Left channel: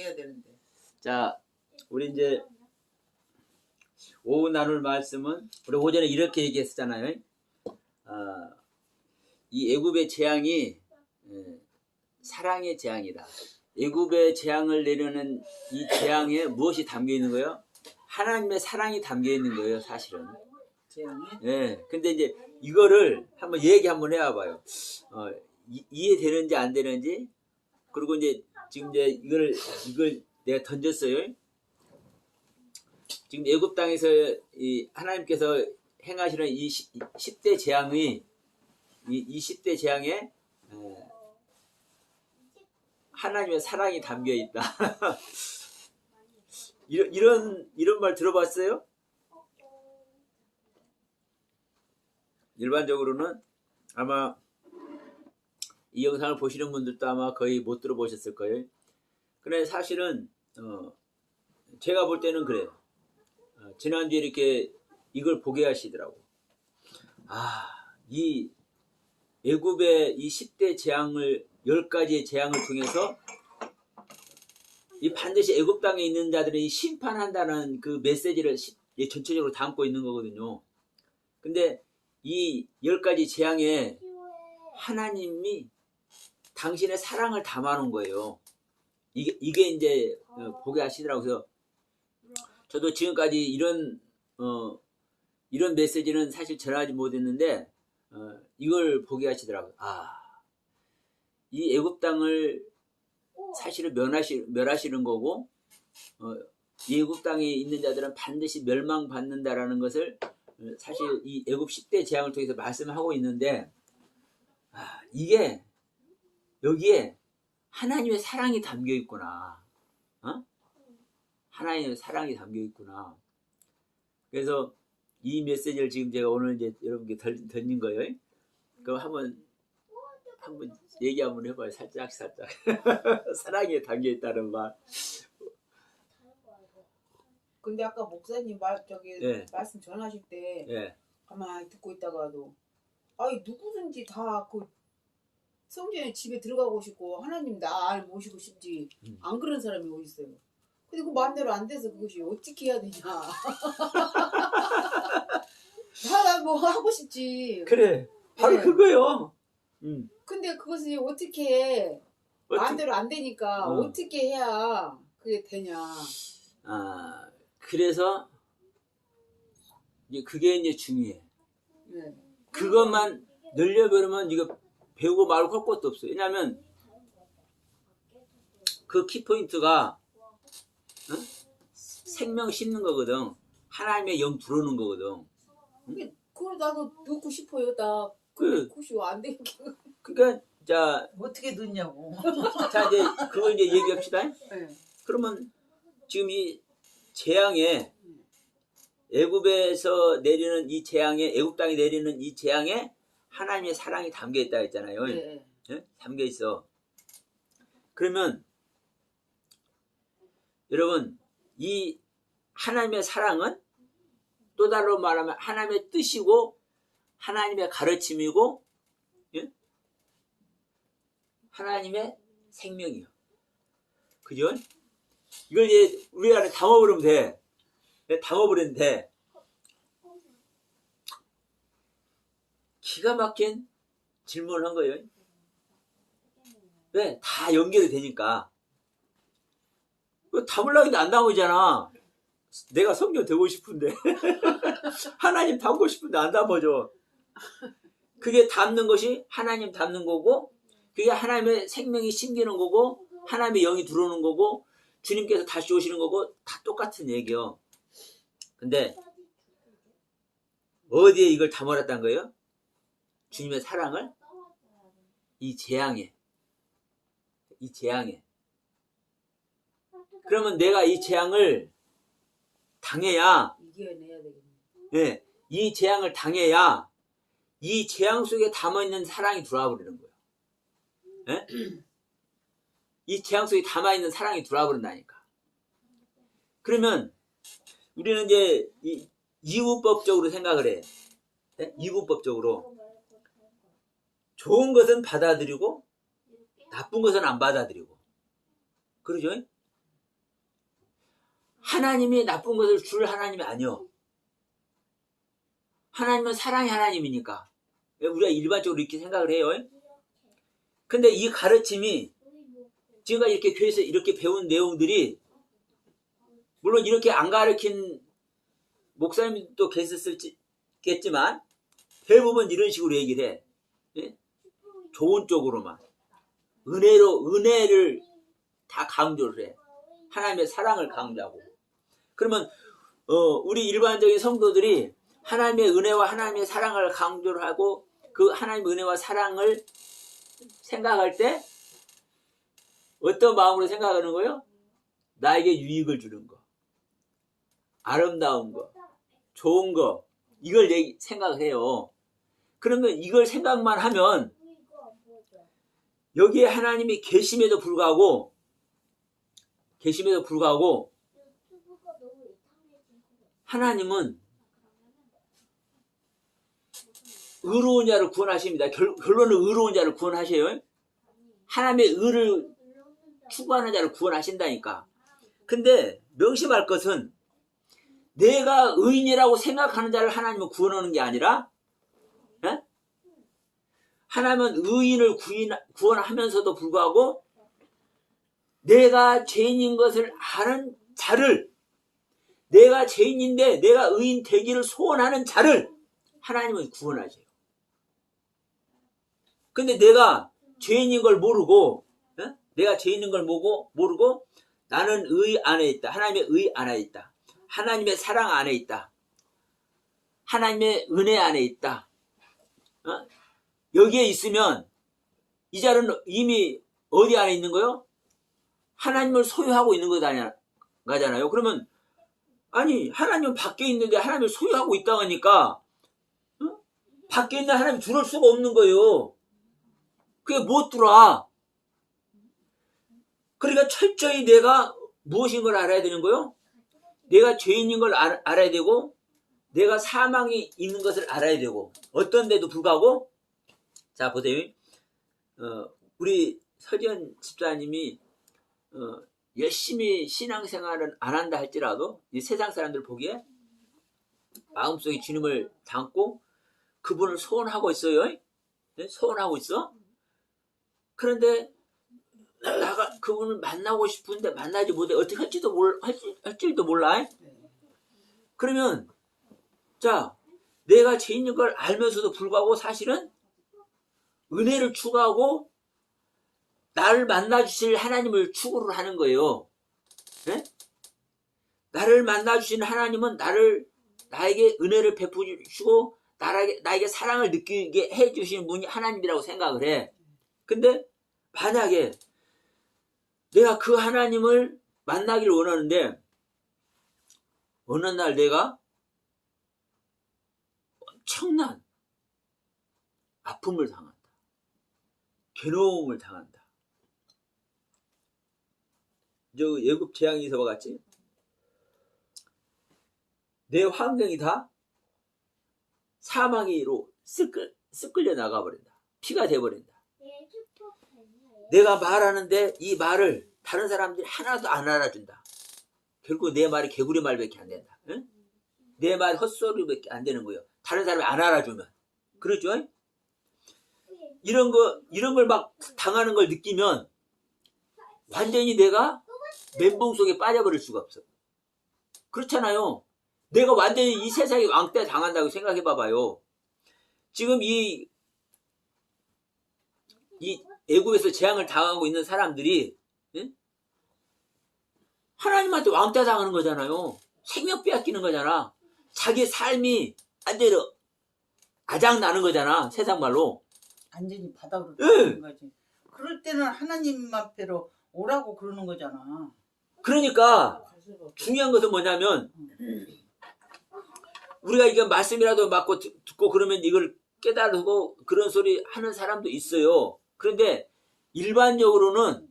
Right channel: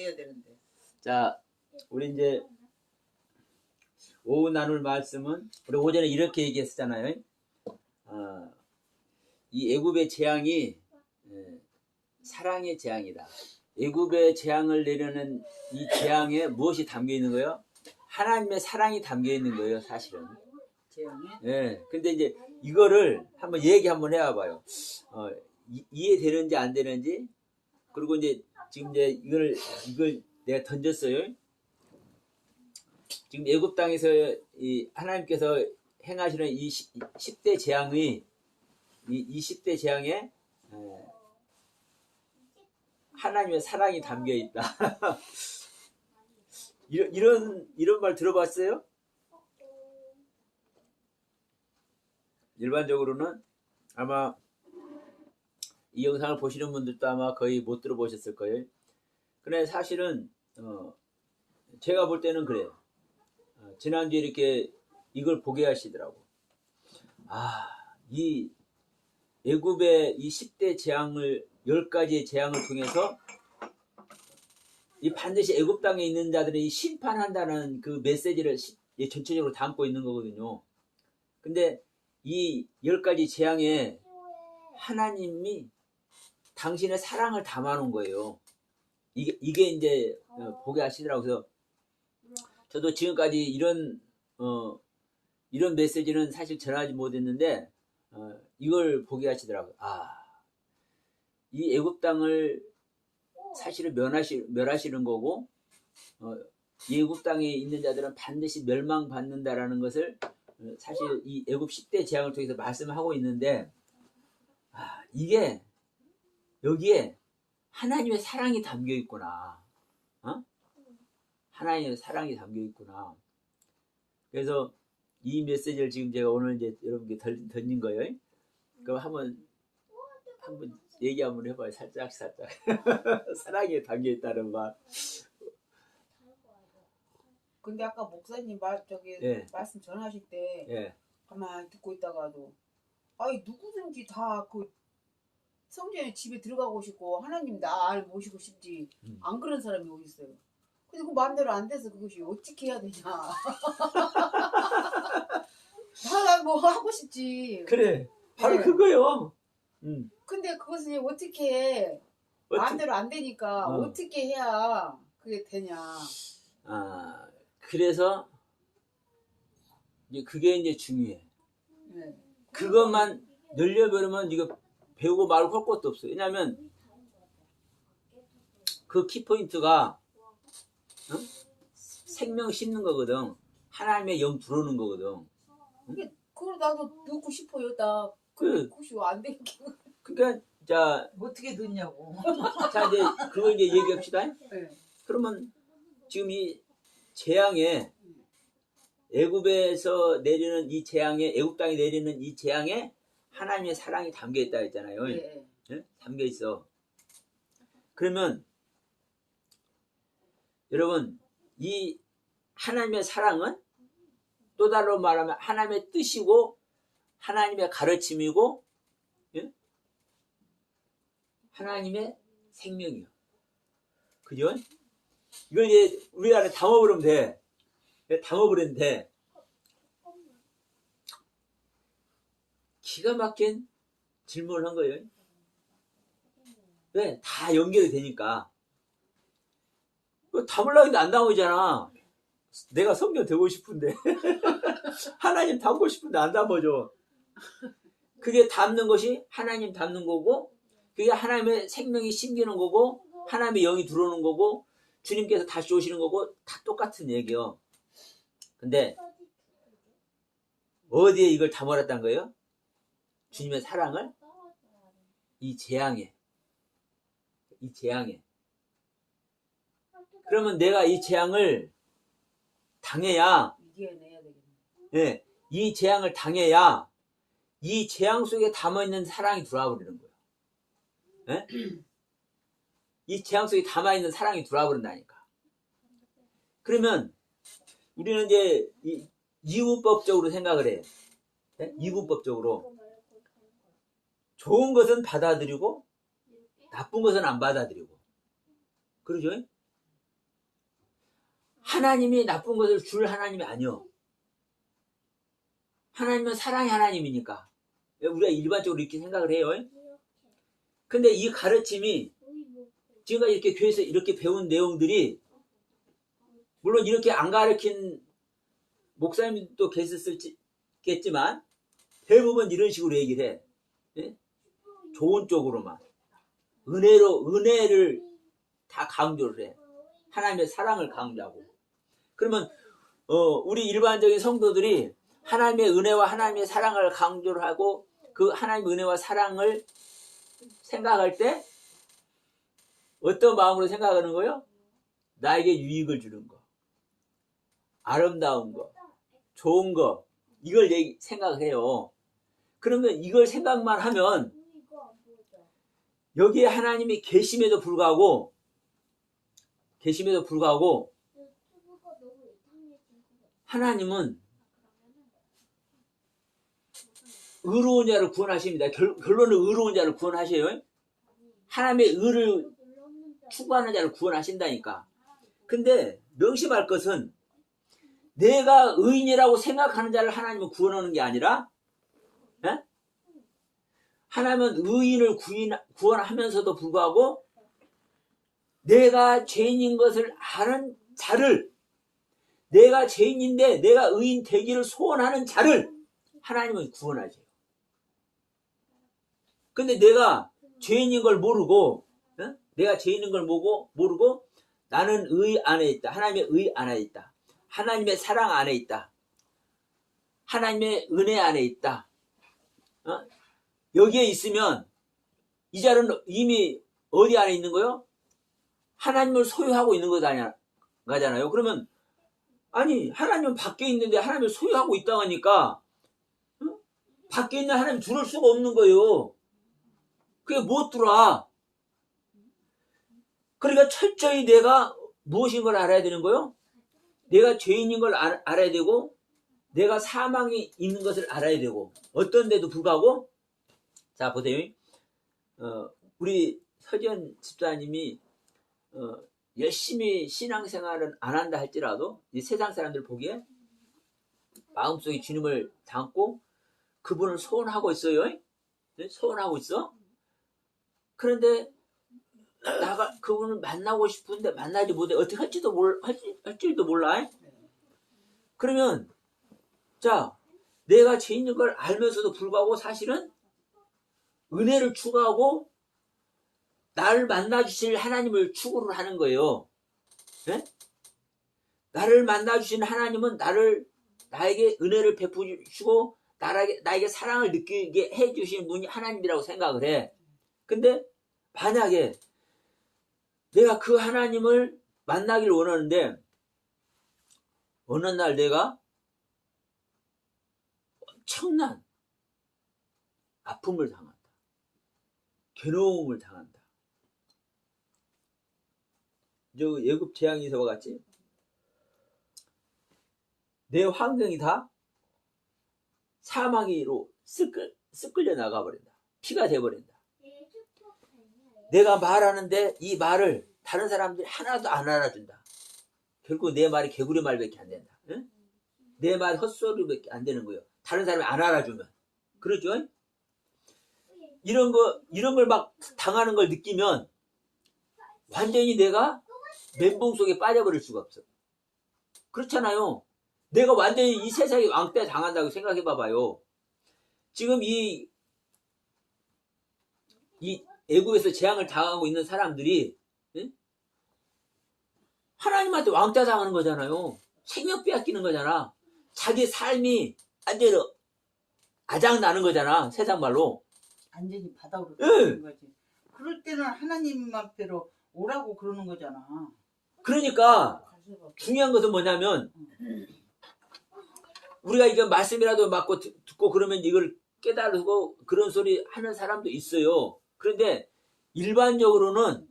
돼야 되는데. 자, 우리 이제 오후 나눌 말씀은 우리 오전에 이렇게 얘기했었잖아요. 이 애굽의 재앙이 사랑의 재앙이다. 애굽의 재앙을 내려는 이 재앙에 무엇이 담겨 있는 거예요? 하나님의 사랑이 담겨 있는 거예요, 사실은. 재앙이? 네. 근데 이제 이거를 한번 얘기 한번 해봐요. 이해되는지 안 되는지. 그리고 이제 지금 이제 이걸 내가 던졌어요. 지금 애굽 땅에서 이 하나님께서 행하시는 이 10대 재앙의 이 10대 재앙에 하나님의 사랑이 담겨 있다. 이런 말 들어봤어요? 일반적으로는 아마 이 영상을 보시는 분들도 아마 거의 못 들어보셨을 거예요. 그런데 사실은 제가 볼 때는 그래요. 지난주에 이렇게 이걸 보게 하시더라고. 이 애굽의 이 10대 재앙을 10가지의 재앙을 통해서 이 반드시 애굽 땅에 있는 자들이 심판한다는 그 메시지를 전체적으로 담고 있는 거거든요. 근데 이 10가지 재앙에 하나님이 당신의 사랑을 담아놓은 거예요. 이게 이제 보게 하시더라고요. 그래서 저도 지금까지 이런 메시지는 사실 전하지 못했는데 이걸 보게 하시더라고요. 이 애굽 땅을 사실은 멸하시는 거고 이 애굽 땅에 있는 자들은 반드시 멸망받는다라는 것을 사실 이 애굽 10대 재앙을 통해서 말씀하고 있는데 이게 여기에 하나님의 사랑이 담겨 있구나. 하나님의 사랑이 담겨 있구나. 그래서 이 메시지를 지금 제가 오늘 이제 여러분께 던진 거예요. 그럼 한번 얘기 한번 해봐요. 살짝. 사랑에 담겨 있다는 말. 근데 아까 목사님 말씀 전하실 때 가만히 듣고 있다가도 누구든지 다 그 성전에 집에 들어가고 싶고 하나님 날 모시고 싶지 안 그런 사람이 어디 있어요? 근데 그 마음대로 안 돼서 그것이 어떻게 해야 되냐? 다 뭐 하고 싶지. 그래, 바로 그거요. 근데 그것이 어떻게 마음대로 안 되니까 어떻게 해야 그게 되냐? 그래서 그게 이제 중요해. 그것만 늘려버리면 이거 배우고 말고 할 것도 없어요. 왜냐하면 그 키포인트가 생명 씹는 거거든. 하나님의 영 들어오는 거거든. 그걸 나도 넣고 싶어요. 그것이 안 되니까. 그러니까 자 어떻게 넣냐고. 자 이제 그걸 이제 얘기합시다. 그러면 지금 이 재앙에 애굽에서 내리는 이 재앙에 애굽 땅에 내리는 이 재앙에 하나님의 사랑이 담겨 있다 했잖아요. 네? 담겨 있어. 그러면 여러분 이 하나님의 사랑은 또 다르게 말하면 하나님의 뜻이고 하나님의 가르침이고 하나님의 생명이요. 그죠? 이걸 이제 우리 안에 담아버리면 돼. 담아버리면 돼. 기가 막힌 질문을 한 거예요. 왜? 다 연결이 되니까. 담으려고 했는데 안 담으잖아. 내가 성경 되고 싶은데 하나님 담고 싶은데 안 담아줘. 그게 담는 것이 하나님 담는 거고 그게 하나님의 생명이 심기는 거고 하나님의 영이 들어오는 거고 주님께서 다시 오시는 거고 다 똑같은 얘기요. 근데 어디에 이걸 담아놨다는 거예요? 주님의 사랑을 이 재앙에 그러면 내가 이 재앙을 당해야 이겨내야 되겠네. 네, 이 재앙을 당해야 이 재앙 속에 담아있는 사랑이 들어와 버리는 거예요. 네? 이 재앙 속에 담아있는 사랑이 들어와 버린다니까. 그러면 우리는 이제 이분법적으로 생각을 해. 네? 이분법적으로 좋은 것은 받아들이고 나쁜 것은 안 받아들이고 그러죠? 하나님이 나쁜 것을 줄 하나님이 아니요. 하나님은 사랑의 하나님이니까. 우리가 일반적으로 이렇게 생각을 해요. 근데 이 가르침이 지금까지 이렇게 교회에서 이렇게 배운 내용들이 물론 이렇게 안 가르친 목사님도 계셨겠지만 대부분 이런 식으로 얘기를 해. 예? 좋은 쪽으로만. 은혜를 다 강조를 해. 하나님의 사랑을 강조하고. 그러면 우리 일반적인 성도들이 하나님의 은혜와 하나님의 사랑을 강조를 하고 그 하나님의 은혜와 사랑을 생각할 때 어떤 마음으로 생각하는 거예요? 나에게 유익을 주는 거, 아름다운 거, 좋은 거, 이걸 생각을 해요. 그러면 이걸 생각만 하면 여기에 하나님이 계심에도 불구하고 하나님은 의로운 자를 구원하십니다. 결론은 의로운 자를 구원하셔요. 하나님의 의를 추구하는 자를 구원하신다니까. 근데 명심할 것은 내가 의인이라고 생각하는 자를 하나님은 구원하는 게 아니라 하나님은 의인을 구원하면서도 불구하고 내가 죄인인 것을 아는 자를, 내가 죄인인데 내가 의인 되기를 소원하는 자를 하나님은 구원하셔요. 근데 내가 죄인인 걸 모르고 나는 의 안에 있다. 하나님의 의 안에 있다. 하나님의 사랑 안에 있다. 하나님의 은혜 안에 있다. 여기에 있으면 이 자는 이미 어디 안에 있는 거요? 하나님을 소유하고 있는 거잖아요. 그러면 아니 하나님은 밖에 있는데 하나님을 소유하고 있다고 하니까 밖에 있는 하나님 들어올 수가 없는 거예요. 그게 못 들어와. 그러니까 철저히 내가 무엇인 걸 알아야 되는 거요? 내가 죄인인 걸 알아야 되고 내가 사망이 있는 것을 알아야 되고 어떤 데도 불구하고 자 보세요. 우리 서지연 집사님이 열심히 신앙생활은 안 한다 할지라도 이 세상 사람들 보기에 마음속에 주님을 담고 그분을 소원하고 있어요. 네? 소원하고 있어. 그런데 나가 그분을 만나고 싶은데 만나지 못해. 어떻게 할지도 몰라. 그러면 자 내가 죄인인 걸 알면서도 불구하고 사실은 은혜를 추구하고 나를 만나주실 하나님을 추구를 하는 거예요. 네? 나를 만나주신 하나님은 나에게 은혜를 베푸시고 나에게 사랑을 느끼게 해주신 분이 하나님이라고 생각을 해. 근데 만약에 내가 그 하나님을 만나기를 원하는데 어느 날 내가 엄청난 아픔을 당한다. 괴로움을 당한다. 저 예굽 재앙에서와 같이 내 환경이 다 사망이로 쓱끌려 나가버린다. 피가 돼버린다. 내가 말하는데 이 말을 다른 사람들이 하나도 안 알아준다. 결국 내 말이 개구리 말밖에 안 된다. 응? 내 말 헛소리밖에 안 되는 거예요. 다른 사람이 안 알아주면. 그러죠? 이런 걸 막 당하는 걸 느끼면 완전히 내가 멘붕 속에 빠져버릴 수가 없어. 그렇잖아요. 내가 완전히 이 세상에 왕따 당한다고 생각해 봐봐요. 지금 이 애국에서 재앙을 당하고 있는 사람들이 하나님한테 왕따 당하는 거잖아요. 생명 빼앗기는 거잖아. 자기 삶이 반대로 아작나는 거잖아. 세상 말로. 완전히 바닥으로 떨어지는 거지. 그럴 때는 하나님 앞에로 오라고 그러는 거잖아. 그러니까 중요한 것은 뭐냐면 우리가 이게 말씀이라도 맞고 듣고 그러면 이걸 깨달고 그런 소리 하는 사람도 있어요. 그런데 일반적으로는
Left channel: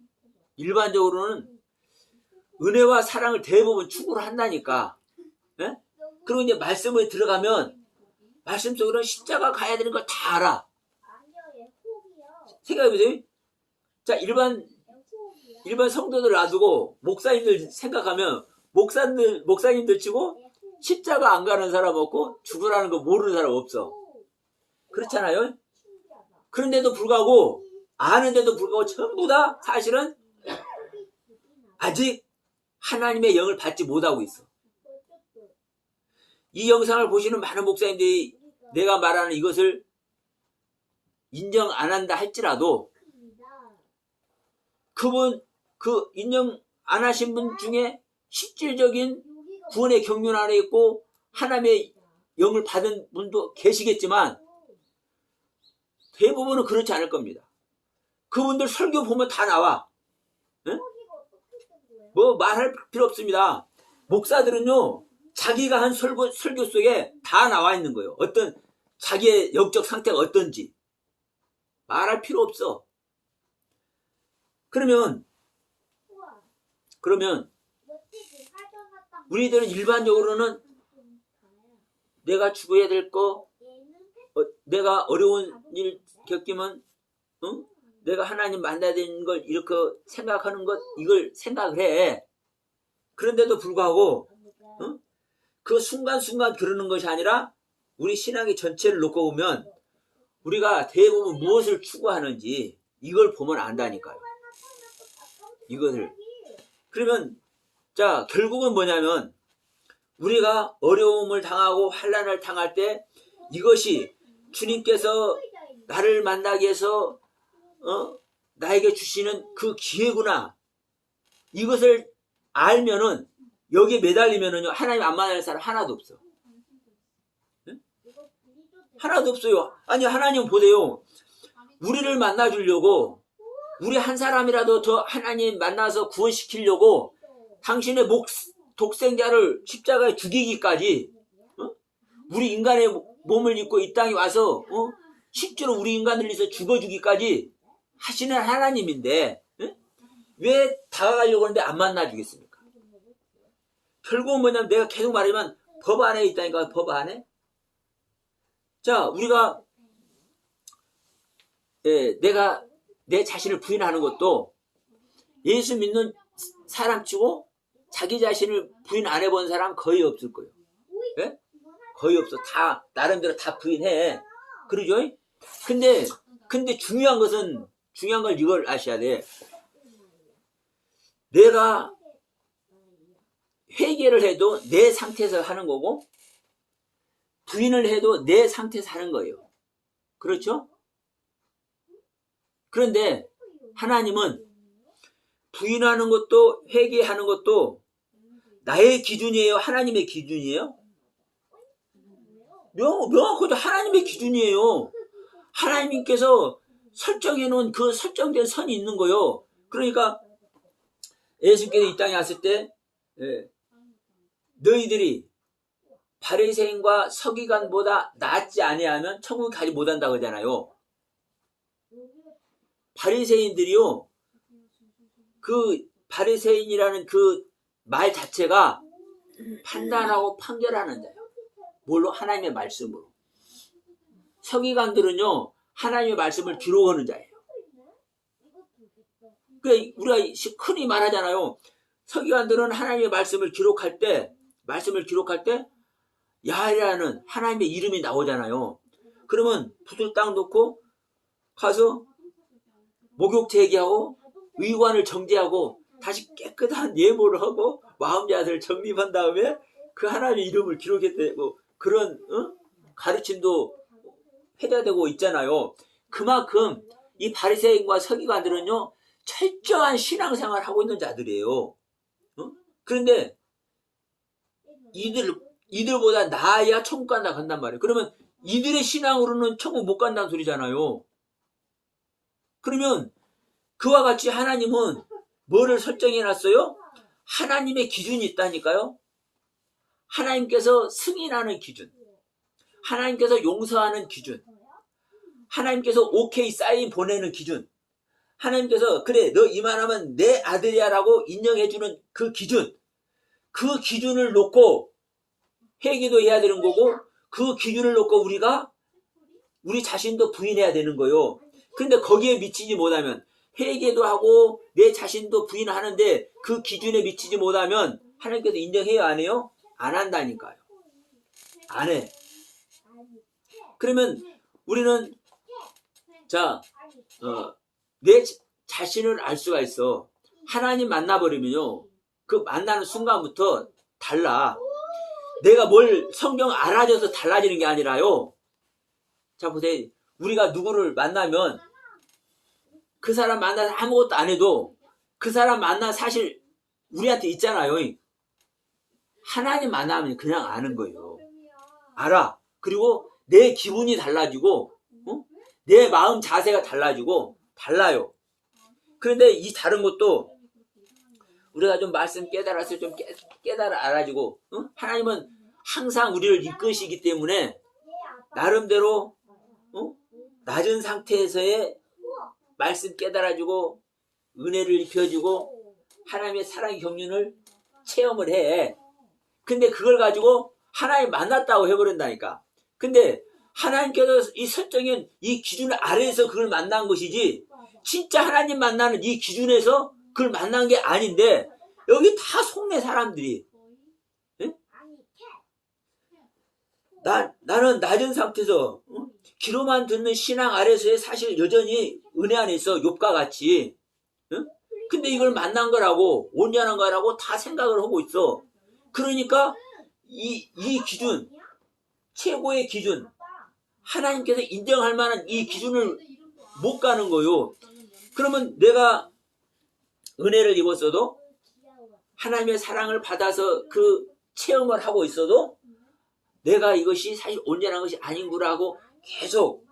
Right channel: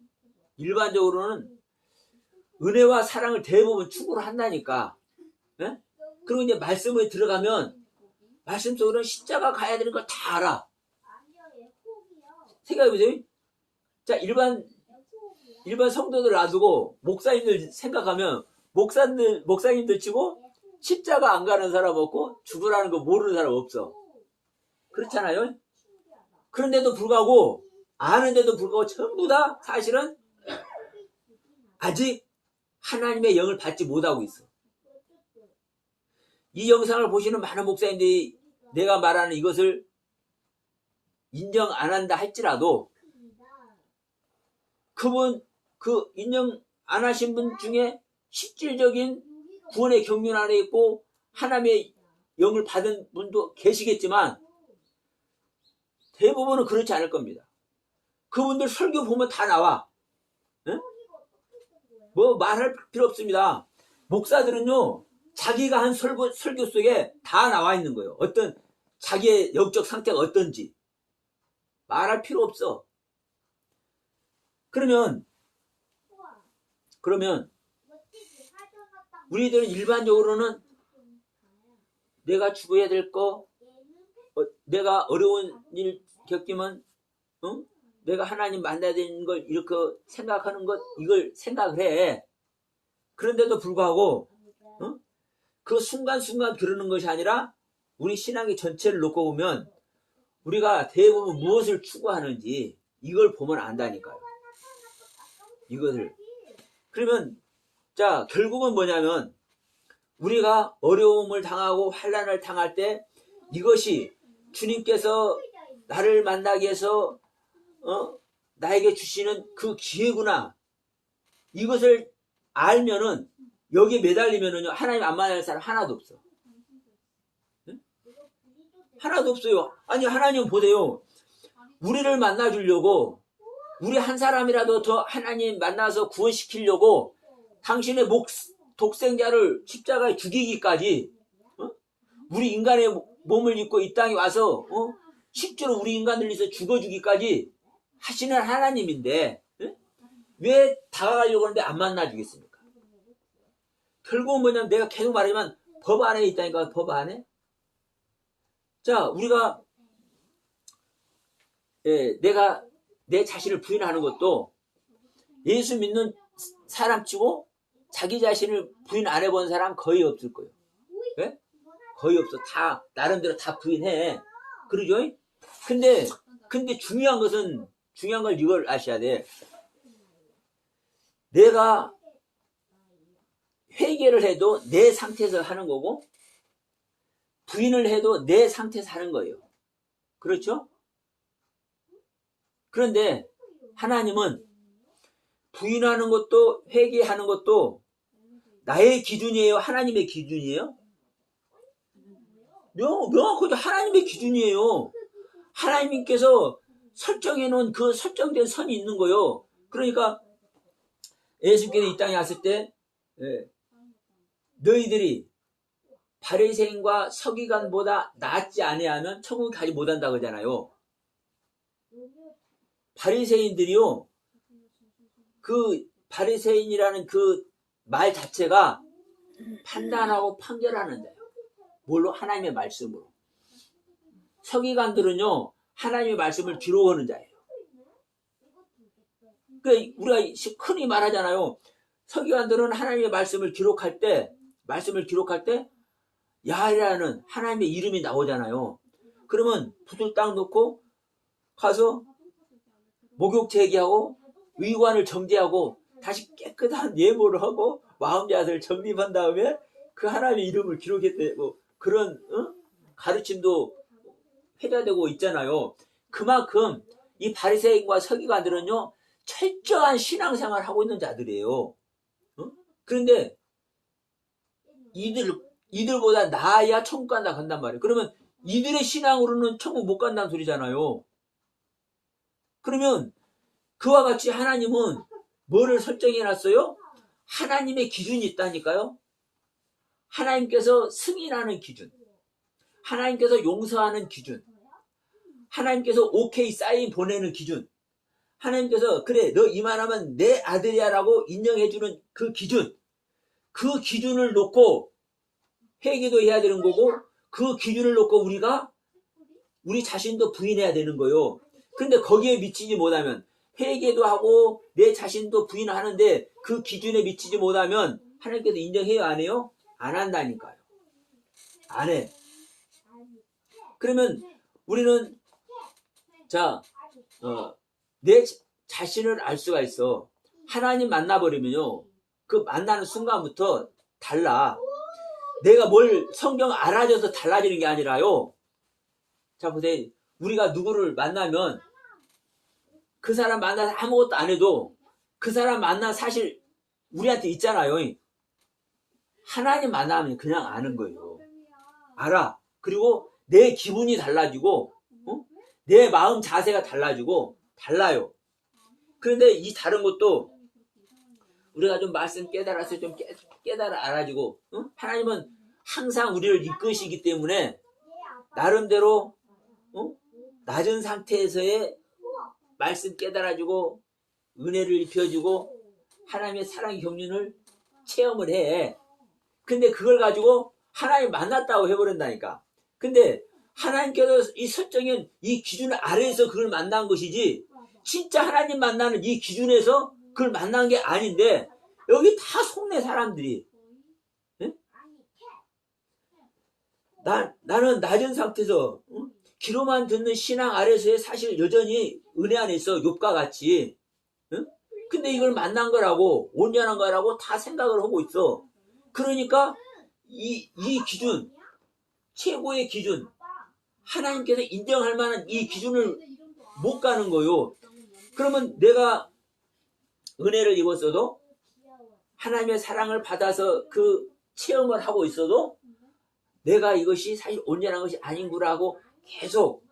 은혜와 사랑을 대부분 추구를 한다니까. 네? 그리고 이제 말씀에 들어가면 말씀 속으로는 십자가 가야 되는 걸 다 알아. 생각해보세요. 자, 일반 성도들 놔두고 목사님들 생각하면 목사님들 치고 십자가 안 가는 사람 없고 죽으라는 거 모르는 사람 없어. 그렇잖아요. 그런데도 불구하고 아는데도 불구하고 전부 다 사실은 아직 하나님의 영을 받지 못하고 있어. 이 영상을 보시는 많은 목사님들이 내가 말하는 이것을 인정 안 한다 할지라도 그분 그 인정 안 하신 분 중에 실질적인 구원의 경륜 안에 있고 하나님의 영을 받은 분도 계시겠지만 대부분은 그렇지 않을 겁니다. 그분들 설교 보면 다 나와. 네? 뭐 말할 필요 없습니다. 목사들은요 자기가 한 설교 속에 다 나와 있는 거예요. 어떤 자기의 영적 상태가 어떤지 말할 필요 없어. 그러면 우리들은 일반적으로는 내가 죽어야 될 거, 내가 어려운 일 겪으면 내가 하나님 만나야 되는 걸 이렇게 생각하는 것, 이걸 생각을 해. 그런데도 불구하고 그 순간순간 그러는 것이 아니라 우리 신앙의 전체를 놓고 보면 우리가 대부분 무엇을 추구하는지 이걸 보면 안다니까요. 이것을. 그러면 자 결국은 뭐냐면 우리가 어려움을 당하고 환난을 당할 때 이것이 주님께서 나를 만나기 위해서 나에게 주시는 그 기회구나. 이것을 알면은 여기에 매달리면은요 하나님 안 만날 사람 하나도 없어. 응? 하나도 없어요. 아니 하나님 보세요. 우리를 만나주려고 우리 한 사람이라도 더 하나님 만나서 구원시키려고 당신의 독생자를 십자가에 죽이기까지 우리 인간의 몸을 입고 이 땅에 와서 실제로 우리 인간을 위해서 죽어주기까지 하시는 하나님인데 왜 다가가려고 하는데 안 만나주겠습니까? 결국은 뭐냐면 내가 계속 말하지만 법 안에 있다니까. 법 안에. 자 우리가 내가 내 자신을 부인하는 것도 예수 믿는 사람치고 자기 자신을 부인 안 해본 사람 거의 없을 거예요. 네? 거의 없어. 다 나름대로 다 부인해. 그러죠? 근데 중요한 걸 이걸 아셔야 돼. 내가 회개를 해도 내 상태에서 하는 거고 부인을 해도 내 상태에서 하는 거예요. 그렇죠? 그런데 하나님은 부인하는 것도 회개하는 것도 나의 기준이에요? 하나님의 기준이에요? 명확하죠. 하나님의 기준이에요. 하나님께서 설정해 놓은 그 설정된 선이 있는 거예요. 그러니까 예수께서 이 땅에 왔을 때 너희들이 바리새인과 서기관보다 낫지 아니하면 천국에 가지 못한다고 하잖아요. 바리새인들이요. 그 바리새인이라는 그 말 자체가 판단하고 판결하는 자예요. 뭘로? 하나님의 말씀으로. 서기관들은요. 하나님의 말씀을 기록하는 자예요. 그러니까 우리가 흔히 말하잖아요. 서기관들은 하나님의 말씀을 기록할 때 야훼라는 하나님의 이름이 나오잖아요. 그러면 붓을 딱 놓고 가서 목욕 제기하고 의관을 정제하고 다시 깨끗한 예물을 하고 마음 자세를 정립한 다음에 그 하나님의 이름을 기록했다고 그런 가르침도 회자되고 있잖아요. 그만큼 이 바리새인과 서기관들은요 철저한 신앙생활을 하고 있는 자들이에요. 그런데 이들보다 나아야 천국 간단 말이에요. 그러면 이들의 신앙으로는 천국 못 간다는 소리잖아요. 그러면 그와 같이 하나님은 뭐를 설정해 놨어요? 하나님의 기준이 있다니까요. 하나님께서 승인하는 기준, 하나님께서 용서하는 기준, 하나님께서 오케이 사인 보내는 기준, 하나님께서 그래 너 이만하면 내 아들이야 라고 인정해주는 그 기준, 그 기준을 놓고 회개도 해야 되는 거고 그 기준을 놓고 우리가 우리 자신도 부인해야 되는 거예요. 근데 거기에 미치지 못하면 회개도 하고 내 자신도 부인하는데 그 기준에 미치지 못하면 하나님께서 인정해요, 안 해요? 안 한다니까요. 안 해. 그러면 우리는 자, 내 자신을 알 수가 있어. 하나님 만나버리면요, 그 만나는 순간부터 달라. 내가 뭘 성경 알아줘서 달라지는 게 아니라요. 자, 보세요. 우리가 누구를 만나면 그 사람 만나서 아무것도 안 해도 그 사람 만나 사실 우리한테 있잖아요. 하나님 만나면 그냥 아는 거예요. 알아. 그리고 내 기분이 달라지고, 내 마음 자세가 달라지고 달라요. 그런데 이 다른 것도 우리가 좀 말씀 깨달아서 좀 깨달아 알아지고, 하나님은 항상 우리를 이끄시기 때문에 나름대로 낮은 상태에서의 말씀 깨달아주고 은혜를 입혀주고 하나님의 사랑의 경륜을 체험을 해. 근데 그걸 가지고 하나님 만났다고 해버린다니까. 근데 하나님께서 이 설정인 이 기준 아래에서 그걸 만난 것이지, 진짜 하나님 만나는 이 기준에서 그걸 만난 게 아닌데, 여기 다 속내 사람들이. 예? 나는 낮은 상태에서 귀로만 듣는 신앙 아래서의 사실 여전히 은혜 안에 있어. 욥과 같이. 근데 이걸 만난 거라고, 온전한 거라고 다 생각을 하고 있어. 그러니까 이 기준, 최고의 기준, 하나님께서 인정할 만한 이 기준을 못 가는 거요. 그러면 내가 은혜를 입었어도, 하나님의 사랑을 받아서 그 체험을 하고 있어도 내가 이것이 사실 온전한 것이 아닌구라고 계속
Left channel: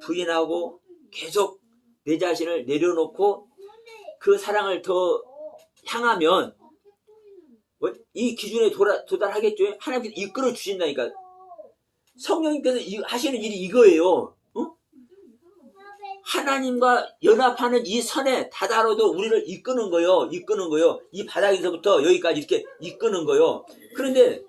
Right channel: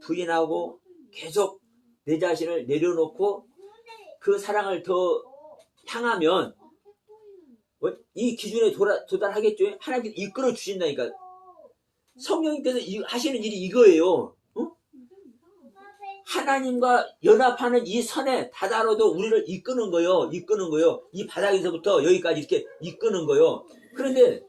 부인하고 계속 내 자신을 내려놓고 그 사랑을 더 향하면 이 기준에 도달하겠죠. 하나님께서 이끌어 주신다니까. 성령님께서 하시는 일이 이거예요. 하나님과 연합하는 이 선에 다다라도 우리를 이끄는 거요. 이 바닥에서부터 여기까지 이렇게 이끄는 거요. 그런데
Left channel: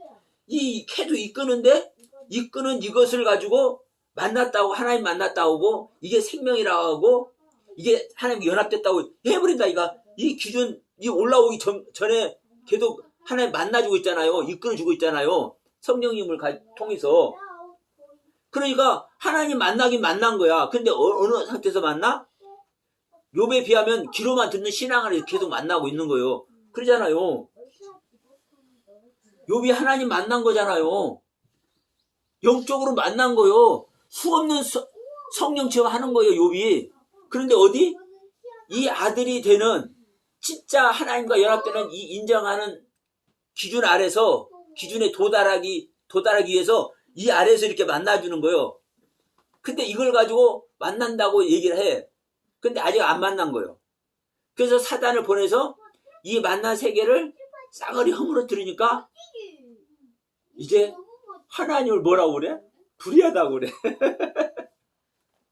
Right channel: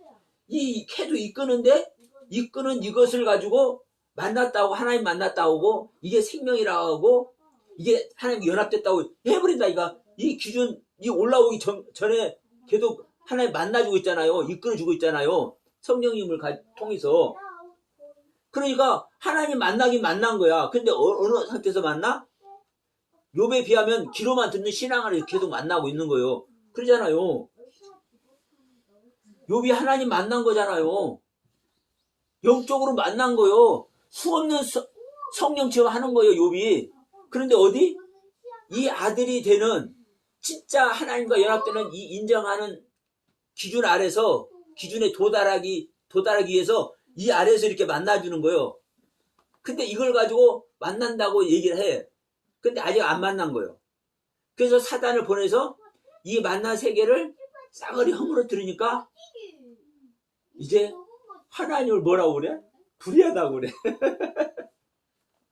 이 캐도 이끄는데, 이끄는 이것을 가지고 만났다고, 하나님 만났다고, 이게 생명이라고 하고, 이게 하나님과 연합됐다고 해버린다니까. 이 기준, 이 올라오기 전에 계속 하나님 만나주고 있잖아요. 이끌어주고 있잖아요. 성령님을 통해서. 그러니까 하나님 만나긴 만난 거야. 근데 어느 상태에서 만나? 욥에 비하면 귀로만 듣는 신앙을 계속 만나고 있는 거예요. 그러잖아요. 욥이 하나님 만난 거잖아요. 영적으로 만난 거요. 수없는 성령 체험하는 거예요, 욥이. 그런데 어디? 이 아들이 되는, 진짜 하나님과 연합되는 이 인정하는 기준 아래서, 기준에 도달하기 위해서 이 아래에서 이렇게 만나주는 거예요. 근데 이걸 가지고 만난다고 얘기를 해. 근데 아직 안 만난 거예요. 그래서 사단을 보내서 이 만난 세계를 싸그리 허물어뜨리니까 이제 하나님을 뭐라고 그래? 불의하다고 그래.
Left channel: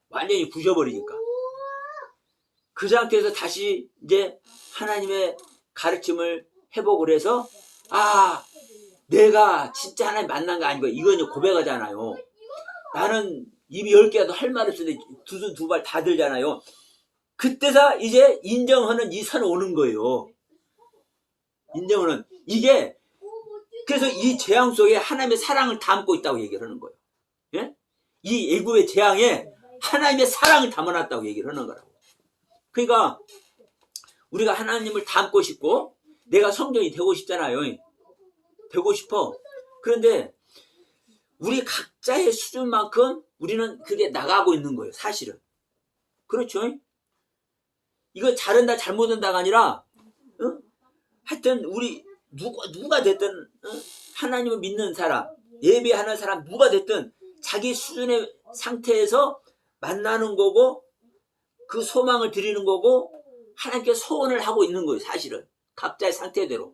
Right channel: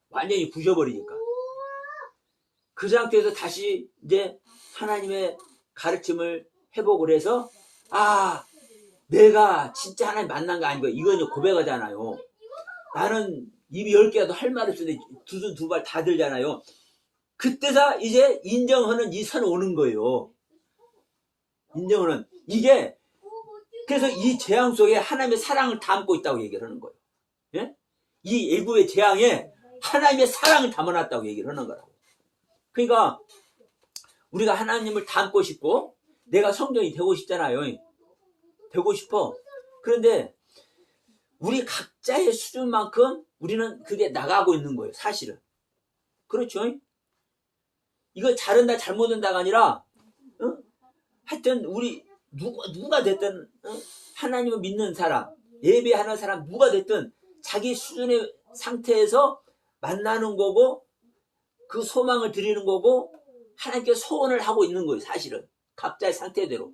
완전히 부셔버리니까. 그 상태에서 다시 이제 하나님의 가르침을 회복을 해서, 내가 진짜 하나님 만난 거 아니고, 이건 이제 고백하잖아요. 나는 입이 10개라도 할 말이 없는데 두 손 두 발 다 들잖아요. 그때서 이제 인정하는 이 선이 오는 거예요. 인정하는. 이게, 그래서 이 재앙 속에 하나님의 사랑을 담고 있다고 얘기를 하는 거예요. 예? 이 애굽의 재앙에 하나님의 사랑을 담아놨다고 얘기를 하는 거라고. 그러니까 우리가 하나님을 담고 싶고, 내가 성령이 되고 싶잖아요. 되고 싶어. 그런데 우리 각자의 수준만큼 우리는 그게 나가고 있는 거예요, 사실은. 그렇죠? 이거 잘한다 잘못한다가 아니라, 하여튼 우리 누가 됐든, 하나님을 믿는 사람, 예배하는 사람, 누가 됐든 자기 수준의 상태에서 만나는 거고, 그 소망을 드리는 거고, 하나님께 소원을 하고 있는 거예요, 사실은. 각자의 상태대로.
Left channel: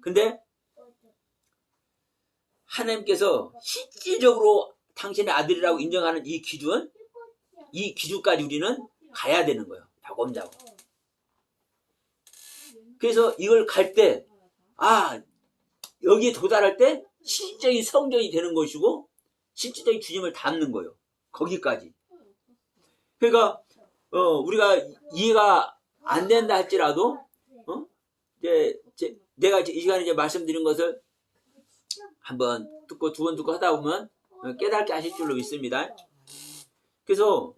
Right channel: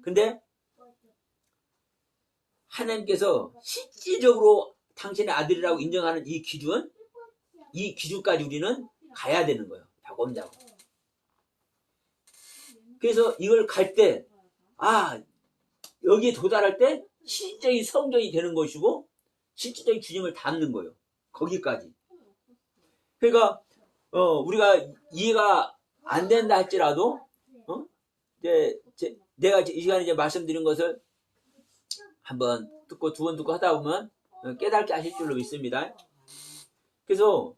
근데 하나님께서 실질적으로 당신의 아들이라고 인정하는 이 기준까지 우리는 가야 되는 거예요. 자곰자곰. 그래서 이걸 갈 때, 여기에 도달할 때 실질적인 성전이 되는 것이고, 실질적인 주님을 담는 거예요. 거기까지. 그러니까 우리가 이해가 안 된다 할지라도, 이제 내가 이 시간에 이제 말씀드린 것을 한번 듣고 두 번 듣고 하다 보면 깨닫게 하실 줄로 믿습니다. 그래서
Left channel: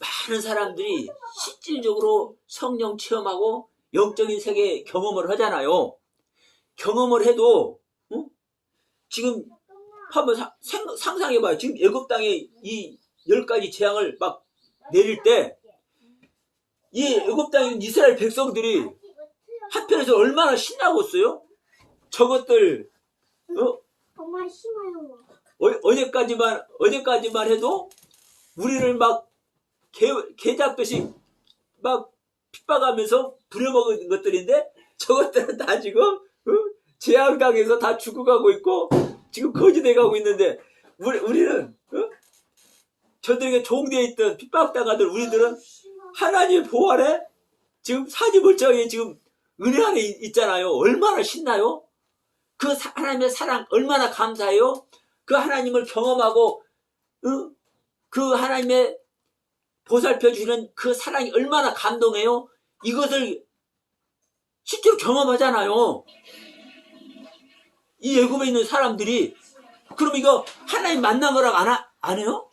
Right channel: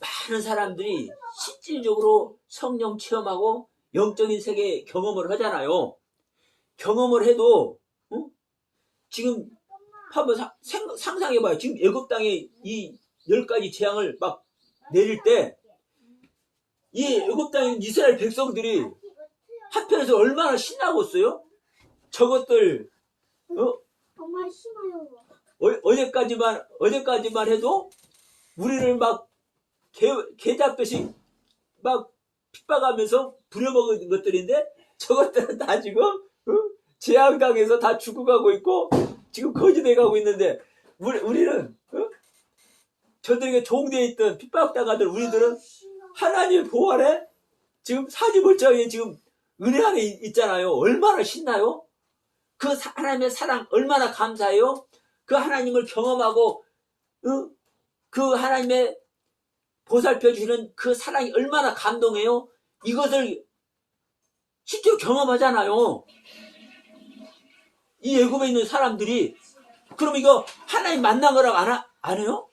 많은 사람들이 실질적으로 성령 체험하고 영적인 세계 경험을 하잖아요. 경험을 해도 지금 한번 상상해봐요. 지금 애굽 땅에 이 10가지 재앙을 막 내릴 때 이 애굽 땅에 있는 이스라엘 백성들이 한편에서 얼마나 신나겠어요? 저것들 어제까지만 해도 우리를 막 개잡듯이 막 핍박하면서 부려먹은 것들인데 저것들은 다 지금 재앙당해서 다 죽어가고 있고 지금 거지돼가고 있는데 우리는 저들에게 종되어 있던 핍박당하던 우리들은 하나님의 보호 아래 지금 사지멀쩡하게 지금 은혜 안에 있잖아요. 얼마나 신나요? 그 하나님의 사랑 얼마나 감사해요? 그 하나님을 경험하고 그 하나님의 보살펴 주시는 그 사랑이 얼마나 감동해요? 이것을 실제로 경험하잖아요. 이 애굽에 있는 사람들이. 그럼 이거 하나님 만난 거라고 안 해요?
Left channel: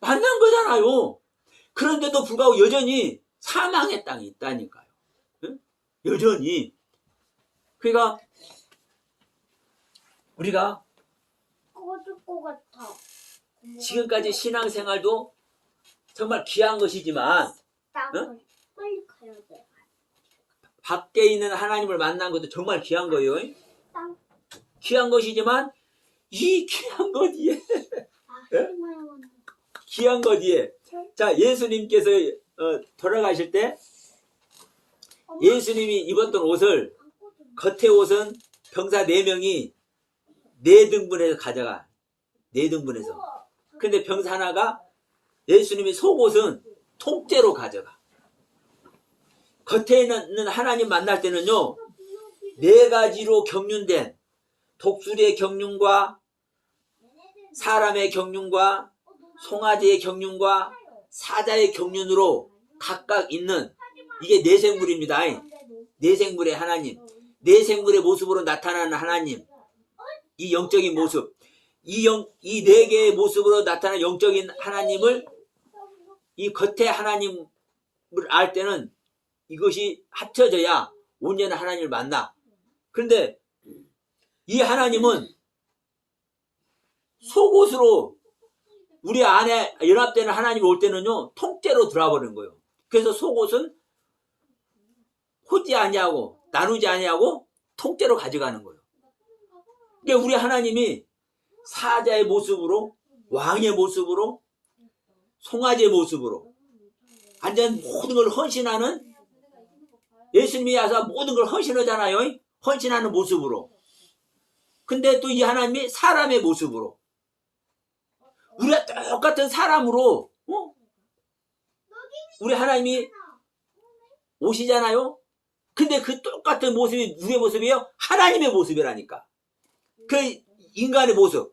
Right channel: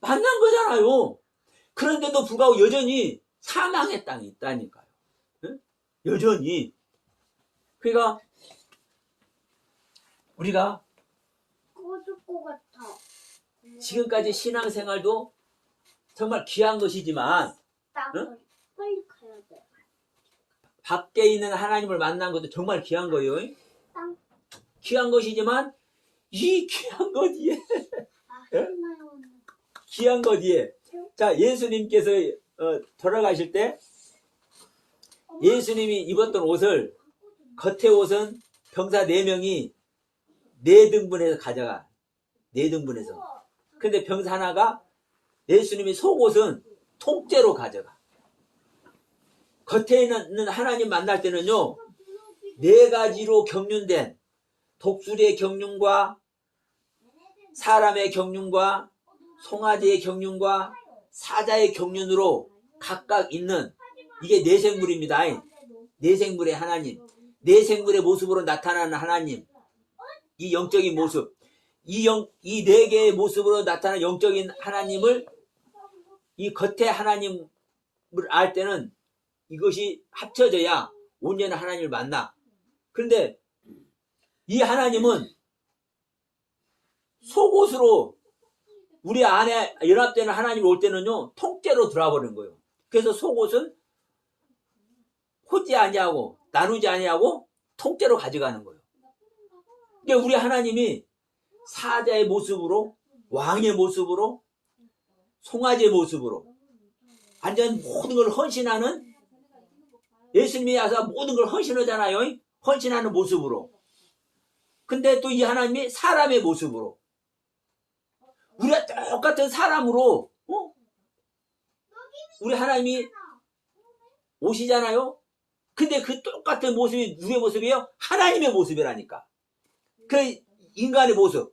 만난 거잖아요. 그런데도 불구하고 여전히 사망의 땅이 있다니까요. 응? 여전히. 그러니까 우리가 지금까지 신앙생활도 정말 귀한 것이지만 밖에 있는 하나님을 만난 것도 정말 귀한 거예요. 귀한 것이지만 이 귀한 것 뒤에 귀한 것 뒤에 자, 예수님께서 돌아가실 때 예수님이 입었던 옷을 겉에 옷은 병사 4명이 4등분해서 가져가. 4등분해서. 근데 병사 하나가 예수님이 속옷은 통째로 가져가. 겉에 있는 하나님 만날 때는요 4가지로 경륜된 독수리의 경륜과 사람의 경륜과 송아지의 경륜과 사자의 경륜으로 각각 있는 이게 내생물입니다. 내생물의 하나님, 내생물의 모습으로 나타나는 하나님, 이 영적인 모습, 이 4개의 모습으로 나타나는 영적인 하나님을 이 겉에 하나님을 알 때는 이것이 합쳐져야 온전한 하나님을 만나. 그런데 이 하나님은 속옷으로 우리 안에 연합되는 하나님 올 때는요 통째로 들어와 버리는 거예요. 그래서 속옷은 호지 아니하고 나누지 아니하고 통째로 가져가는 거예요. 그러니까 우리 하나님이 사자의 모습으로 왕의 모습으로 송아지의 모습으로 완전 모든 걸 헌신하는 예수님이 와서 모든 걸 헌신하잖아요. 헌신하는 모습으로. 근데 또 이 하나님이 사람의 모습으로 우리가 똑같은 사람으로 우리 하나님이 오시잖아요. 근데 그 똑같은 모습이 누구의 모습이에요? 하나님의 모습이라니까. 그 인간의 모습.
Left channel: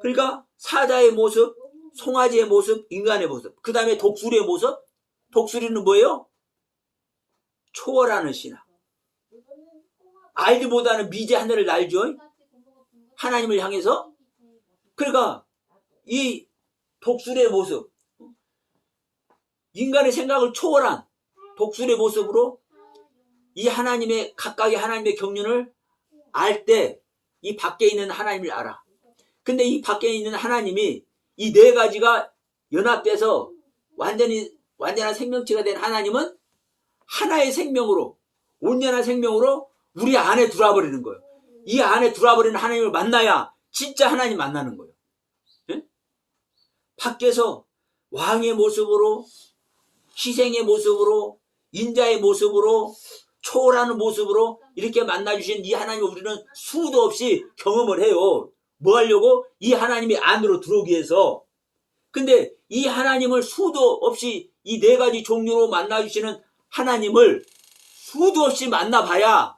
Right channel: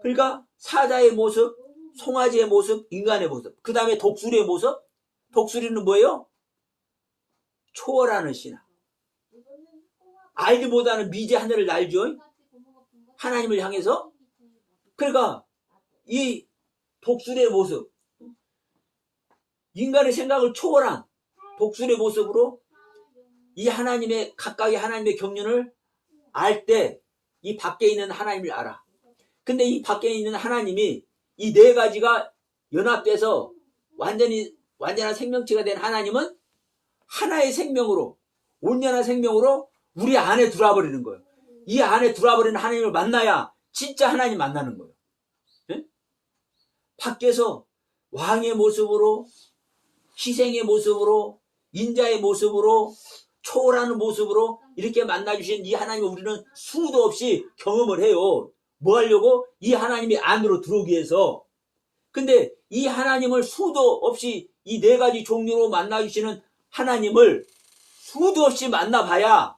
그러니까 사자의 모습, 송아지의 모습, 인간의 모습. 그 다음에 독수리의 모습. 독수리는 뭐예요? 초월하는 신앙. 알지 못하는 미제 하늘을 날죠. 하나님을 향해서. 그러니까 이 독수리의 모습, 인간의 생각을 초월한 독수리의 모습으로 이 하나님의 각각의 하나님의 경륜을 알 때 이 밖에 있는 하나님을 알아. 근데 이 밖에 있는 하나님이 이 4가지가 연합돼서 완전한 생명체가 된 하나님은 하나의 생명으로 온전한 생명으로 우리 안에 들어와 버리는 거예요. 이 안에 들어와 버리는 하나님을 만나야 진짜 하나님 만나는 거예요. 네? 밖에서 왕의 모습으로 희생의 모습으로 인자의 모습으로 초월하는 모습으로 이렇게 만나주신 이 하나님을 우리는 수도 없이 경험을 해요. 뭐 하려고? 이 하나님이 안으로 들어오기 위해서. 근데 이 하나님을 수도 없이 이 4가지 종류로 만나주시는 하나님을 수도 없이 만나봐야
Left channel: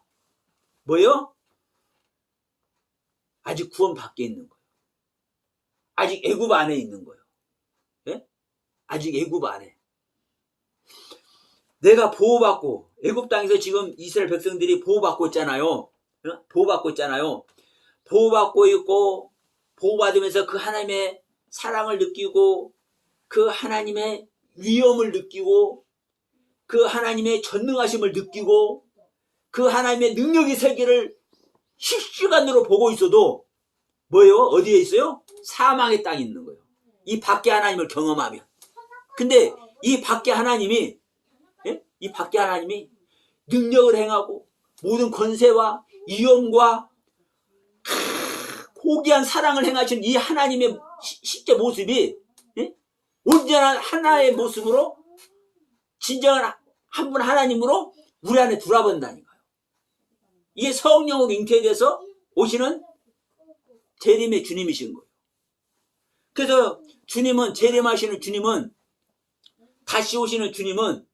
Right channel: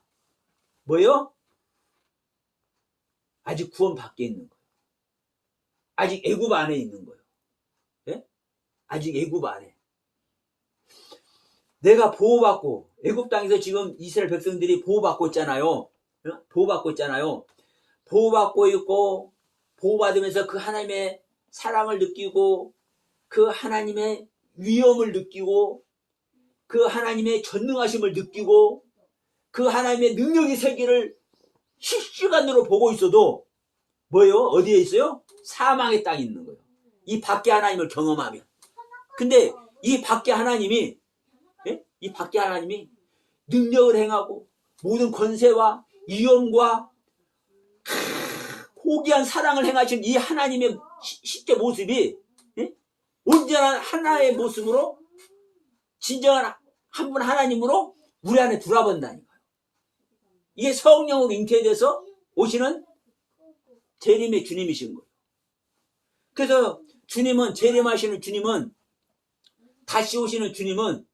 뭐예요? 아직 구원 밖에 있는 거예요. 아직 애굽 안에 있는 거예요. 네? 아직 애굽 안에. 내가 보호받고 애굽 땅에서 지금 이스라엘 백성들이 보호받고 있잖아요. 어? 보호받고 있잖아요. 보호받고 있고 보호받으면서 그 하나님의 사랑을 느끼고 그 하나님의 위엄을 느끼고 그 하나님의 전능하심을 느끼고 그 하나님의 능력의 세계를 실시간으로 보고 있어도 뭐예요? 어디에 있어요? 사망의 땅에 있는 거예요. 이 밖에 하나님을 경험하면. 근데 이 밖에 하나님이 이 밖에 하나님이 능력을 행하고 모든 권세와 위엄과 고귀한 사랑을 행하신 이 하나님의 실제 모습이 온전한 하나의 모습으로 진정한 한 분 하나님으로 우리 안에 들어본다니까요. 이게 성령으로 잉태돼서 오시는 재림의 주님이신 거예요. 그래서 주님은 재림하시는 주님은 다시 오시는 주님은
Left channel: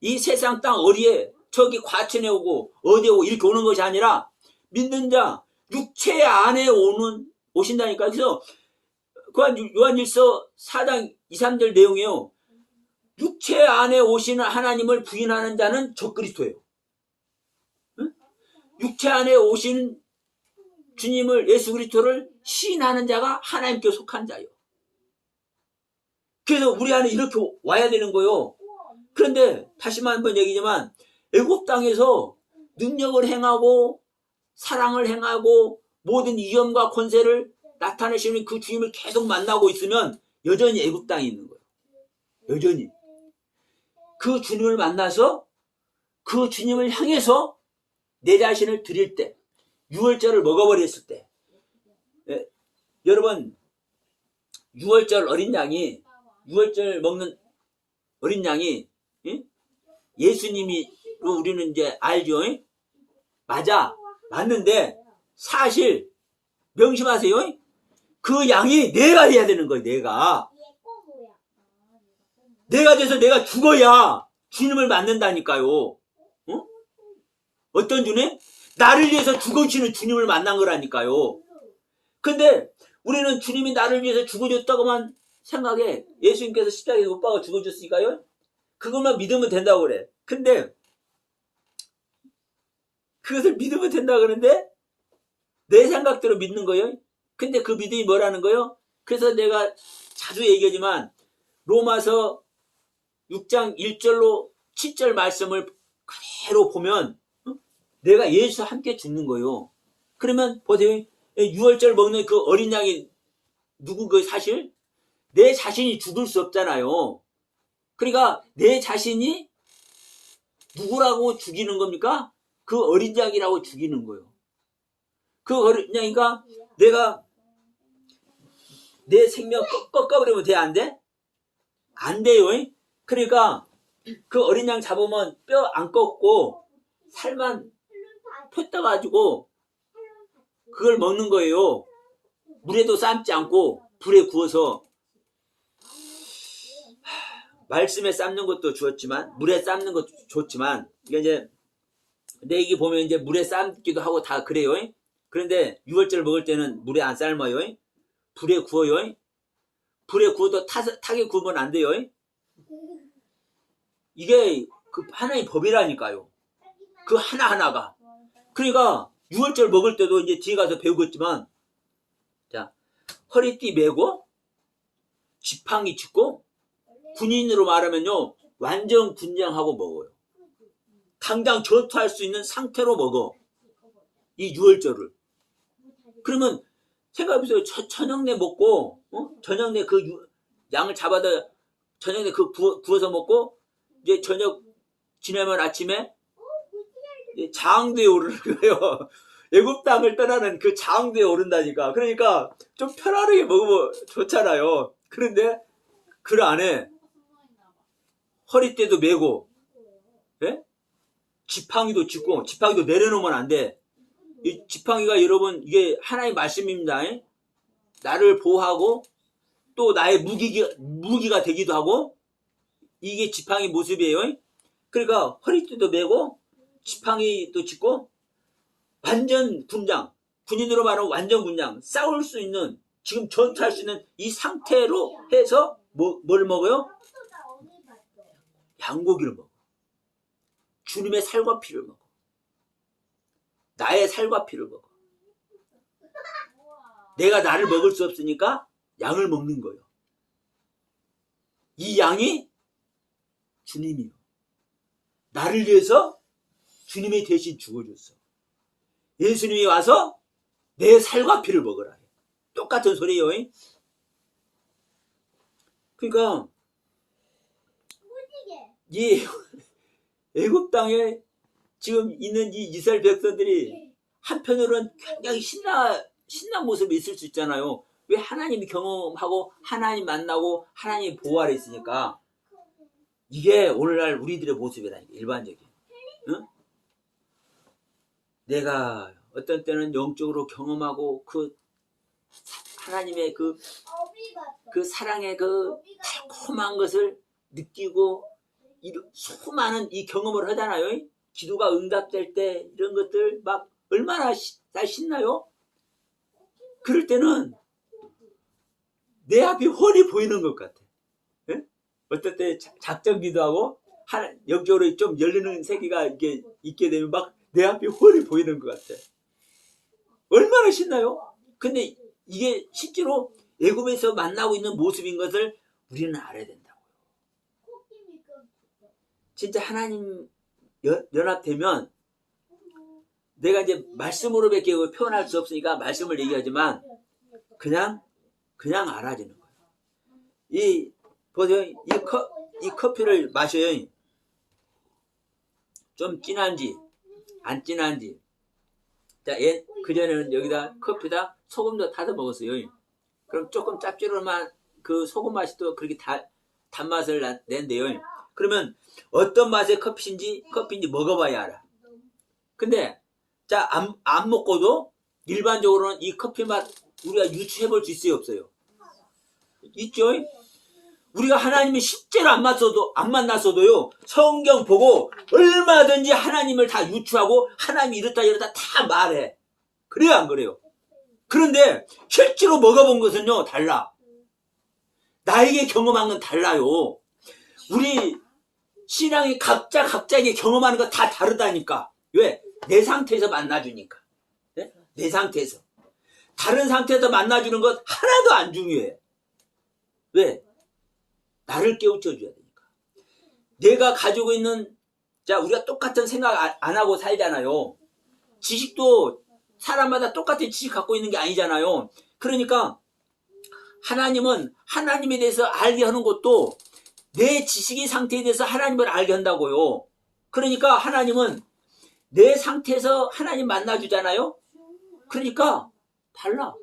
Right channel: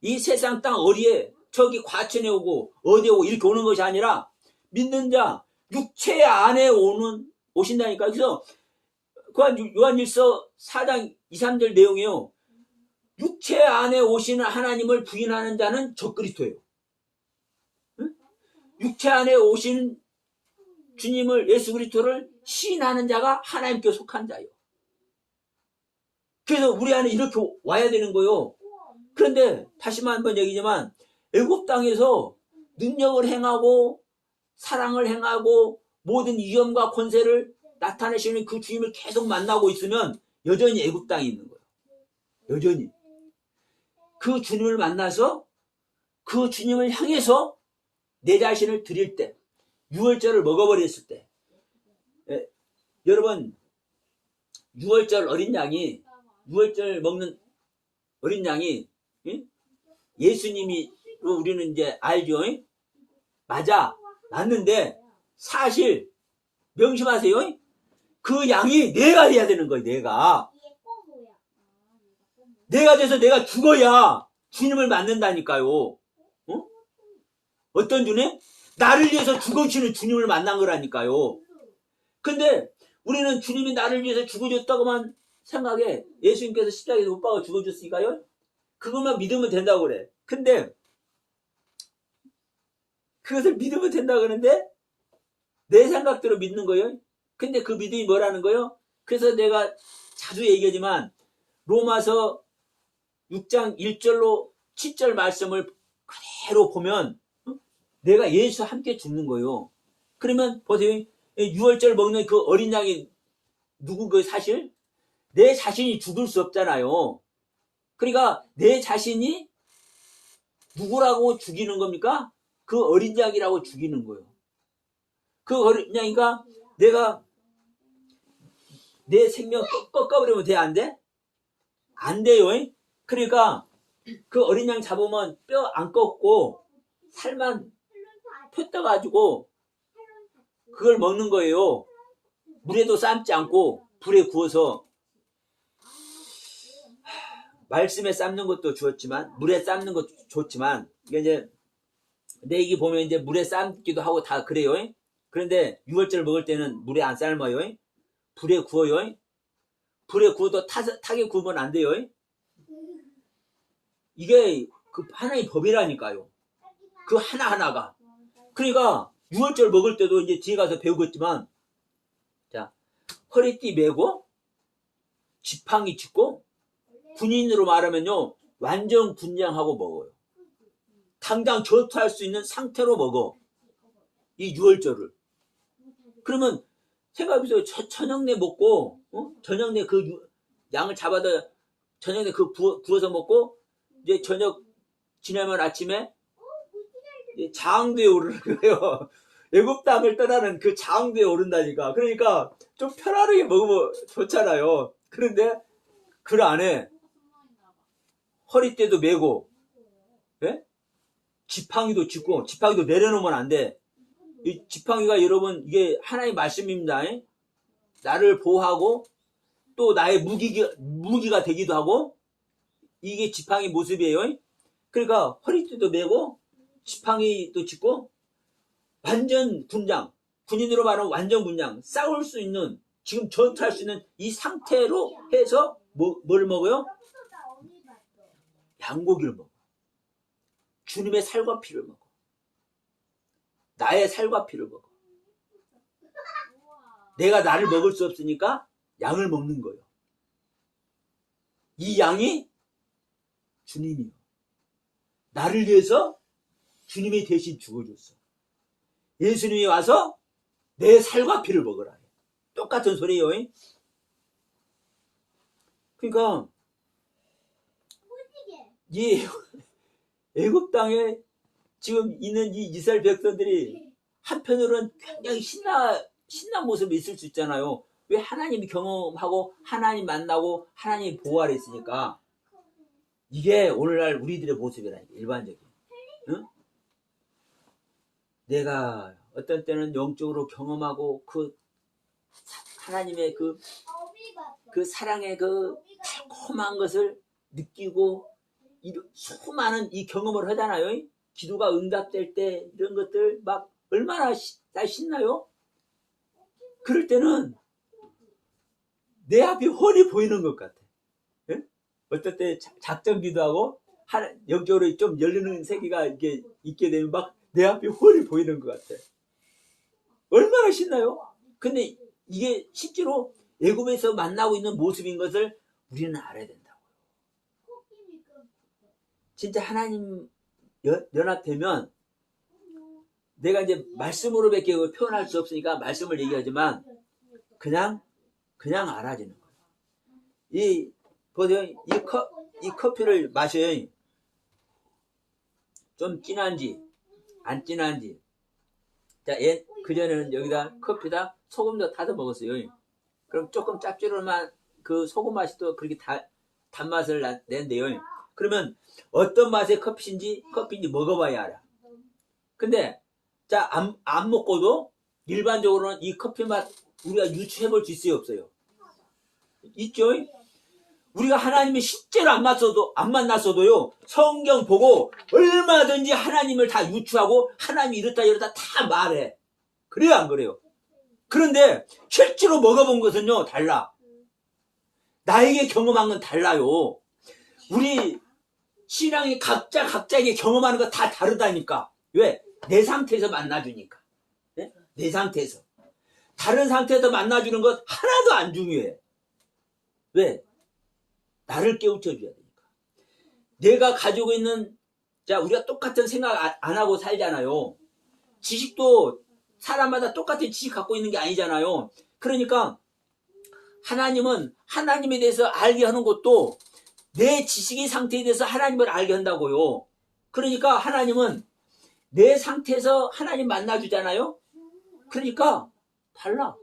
이 세상 땅 어디에 저기 과천에 오고 어디에 오고 이렇게 오는 것이 아니라 믿는 자 육체 안에 오신다니까. 그래서 요한일서 4장 2, 3절 내용이에요. 육체 안에 오시는 하나님을 부인하는 자는 적그리스도예요. 육체 안에 오신 주님을 예수 그리스도를 시인하는 자가 하나님께 속한 자예요. 그래서 우리 안에 이렇게 와야 되는 거예요. 그런데 다시만 한번 얘기지만 애굽 땅에서 능력을 행하고 사랑을 행하고 모든 위엄과 권세를 나타내시는 그 주님을 계속 만나고 있으면 여전히 애굽 땅에 있는 거예요. 여전히 그 주님을 만나서 그 주님을 향해서 내 자신을 드릴 때, 유월절을 먹어버렸을 때, 여러분 유월절 어린 양이 유월절 먹는 어린 양이 예수님이 우리는 이제 알죠? 맞는데 사실 명심하세요. 그 양이 내가 돼야 되는 거예요. 내가 돼서 내가 죽어야 주님을 만난다니까요. 어떤 주님? 나를 위해서 죽으시는 주님을 만난 거라니까요. 근데 우리는 주님이 나를 위해서 죽어줬다고만 생각해. 예수님께서 십자가에 못 박아 죽어줬으니까요. 그것만 믿으면 된다고 그래. 근데 그것을 믿으면 된다고 그러는데 내 생각대로 믿는 거예요. 근데 그 믿음이 뭐라는 거예요? 그래서 내가 자주 얘기하지만 로마서 6장 1절로 7절 말씀을 그대로 보면 내가 예수와 함께 죽는 거예요. 그러면 보세요. 유월절 먹는 그 어린 양이 누구 그 사실? 내 자신이 죽을 수 없잖아요. 그러니까 내 자신이 누구라고 죽이는 겁니까? 그 어린 양이라고 죽이는 거예요. 그 어린 양이가 내가 내 생명 꺾어버리면 돼? 안 돼? 안 돼요. 그러니까 그 어린 양 잡으면 뼈 안 꺾고 살만 폈다가지고 그걸 먹는 거예요. 물에도 삶지 않고 불에 구워서. 말씀에 삶는 것도 좋았지만 물에 삶는 것도 좋지만 이게 이제 내 얘기 보면 이제 물에 삶기도 하고 다 그래요. 그런데 유월절 먹을 때는 물에 안 삶아요. 불에 구워요. 불에 구워도 타게 구우면 안 돼요. 이게 그 하나의 법이라니까요. 그 하나하나가. 그러니까 유월절 먹을 때도 이제 뒤에 가서 배우겠지만 자, 허리띠 메고 지팡이 짚고 군인으로 말하면요 완전 군장하고 먹어요. 당장 전투할 수 있는 상태로 먹어. 이 유월절을. 그러면 생각해보세요. 저녁내 먹고 저녁내 그 양을 잡아다 저녁내 그 구워서 먹고 이제 저녁 지나면 아침에 장대에 오르는 거예요. 애굽 땅을 떠나는 그 장대에 오른다니까. 그러니까 좀 편안하게 먹으면 좋잖아요. 그런데 그 안에 허리띠도 메고 지팡이도 짚고 지팡이도 내려놓으면 안 돼. 이 지팡이가 여러분 이게 하나의 말씀입니다. 나를 보호하고 또 나의 무기가 되기도 하고 이게 지팡이 모습이에요. 그러니까 허리띠도 메고 지팡이도 짚고 완전 군장, 군인으로 말하면 완전 군장, 싸울 수 있는 지금 전투할 수 있는 이 상태로 해서 뭘 먹어요? 양고기를 먹어. 주님의 살과 피를 먹어. 나의 살과 피를 먹어. 내가 나를 먹을 수 없으니까 양을 먹는 거예요. 이 양이 주님이요. 나를 위해서 주님이 대신 죽어줬어. 예수님이 와서 내 살과 피를 먹으라. 똑같은 소리예요. 그러니까 이 애굽 땅에 지금 있는 이 이스라엘 백성들이 한편으로는 굉장히 신난 모습이 있을 수 있잖아요. 왜? 하나님이 경험하고 하나님 만나고 하나님 보호 아래 있으니까. 이게 오늘날 우리들의 모습이라니까, 일반적인. 응? 내가 어떤 때는 영적으로 경험하고 그 하나님의 그 사랑의 그 달콤한 것을 느끼고 수많은 이 경험을 하잖아요. 기도가 응답될 때 이런 것들 막 얼마나 신나요? 그럴 때는 내 앞이 훤히 보이는 것 같아. 예? 어떨 때 작전 기도하고 영적으로 좀 열리는 세계가 이렇게 있게 되면 막 내 앞이 훤히 보이는 것 같아. 얼마나 신나요? 근데 이게 실제로 애굽에서 만나고 있는 모습인 것을 우리는 알아야 된다고요. 진짜 하나님 연합되면 내가 이제 말씀으로밖에 표현할 수 없으니까 말씀을 얘기하지만 그냥 알아지는 거예요. 보세요. 이 커피를 마셔요. 좀 진한지 안 진한지. 자, 그전에는 여기다 커피다 소금도 타서 먹었어요. 그럼 조금 짭조름한 그 소금 맛이 또 그렇게 단맛을 낸대요. 그러면 어떤 맛의 커피인지 먹어봐야 알아. 근데 자, 안 먹고도 일반적으로는 이 커피 맛 우리가 유추해볼 수 있어요, 없어요? 있죠? 우리가 하나님이 실제로 안 만났어도요, 성경 보고 얼마든지 하나님을 다 유추하고 하나님이 이렇다 다 말해. 그래요, 안 그래요? 그런데 실제로 먹어본 것은요, 달라. 나에게 경험한 건 달라요. 우리 신앙이 각자에게 경험하는 거 다 다르다니까. 왜? 내 상태에서 만나주니까. 네? 내 상태에서. 다른 상태에서 만나주는 것 하나도 안 중요해. 왜? 나를 깨우쳐줘야 되니까. 내가 가지고 있는, 자, 우리가 똑같은 생각 안 하고 살잖아요. 지식도 사람마다 똑같은 지식 갖고 있는 게 아니잖아요. 그러니까 하나님은 하나님에 대해서 알게 하는 것도 내 지식의 상태에 대해서 하나님을 알게 한다고요. 그러니까 하나님은 내 상태에서 하나님 만나주잖아요. 그러니까 달라.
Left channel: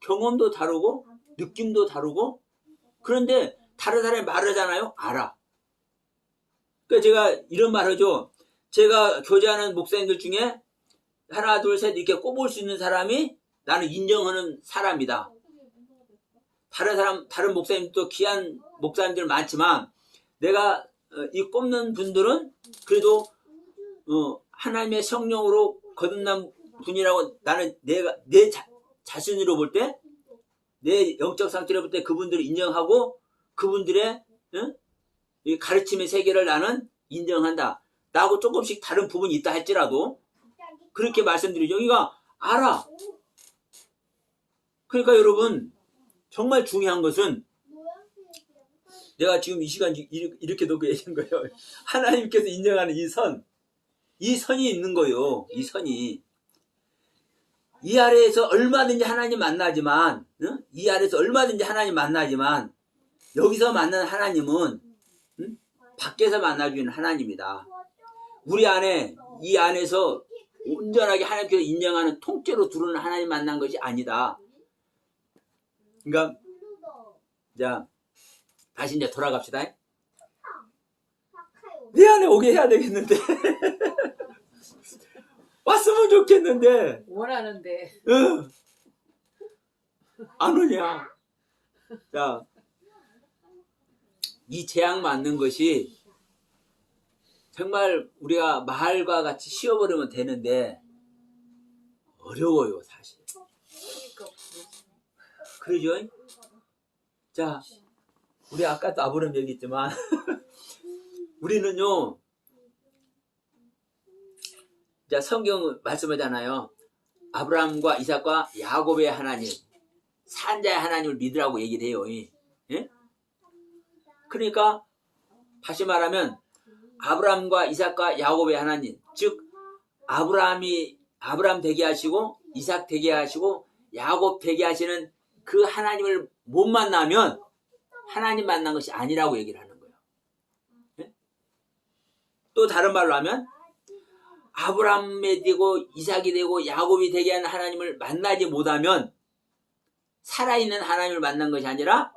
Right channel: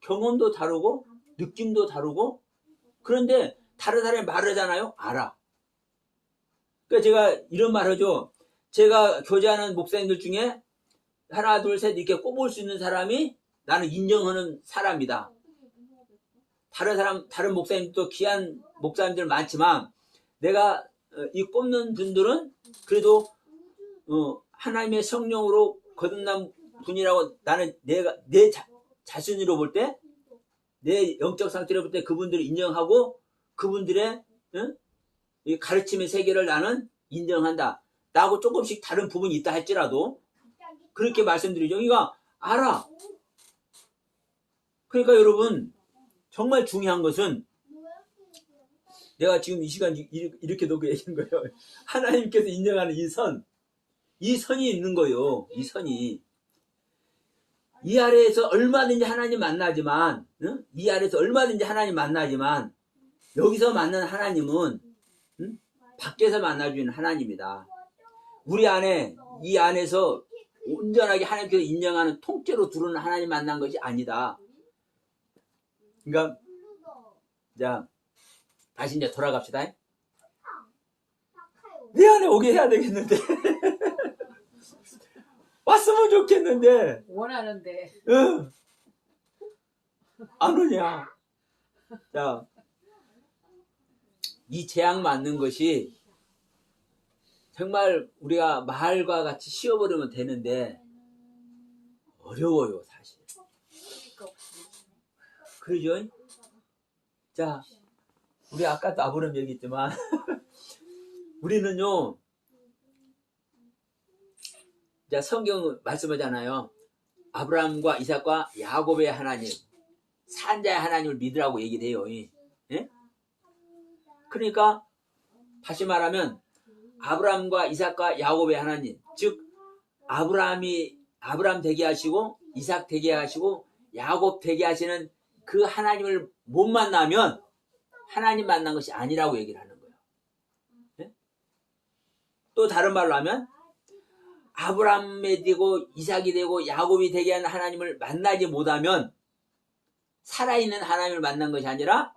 경험도 다르고 느낌도 다르고. 그런데 다른 사람이 말하잖아요. 알아. 그러니까 제가 이런 말 하죠. 제가 교제하는 목사님들 중에 하나 둘 셋 이렇게 꼽을 수 있는 사람이 나는 인정하는 사람이다. 다른 목사님도 귀한 목사님들 많지만 내가 이 꼽는 분들은 그래도 하나님의 성령으로 거듭난 분이라고 나는 내 자신으로 볼 때, 내 영적 상태로 볼 때 그분들을 인정하고 그분들의 이 가르침의 세계를 나는 인정한다. 나하고 조금씩 다른 부분이 있다 할지라도 그렇게 말씀드리죠. 그러니까 알아. 그러니까 여러분 정말 중요한 것은 내가 지금 이 시간 이렇게 놓고 얘기한 거예요. 하나님께서 인정하는 이 선이 있는 거예요. 이 선이. 이 아래에서 얼마든지 하나님 만나지만, 이 아래에서 얼마든지 하나님 만나지만, 여기서 만나는 하나님은, 밖에서 만나주는 하나님이다. 우리 안에, 이 안에서 온전하게 하나님께서 인정하는 통째로 두르는 하나님 만난 것이 아니다. 그러니까, 자, 다시 이제 돌아갑시다. 내 안에 오게 해야 되겠는데. 왔으면 좋겠는데. 원하는데. 응. 안 오냐. 자, 이 재앙 맞는 것이 정말 우리가 말과 같이 씌워버리면 되는데 어려워요, 사실. 그러죠? 자, 우리 아까도 아브라함 얘기했지만 우리는요 자, 성경 말씀하잖아요. 아브라함과 이삭과 야곱의 하나님, 산자의 하나님을 믿으라고 얘기를 해요. 예? 그러니까 다시 말하면 아브라함과 이삭과 야곱의 하나님, 즉 아브라함 되게 하시고 이삭 되게 하시고 야곱 되게 하시는 그 하나님을 못 만나면 하나님 만난 것이 아니라고 얘기를 하는 거예요. 예? 또 다른 말로 하면 아브라함이 되고 이삭이 되고 야곱이 되게 하는 하나님을 만나지 못하면 살아있는 하나님을 만난 것이 아니라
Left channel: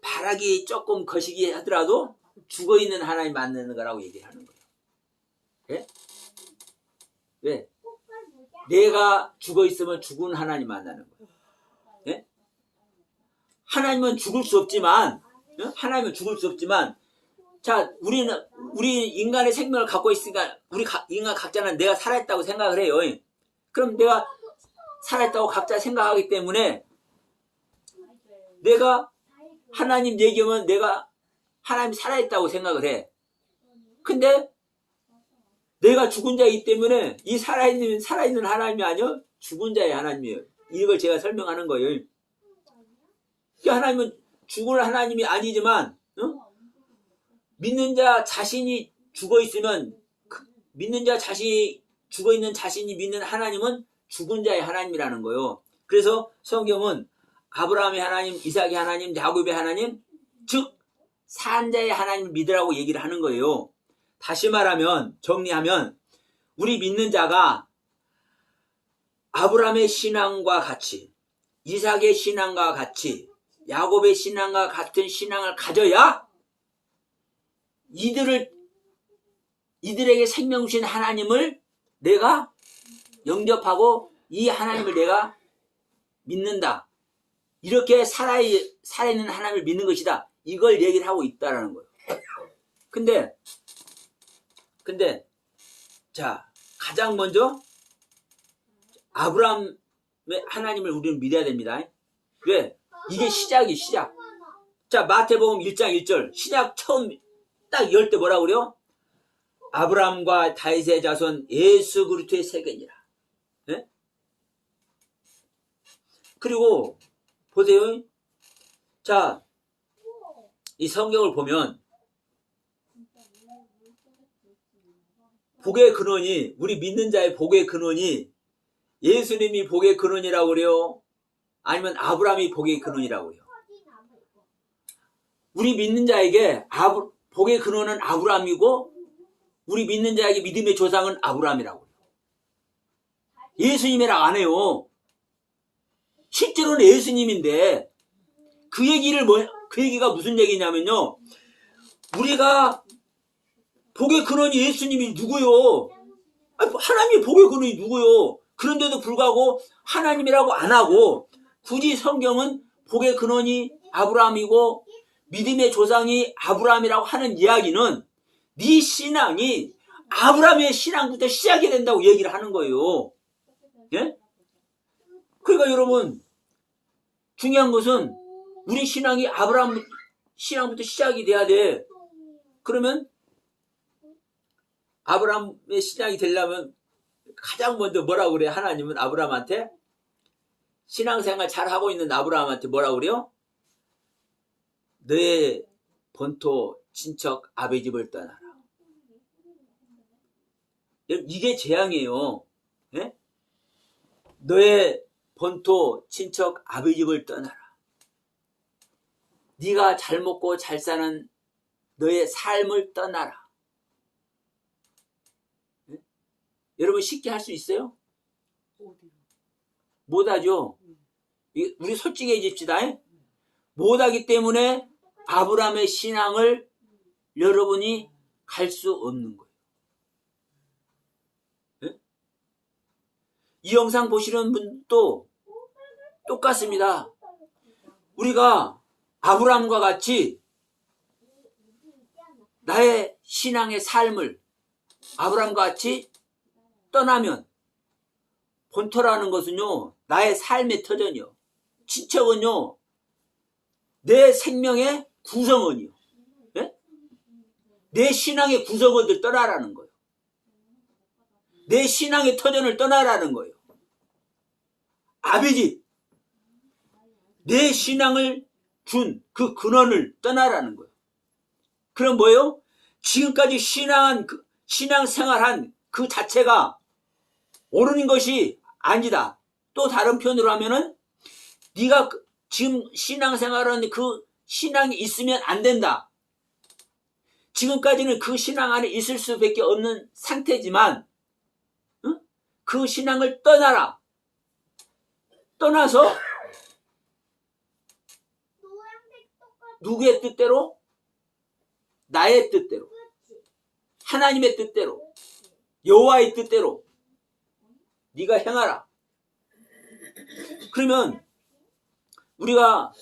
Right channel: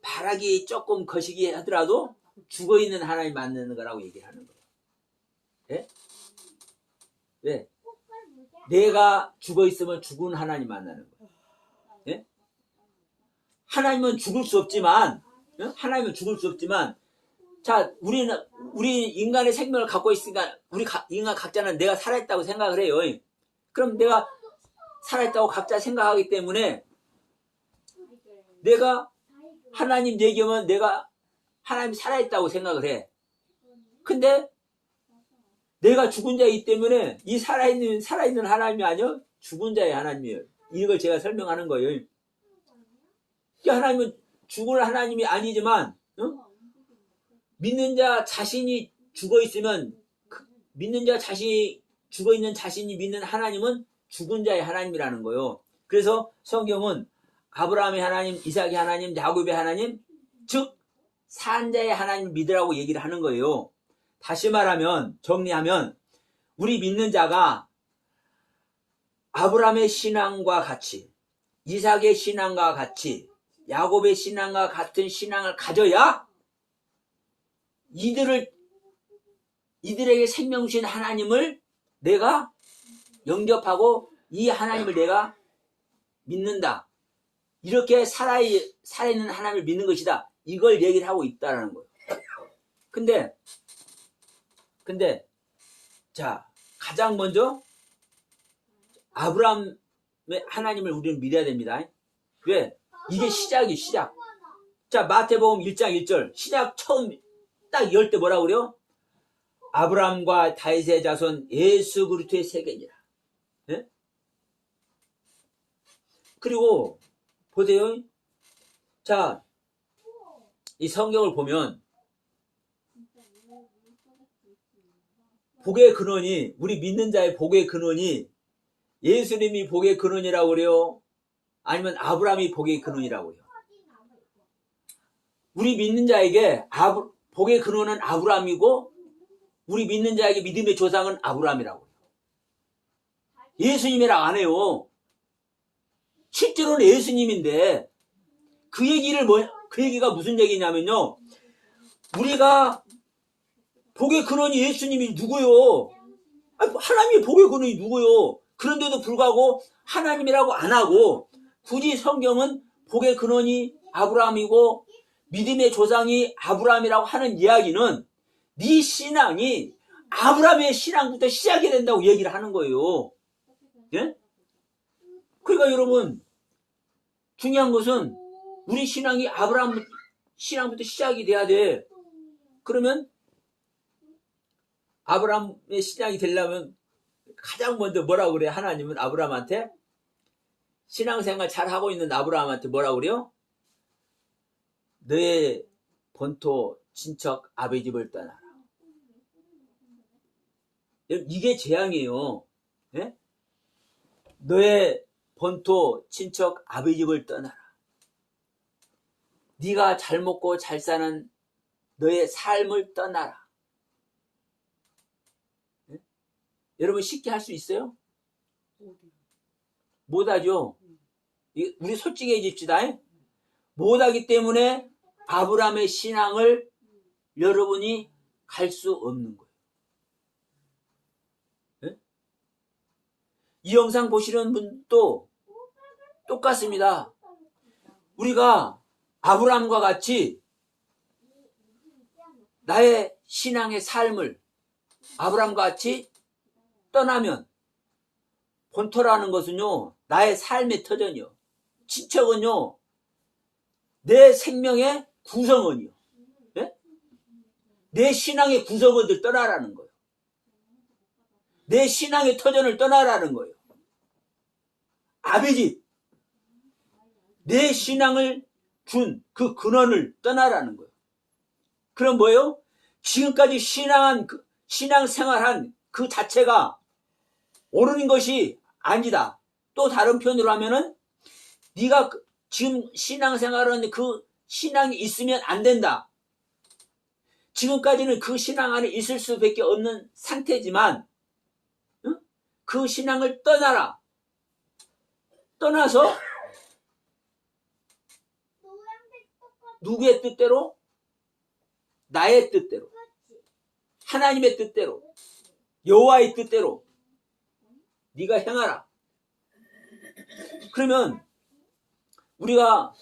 바라기 조금 거시기 하더라도 죽어있는 하나님 만나는 거라고 얘기하는 거예요. 예? 왜? 내가 죽어있으면 죽은 하나님 만나는 거예요. 예? 하나님은 죽을 수 없지만, 하나님은 죽을 수 없지만, 자, 우리 인간의 생명을 갖고 있으니까, 인간 각자는 내가 살아있다고 생각을 해요. 그럼 내가 살아있다고 각자 생각하기 때문에, 내가 하나님 얘기하면 내가 하나님 살아있다고 생각을 해. 근데, 내가 죽은 자이기 때문에, 이 살아있는 하나님이 아니요, 죽은 자의 하나님이에요. 이걸 제가 설명하는 거예요. 하나님은 죽을 하나님이 아니지만 믿는 자 자신이 죽어있으면 믿는 자 자신이 죽어있는 자신이 믿는 하나님은 죽은 자의 하나님이라는 거예요. 그래서 성경은 아브라함의 하나님, 이삭의 하나님, 야곱의 하나님, 즉 산자의 하나님을 믿으라고 얘기를 하는 거예요. 다시 말하면 정리하면 우리 믿는 자가 아브라함의 신앙과 같이 이삭의 신앙과 같이 야곱의 신앙과 같은 신앙을 가져야 이들에게 생명 주신 하나님을 내가 영접하고 이 하나님을 내가 믿는다. 이렇게 살아있는 하나님을 믿는 것이다. 이걸 얘기를 하고 있다라는 거예요. 근데 자, 가장 먼저 아브라함의 하나님을 우리는 믿어야 됩니다. 왜? 이게 시작이에요, 시작. 자, 마태복음 1장 1절. 시작 처음 딱 열 때 뭐라고 그래요? 아브라함과 다윗의 자손 예수 그리스도의 세계니라. 네? 그리고 보세요. 자, 이 성경을 보면 복의 근원이, 우리 믿는 자의 복의 근원이 예수님이 복의 근원이라고 그래요? 아니면 아브라함이 복의 근원이라고 그래요? 우리 믿는 자에게 복의 근원은 아브라함이고 우리 믿는 자에게 믿음의 조상은 아브라함이라고 해요. 예수님이라 안 해요. 실제로는 예수님인데 그 얘기가 무슨 얘기냐면요. 우리가 복의 근원이 예수님이 누구요? 하나님이 복의 근원이 누구요? 그런데도 불구하고 하나님이라고 안 하고 굳이 성경은 복의 근원이 아브라함이고 믿음의 조상이 아브라함이라고 하는 이야기는 네 신앙이 아브라함의 신앙부터 시작이 된다고 얘기를 하는 거예요. 예? 그러니까 여러분 중요한 것은 우리 신앙이 아브라함 신앙부터 시작이 돼야 돼. 그러면 아브라함의 신앙이 되려면 가장 먼저 뭐라고 그래? 하나님은 아브라함한테 신앙생활 잘 하고 있는 아브라함한테 뭐라고 그래요? 너의 본토 친척 아비 집을 떠나라. 이게 재앙이에요. 예? 너의 본토 친척 아비 집을 떠나라. 네가 잘 먹고 잘 사는 너의 삶을 떠나라. 예? 여러분 쉽게 할 수 있어요? 못하죠. 우리 솔직해집시다. 못하기 때문에 아브라함의 신앙을 여러분이 갈 수 없는 거예요. 네? 이 영상 보시는 분도 똑같습니다. 우리가 아브라함과 같이 나의 신앙의 삶을 아브라함과 같이 떠나면 본토라는 것은요, 나의 삶의 터전이요. 친척은요, 내 생명의 구성원이요. 네? 내 신앙의 구성원들 떠나라는 거예요. 내 신앙의 터전을 떠나라는 거예요. 아비지, 내 신앙을 준 그 근원을 떠나라는 거예요. 그럼 뭐예요? 지금까지 신앙생활한 그 자체가 옳은 것이 아니다. 또 다른 표현으로 하면은 네가 지금 신앙생활은 그 신앙이 있으면 안 된다. 지금까지는 그 신앙 안에 있을 수밖에 없는 상태지만 그 신앙을 떠나라. 떠나서 누구의 뜻대로? 나의 뜻대로, 하나님의 뜻대로, 여호와의 뜻대로 네가 행하라. 그러면 우리가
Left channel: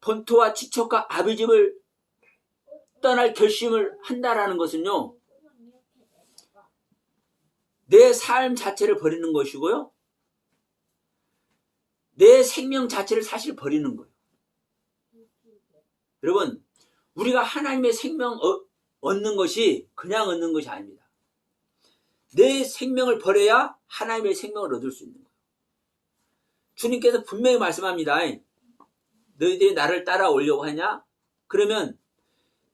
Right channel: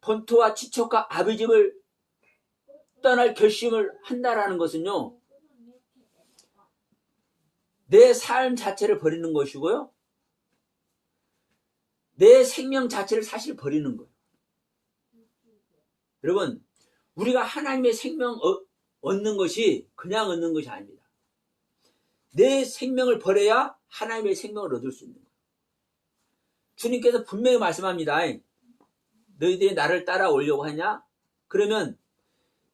본토와 친척과 아비집을 떠날 결심을 한다라는 것은요, 내 삶 자체를 버리는 것이고요, 내 생명 자체를 사실 버리는 거예요. 여러분, 우리가 하나님의 생명 얻는 것이 그냥 얻는 것이 아닙니다. 내 생명을 버려야 하나님의 생명을 얻을 수 있는 거예요. 주님께서 분명히 말씀합니다. 너희들이 나를 따라오려고 하냐? 그러면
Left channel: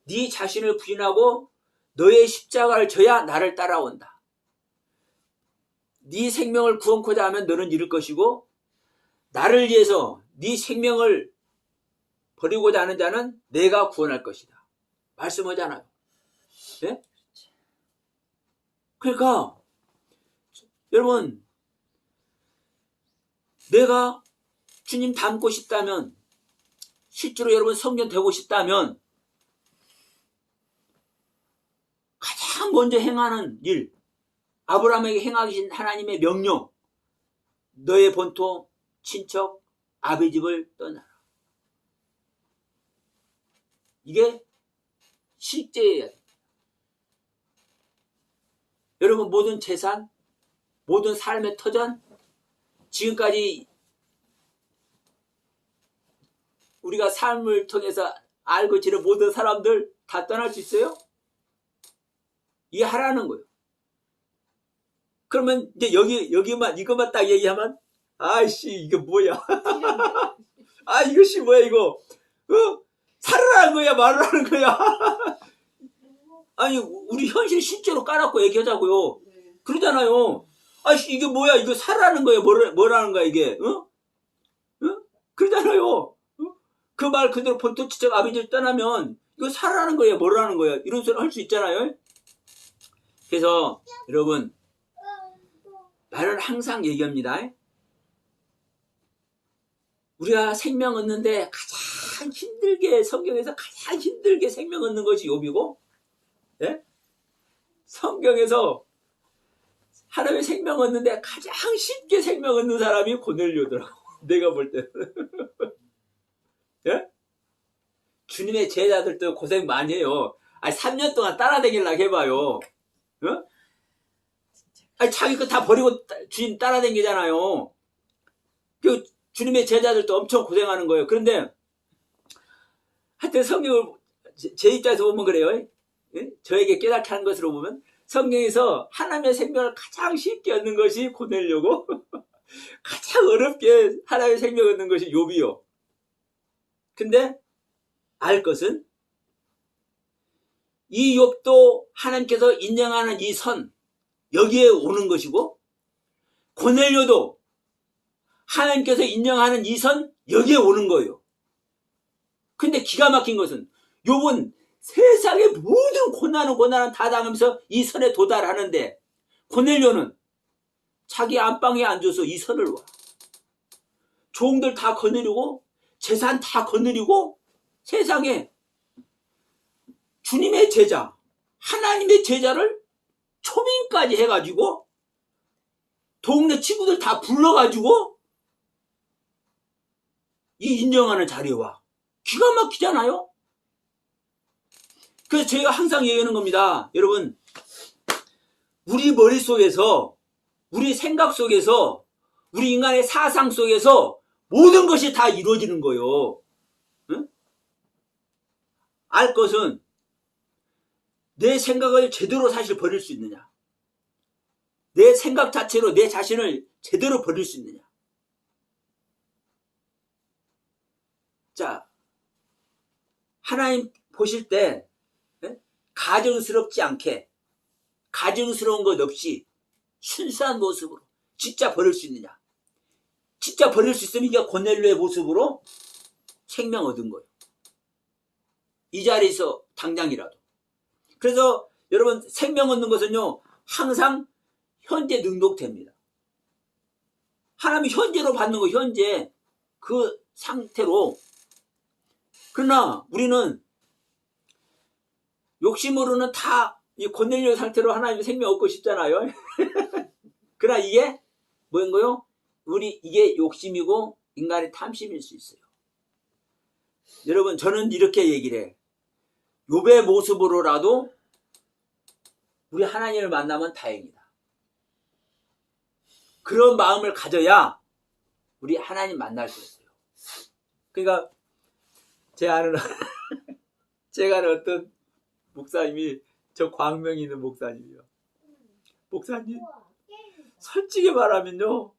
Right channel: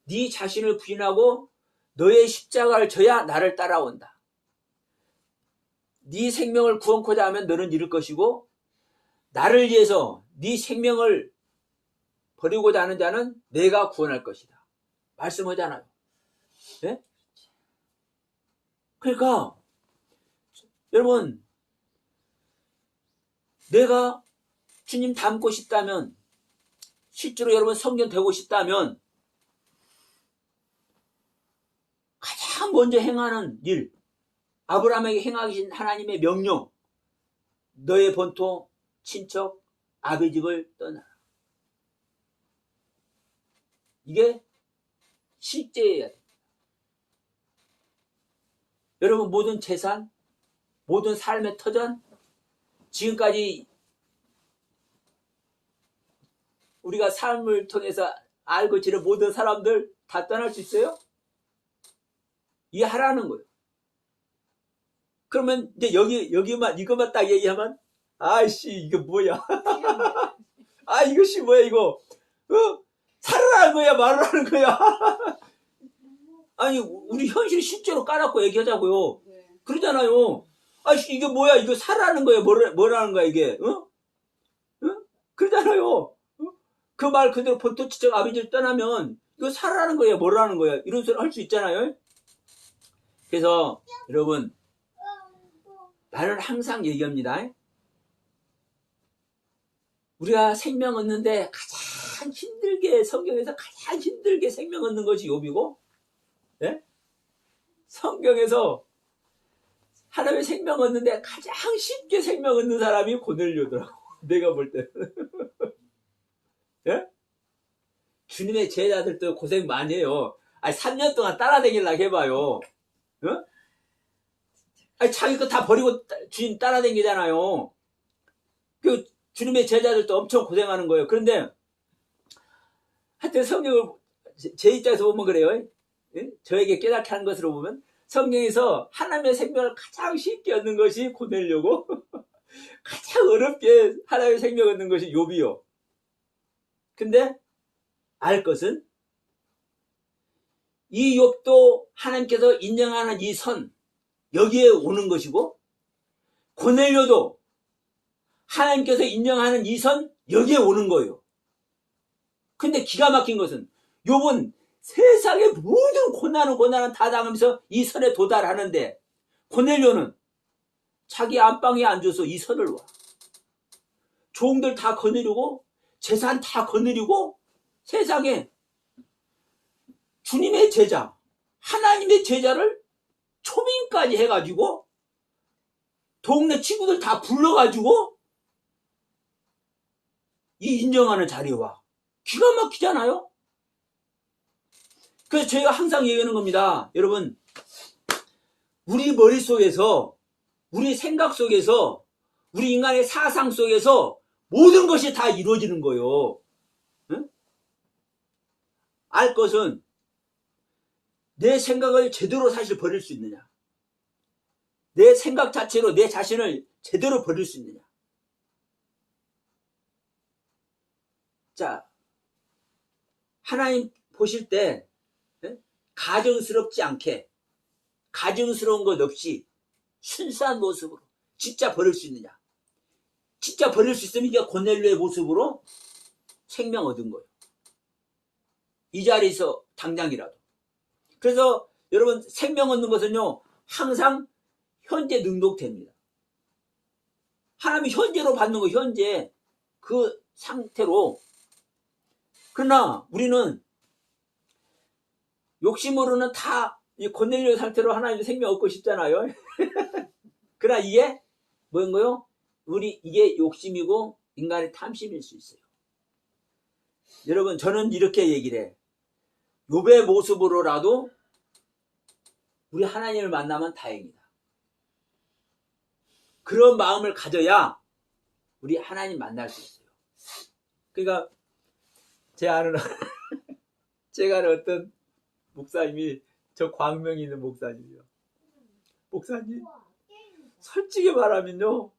네 자신을 부인하고 너의 십자가를 져야 나를 따라온다. 네 생명을 구원코자 하면 너는 잃을 것이고, 나를 위해서 네 생명을 버리고자 하는 자는 내가 구원할 것이다. 말씀하잖아요. 네? 그러니까 여러분, 내가 주님 닮고 싶다면, 실제로 여러분 성전 되고 싶다면 가장 먼저 행하는 일, 아브라함에게 행하신 하나님의 명령, 너의 본토, 친척, 아비집을 떠나라. 이게 실제예요. 여러분, 모든 재산, 모든 삶의 터전, 지금까지 우리가 삶을 통해서 알고 지낸 모든 사람들 다 떠날 수 있어요? 이게 하라는 거예요. 그러면 이제 여기만 이것만 딱 얘기하면, 아이씨 이게 뭐야? 아 이것이 뭐야 이거? 살아라는 거야, 말하는 거야? 아니 우리 현실 실제로 까놓고 얘기하자고요. 그러잖아요. 아이씨 이게 뭐야? 이거 살아라는 거야? 뭐라는 거야 이게? 그러잖아요. 그 말 그대로 본토 친척 아비들 떠나면 이거 살아라는 거야? 뭐라는 거야? 이런 소리 할 수 있잖아요. 그래서 여러분, 나는 항상 얘기합니다. 우리가 생명 얻는데 가장 힘들게, 성경에서 가장 힘들게 생명 얻는 것이 욥이고, 예? 성경에서 하나님의 생명 얻는데 가장 쉽게 생명 얻는 사람이 고넬료더라고. 내가 볼 때는. 예? 주님의 제자들도 고생 많이 해요. 아니 3년 동안 따라다니려고 해봐요. 아니 자기 거 다 버리고 주님 따라다니잖아요. 그 주님의 제자들도 엄청 고생하는 거예요. 그런데 하여튼 성경을 제 입장에서 보면 그래요. 예? 저에게 깨닫게 한 것으로 보면 성경에서 하나님의 생명을 가장 쉽게 얻는 것이 고넬료고 가장 어렵게 하나님의 생명을 얻는 것이 욥이요. 근데 알 것은 이 욥도 하나님께서 인정하는 이 선, 여기에 오는 것이고, 고넬료도 하나님께서 인정하는 이 선, 여기에 오는 거예요. 근데 기가 막힌 것은 욥은 세상의 모든 고난은 다 당하면서 이 선에 도달하는데, 고넬료는 자기 안방에 앉아서 이 선을 와. 종들 다 거느리고 재산 다 거느리고 세상에 주님의 제자, 하나님의 제자를 초빙까지 해가지고 동네 친구들 다 불러가지고 이 인정하는 자리에 와. 기가 막히잖아요. 그래서 제가 항상 얘기하는 겁니다. 여러분, 우리 머릿속에서, 우리 생각 속에서, 우리 인간의 사상 속에서 모든 것이 다 이루어지는 거예요. 응? 알 것은 내 생각을 제대로 사실 버릴 수 있느냐. 내 생각 자체로 내 자신을 제대로 버릴 수 있느냐. 자, 하나님 보실 때 가증스럽지 않게, 가증스러운 것 없이 순수한 모습으로 진짜 버릴 수 있느냐. 진짜 버릴 수 있으면 이게 고넬료의 모습으로 생명 얻은 거예요. 이 자리에서 당장이라도. 그래서 여러분, 생명 얻는 것은요, 항상 현재 능동태입니다. 하나님이 현재로 받는 거, 현재 그 상태로. 그러나 우리는 욕심으로는 다 이 고넬료 상태로 하나님의 생명 얻고 싶잖아요. 그러나 이게 뭐인 거요? 이게 욕심이고 인간의 탐심일 수 있어요. 여러분, 저는 이렇게 얘기를 해. 욥의 모습으로라도 우리 하나님을 만나면 다행이다. 그런 마음을 가져야 우리 하나님 만날 수 있어요. 그러니까 제가 아는 어떤 목사님이, 저 광명에 있는 목사님이요. 목사님, 솔직히 말하면요,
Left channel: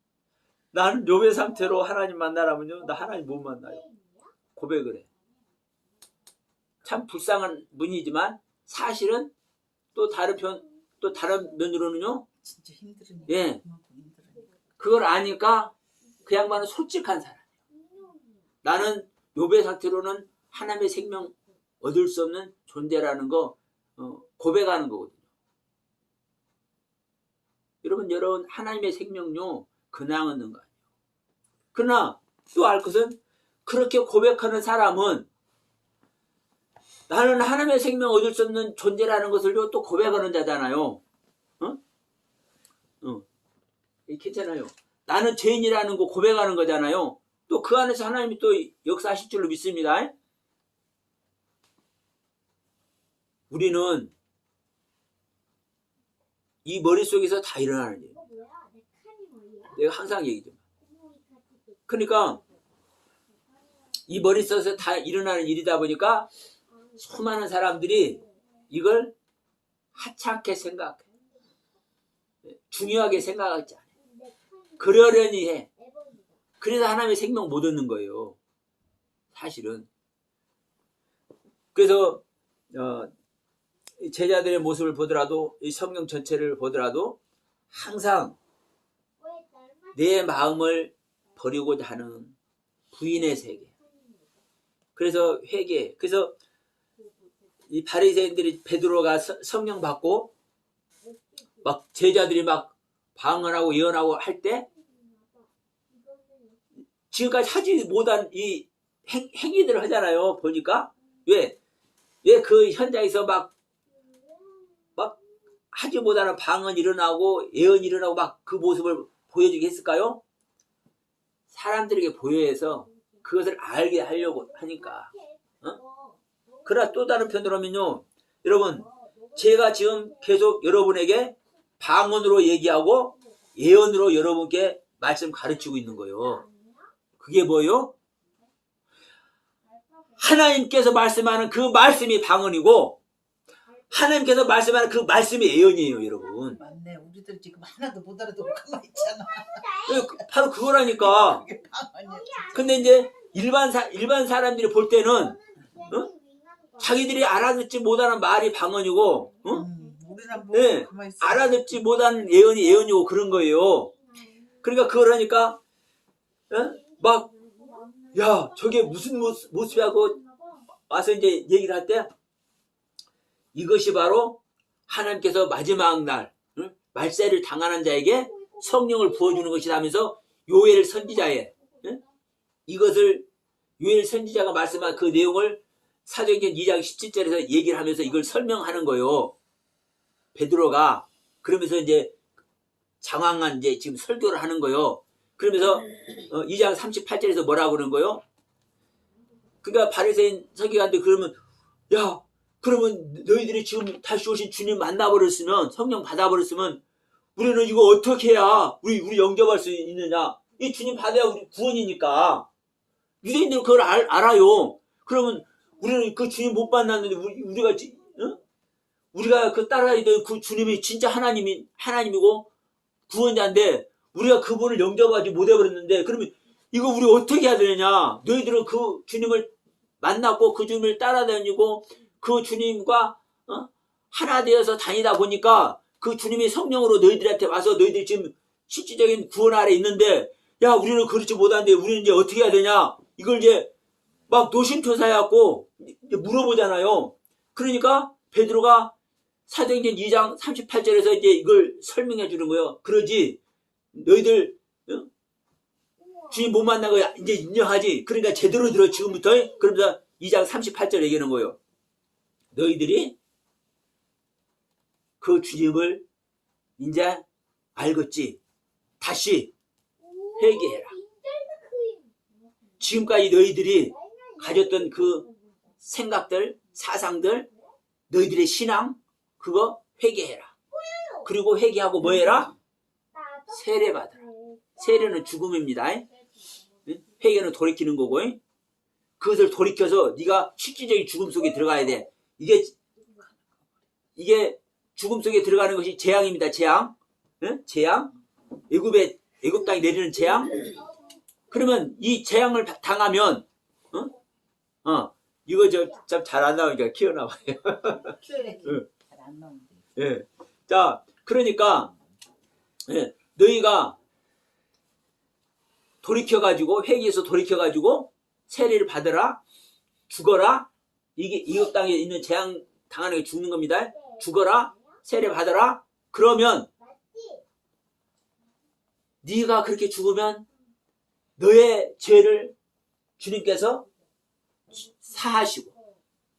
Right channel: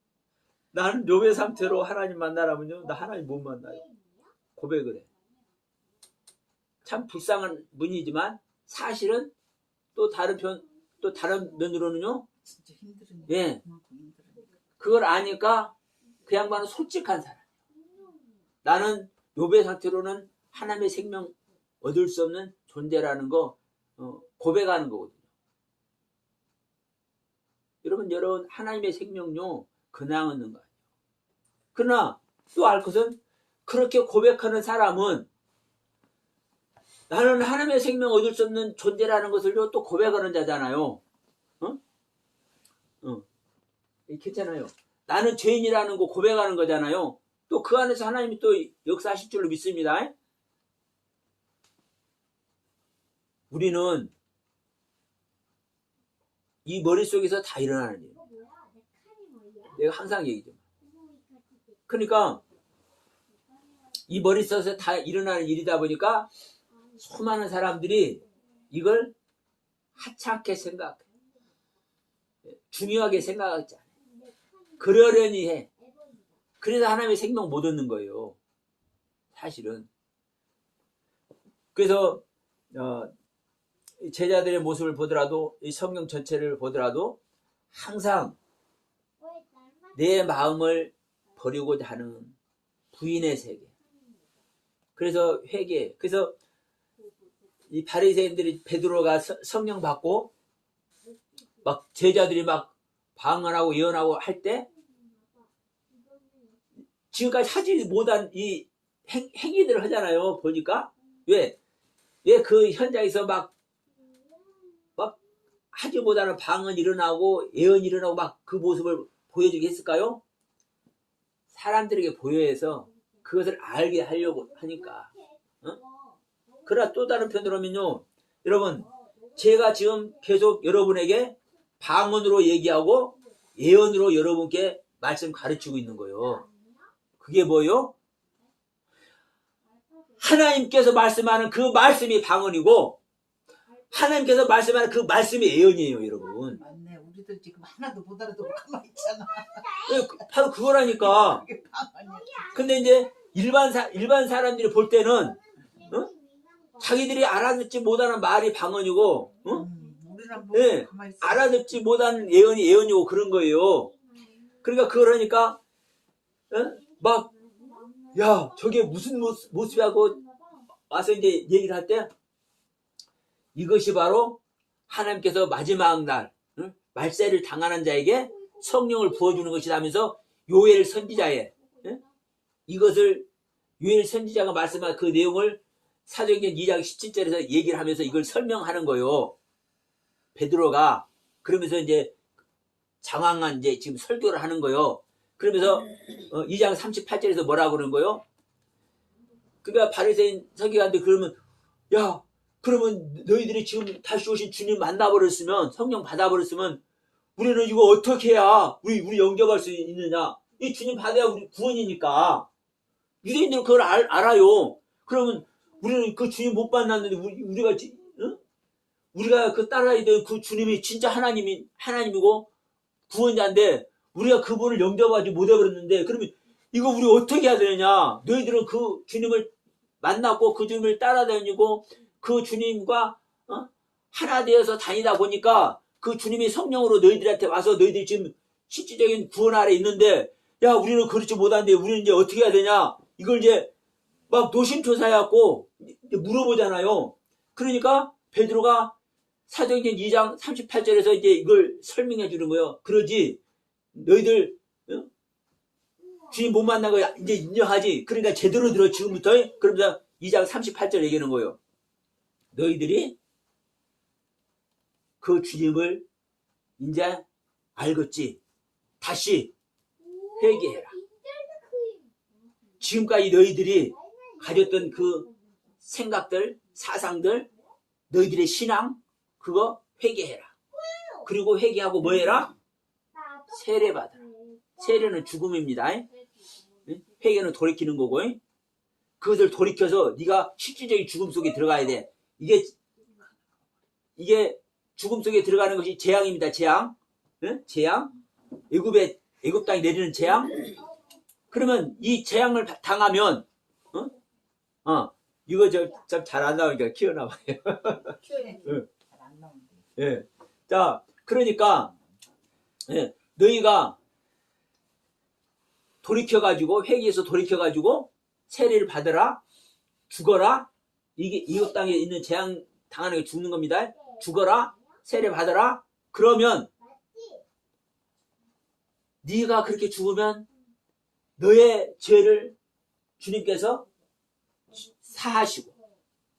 나는 욥의 상태로 하나님 만나라면요, 나 하나님 못 만나요. 고백을 해. 참 불쌍한 분이지만 사실은 또 다른 면으로는요, 진짜 힘들으니까. 예, 그걸 아니까 그 양반은 솔직한 사람이에요. 나는 욥의 상태로는 하나님의 생명 얻을 수 없는 존재라는 거 고백하는 거거든요. 여러분, 하나님의 생명요, 그냥 얻는 거 아니에요. 그러나 또 알 것은, 그렇게 고백하는 사람은 나는 하나님의 생명 얻을 수 없는 존재라는 것을요, 또 고백하는 자잖아요. 괜찮아요. 나는 죄인이라는 거 고백하는 거잖아요. 또 그 안에서 하나님이 또 역사하실 줄로 믿습니다. 우리는 이 머릿속에서 다 일어나는 일이에요. 내가 항상 얘기죠. 그러니까 이 머릿속에서 다 일어나는 일이다 보니까 수많은 사람들이 이걸 하찮게 생각해. 중요하게 생각하지 않아요. 그러려니 해. 그래서 하나님의 생명 못 얻는 거예요. 사실은. 그래서 제자들의 모습을 보더라도, 이 성경 전체를 보더라도 항상 내 마음을 버리고자 하는 부인의 세계. 그래서 회개. 그래서 이 바리새인들이 베드로가 성령 받고 막 제자들이 막 방언하고 예언하고 할 때 지금까지 하지 못한 이 행위들을 하잖아요. 보니까 왜 그 현장에서 막 하지 못하는 방언 일어나고 예언 일어나고 막 그 모습을 보여주게 했을까요? 사람들에게 보여해서 그것을 알게 하려고 하니까. 그러나 또 다른 편으로 하면요, 여러분, 제가 지금 계속 여러분에게 방언으로 얘기하고 예언으로 여러분께 말씀 가르치고 있는 거예요. 그게 뭐예요? 하나님께서 말씀하는 그 말씀이 방언이고 하나님께서 말씀하는 그 말씀이 예언이에요, 여러분. 맞네. 우리들 지금 하나도 못 알아듣고 가만히 있잖아. 바로 그거라니까. 그게 방언이야. 근데 이제 일반 사람들이 볼 때는 자기들이 알아듣지 못하는 말이 방언이고, 우리랑 네, 가만히 있어. 알아듣지 못하는 예언이 예언이고 그런 거예요. 그러니까 그걸 하니까 막, 야, 저게 무슨 모습이라고 와서 이제 얘기를 할 때, 이것이 바로 하나님께서 마지막 날 말세를 당하는 자에게 성령을 부어주는 것이라면서 요엘 선지자의 이것을 요엘 선지자가 말씀한 그 내용을 사도행전 2장 17절에서 얘기를 하면서 이걸 설명하는 거예요. 베드로가 그러면서 이제 장황한 이제 지금 설교를 하는 거예요. 그러면서 2장 38절에서 뭐라고 그러는 거예요? 그러니까 바리새인 서기관들 그러면, 야, 그러면 너희들이 지금 다시 오신 주님 만나버렸으면, 성령 받아버렸으면 우리는 이거 어떻게 해야 우리 영접할 수 있느냐? 이 주님 받아야 우리 구원이니까. 유대인들은 그걸 알아요. 그러면 우리는 그 주님 못 만났는데 우리가 그 따라야 될 그 주님이 진짜 하나님이고 구원자인데 우리가 그분을 영접하지 못해버렸는데 그러면 이거 우리 어떻게 해야 되느냐. 너희들은 그 주님을 만났고 그 주님을 따라다니고 그 주님과 하나 되어서 다니다 보니까 그 주님이 성령으로 너희들한테 와서 너희들이 지금 실질적인 구원 아래 있는데 야 우리는 그렇지 못한데 우리는 이제 어떻게 해야 되냐. 이걸 이제 막 노심초사해갖고 물어보잖아요. 그러니까 베드로가 사도행전 2장 38절에서 이제 이걸 설명해 주는 거예요. 그러지 너희들 주님 못 만나고 이제 인정하지. 그러니까 제대로 들어 지금부터. 그러면서 2장 38절 얘기하는 거예요. 너희들이 그 주님을 이제 알겠지. 다시 회개해라. 지금까지 너희들이 가졌던 그 생각들, 사상들, 너희들의 신앙 그거 회개해라. 그리고 회개하고 뭐 해라? 세례 받아라. 세례는 죽음입니다. 회개는 돌이키는 거고 그것을 돌이켜서 네가 실질적인 죽음 속에 들어가야 돼. 이게 죽음 속에 들어가는 것이 재앙입니다. 재앙. 재앙. 애굽 땅에 내리는 재앙. 그러면 이 재앙을 당하면 이거 참 잘 안 나오니까 키워나와요. 잘 안 나오는데. 예. 자, 그러니까 너희가 돌이켜가지고 회개해서 돌이켜가지고 세례를 받으라, 죽어라. 이게 이국 땅에 있는 재앙 당하는 게 죽는 겁니다. 죽어라, 세례 받으라. 그러면 네가 그렇게 죽으면 너의 죄를 주님께서 사하시고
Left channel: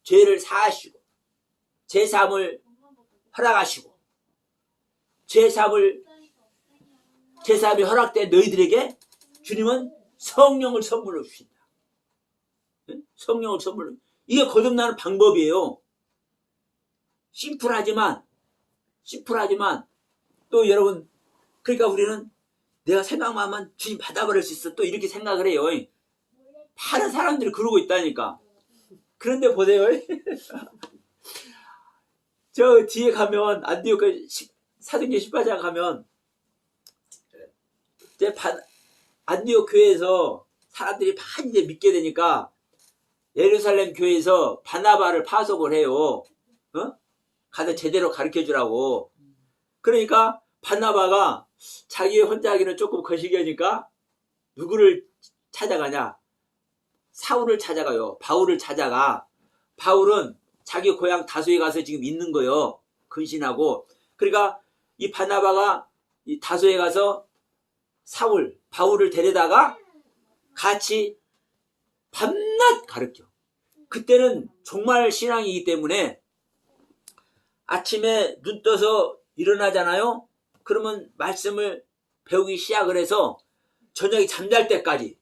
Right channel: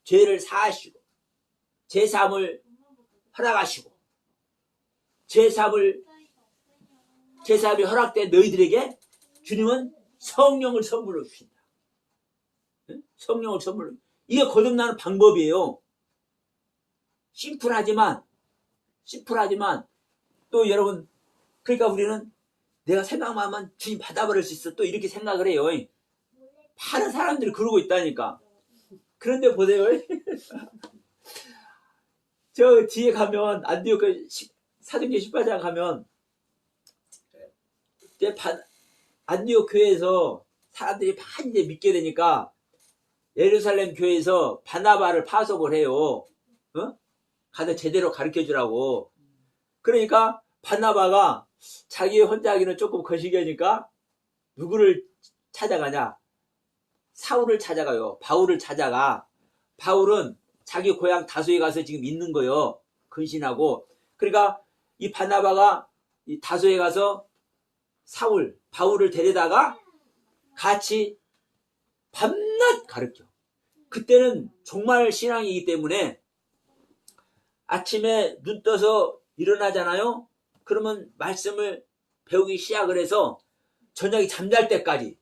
죄를 사하시고 제사함을 허락하시고 제사함이 허락된 너희들에게 주님은 성령을 선물로 주신다. 성령을 선물로. 이게 거듭나는 방법이에요. 심플하지만 또 여러분 그러니까 우리는 내가 생각만 하면 주님 받아버릴 수 있어. 또 이렇게 생각을 해요. 많은 사람들이 그러고 있다니까. 그런데 보세요. 저 뒤에 가면 안디옥 사도행전 18장 가면 이제 안디옥 교회에서 사람들이 많이 이제 믿게 되니까 예루살렘 교회에서 바나바를 파송을 해요. 가서 제대로 가르쳐주라고. 그러니까 바나바가 자기 혼자 하기는 조금 거시기하니까 누구를 찾아가냐? 사울을 찾아가요. 바울을 찾아가. 바울은 자기 고향 다소에 가서 지금 있는 거예요. 근신하고. 그러니까 이 바나바가 이 다소에 가서 바울을 데려다가 같이 밤낮 가르쳐. 그때는 종말 신앙이기 때문에 아침에 눈 떠서 일어나잖아요. 그러면 말씀을 배우기 시작을 해서 저녁에 잠잘 때까지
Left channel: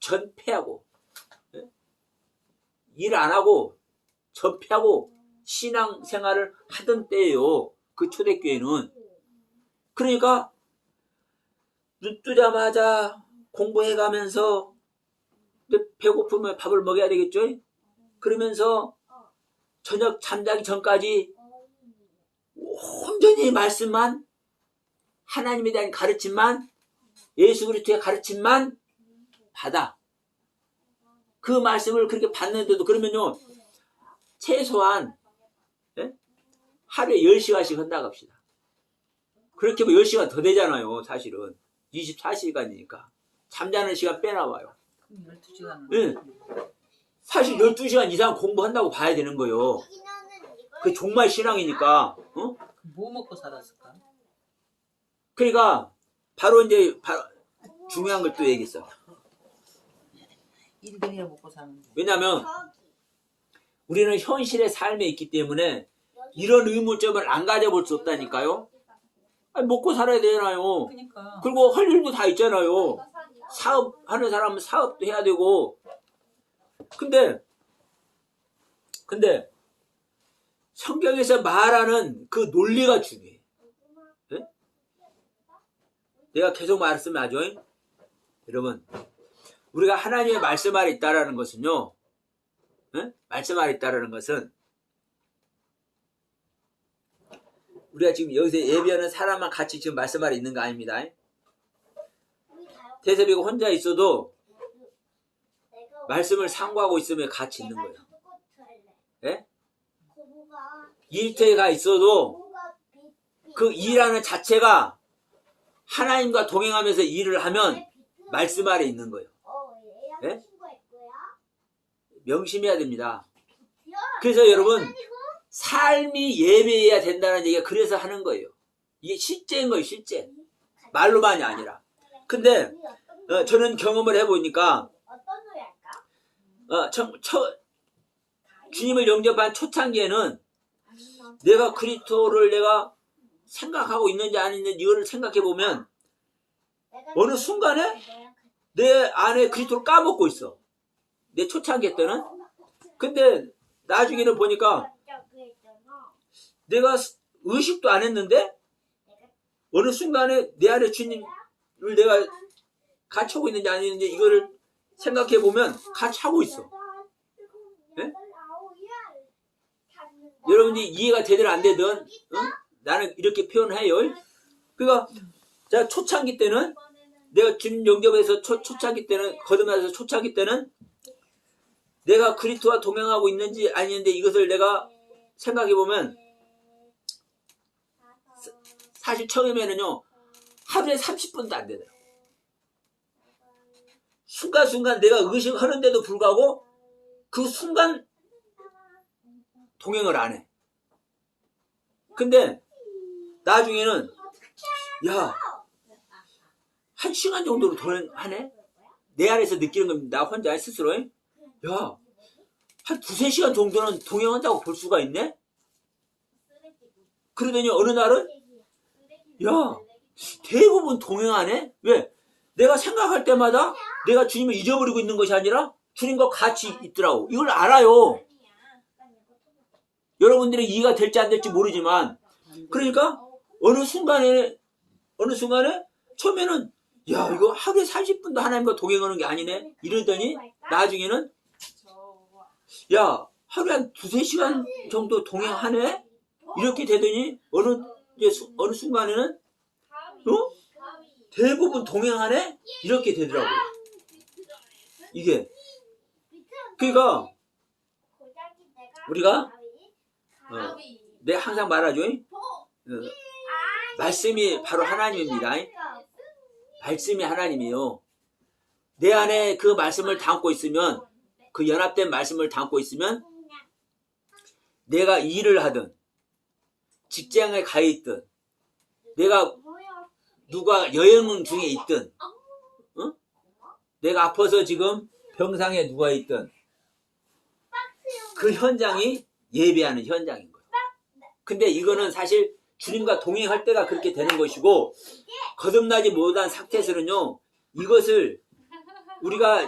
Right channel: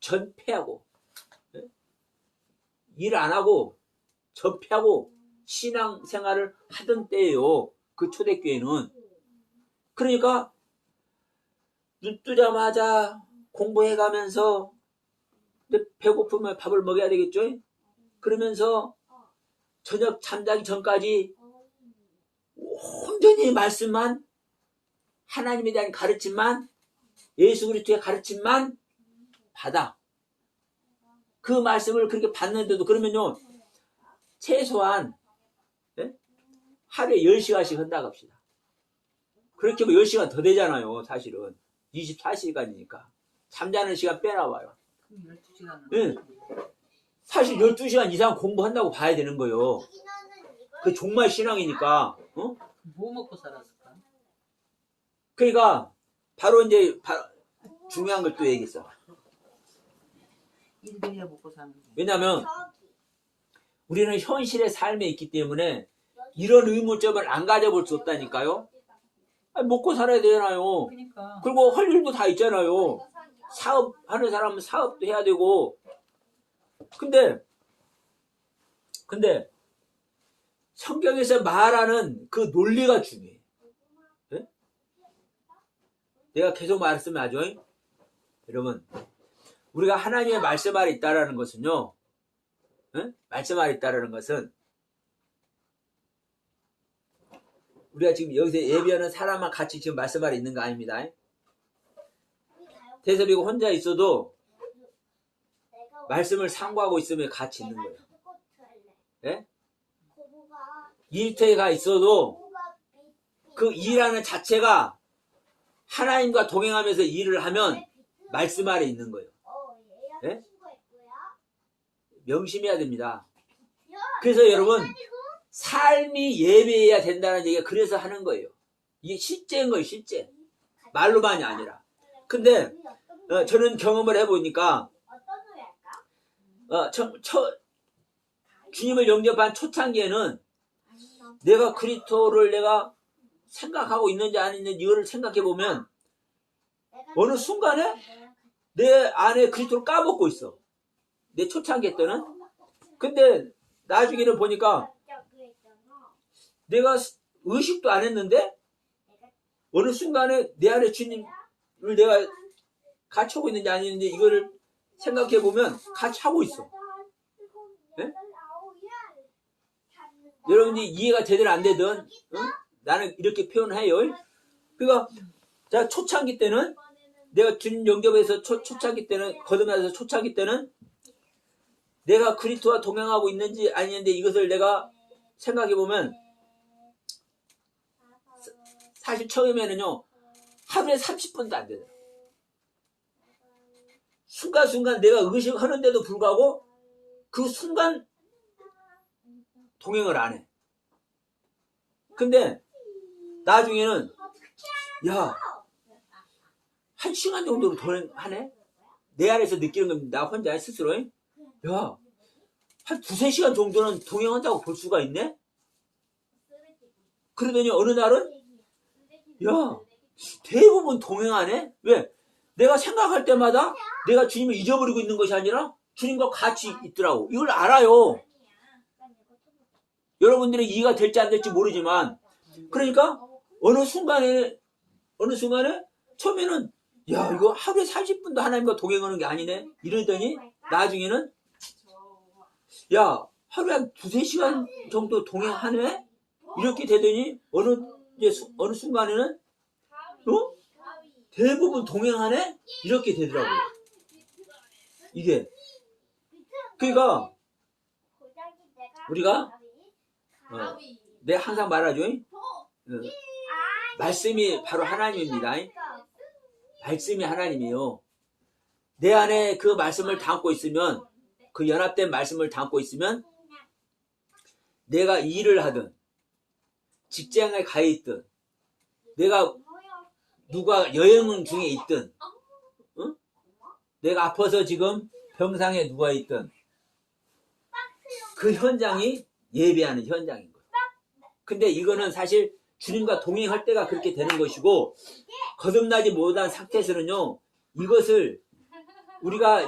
전폐하고 일 안 하고 전폐하고 신앙생활을 하던 때예요. 그 초대교회는. 그러니까 눈 뜨자마자 공부해가면서 배고프면 밥을 먹여야 되겠죠. 그러면서 저녁 잠자기 전까지 온전히 말씀만, 하나님에 대한 가르침만, 예수 그리스도의 가르침만 받아. 그 말씀을 그렇게 받는데도 그러면요 최소한 하루에 10시간씩 한다고 합시다. 그렇게 하면 10시간 더 되잖아요. 사실은 24시간이니까 잠자는 시간 빼놔봐요. 12시간. 사실 12시간 이상 공부한다고 봐야 되는 거예요. 그 종말 신앙이니까. 뭐 먹고 살았을까? 그러니까 바로 이제 중요한 걸 또 얘기했어. 일병이야 먹고 사는데. 왜냐하면 우리는 현실의 삶에 있기 때문에 이런 의무점을 안 가져볼 수 없다니까요. 아니, 먹고 살아야 되잖아요. 그러니까. 그리고 할 일도 다 있잖아요. 사업하는 사람은 사업도 해야 되고. 근데 성경에서 말하는 그 논리가 중요해. 네? 내가 계속 말씀을 하죠. 여러분 우리가 하나님의 말씀 아래 있다라는 것은요. 말씀 아래 있다라는 것은 우리가 지금 여기서 예배하는 사람만 같이 지금 말씀하러 있는 거 아닙니다. 태섭이가 혼자 있어도 말씀을 상고하고 있으면 같이 있는 거예요. 예? 일터에 가 있어도 그 일하는 자체가 하나님과 동행하면서 일을 하면 말씀 아래 있는 거예요. 예? 명심해야 됩니다. 그래서 여러분 삶이 예배해야 된다는 얘기가 그래서 하는 거예요. 이게 실제인 거예요. 실제. 말로만이 아니라. 근데 저는 경험을 해보니까 주님을 영접한 초창기에는 내가 그리스도를 내가 생각하고 있는지 아닌지 이거를 생각해 보면 어느 순간에 내 안에 그리스도를 까먹고 있어. 내 초창기 때는. 근데 나중에는 보니까 내가 의식도 안 했는데 어느 순간에 내 안에 주님을 내가 같이 하고 있는지 아닌지 이거를 생각해 보면 같이 하고 있어. 네? 여러분들이 이해가 되든 안 되든 응? 나는 이렇게 표현해요. 그러니까 자 초창기 때는 내가 주님 영접에서 초창기 때는 거듭나서 초창기 때는 내가 그리스도와 동행하고 있는지 아닌지 이것을 내가 생각해 보면 사실 처음에는요 하루에 30분도 안 되더라고. 순간순간 내가 의식하는데도 불구하고 그 순간 동행을 안 해. 근데 나중에는 야 1시간 정도로 동행하네? 내 안에서 느끼는 겁니다. 나 혼자 스스로. 야, 한 2-3시간 정도는 동행한다고 볼 수가 있네? 그러더니 어느 날은 야, 대부분 동행하네? 왜? 내가 생각할 때마다 내가 주님을 잊어버리고 있는 것이 아니라 주님과 같이 있더라고. 이걸 알아요. 여러분들은 이해가 될지 안 될지 모르지만 그러니까 어느 순간에 처음에는 야 이거 하루에 30분도 하나님과 동행하는 게 아니네 이러더니 나중에는 야 하루에 한 2-3시간 정도 동행하네 이렇게 되더니 어느 순간에는 대부분 동행하네 이렇게 되더라고요. 이게 그러니까 우리가 내가 항상 말하죠. 말씀이 바로 하나님입니다. 말씀이 하나님이요. 내 안에 그 말씀을 담고 있으면 그 연합된 말씀을 담고 있으면 내가 일을 하든 직장에 가 있든 내가 누가 여행 중에 있든 내가 아파서 지금 병상에 누워 있든 그 현장이 예배하는 현장인 거예요. 근데 이거는 사실 주님과 동행할 때가 그렇게 되는 것이고 거듭나지 못한 상태에서는요 이것을 우리가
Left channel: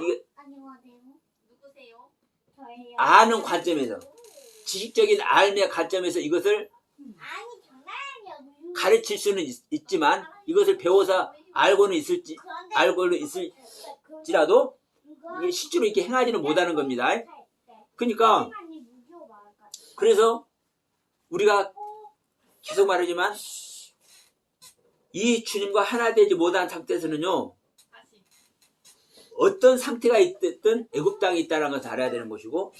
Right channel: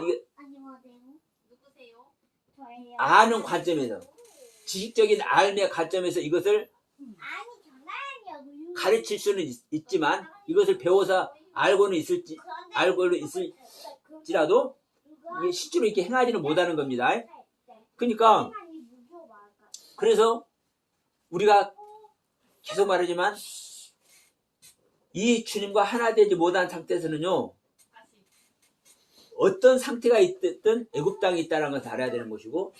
아는 관점에서 지식적인 삶의 관점에서 이것을 가르칠 수는 있지만 이것을 배워서 알고는 있을지라도 실제로 이렇게 행하지는 못하는 겁니다. 그러니까 그래서 우리가 계속 말하지만 이 주님과 하나 되지 못한 상태에서는요 어떤 상태가 있든 애굽 땅에 있다는 것을 알아야 되는 것이고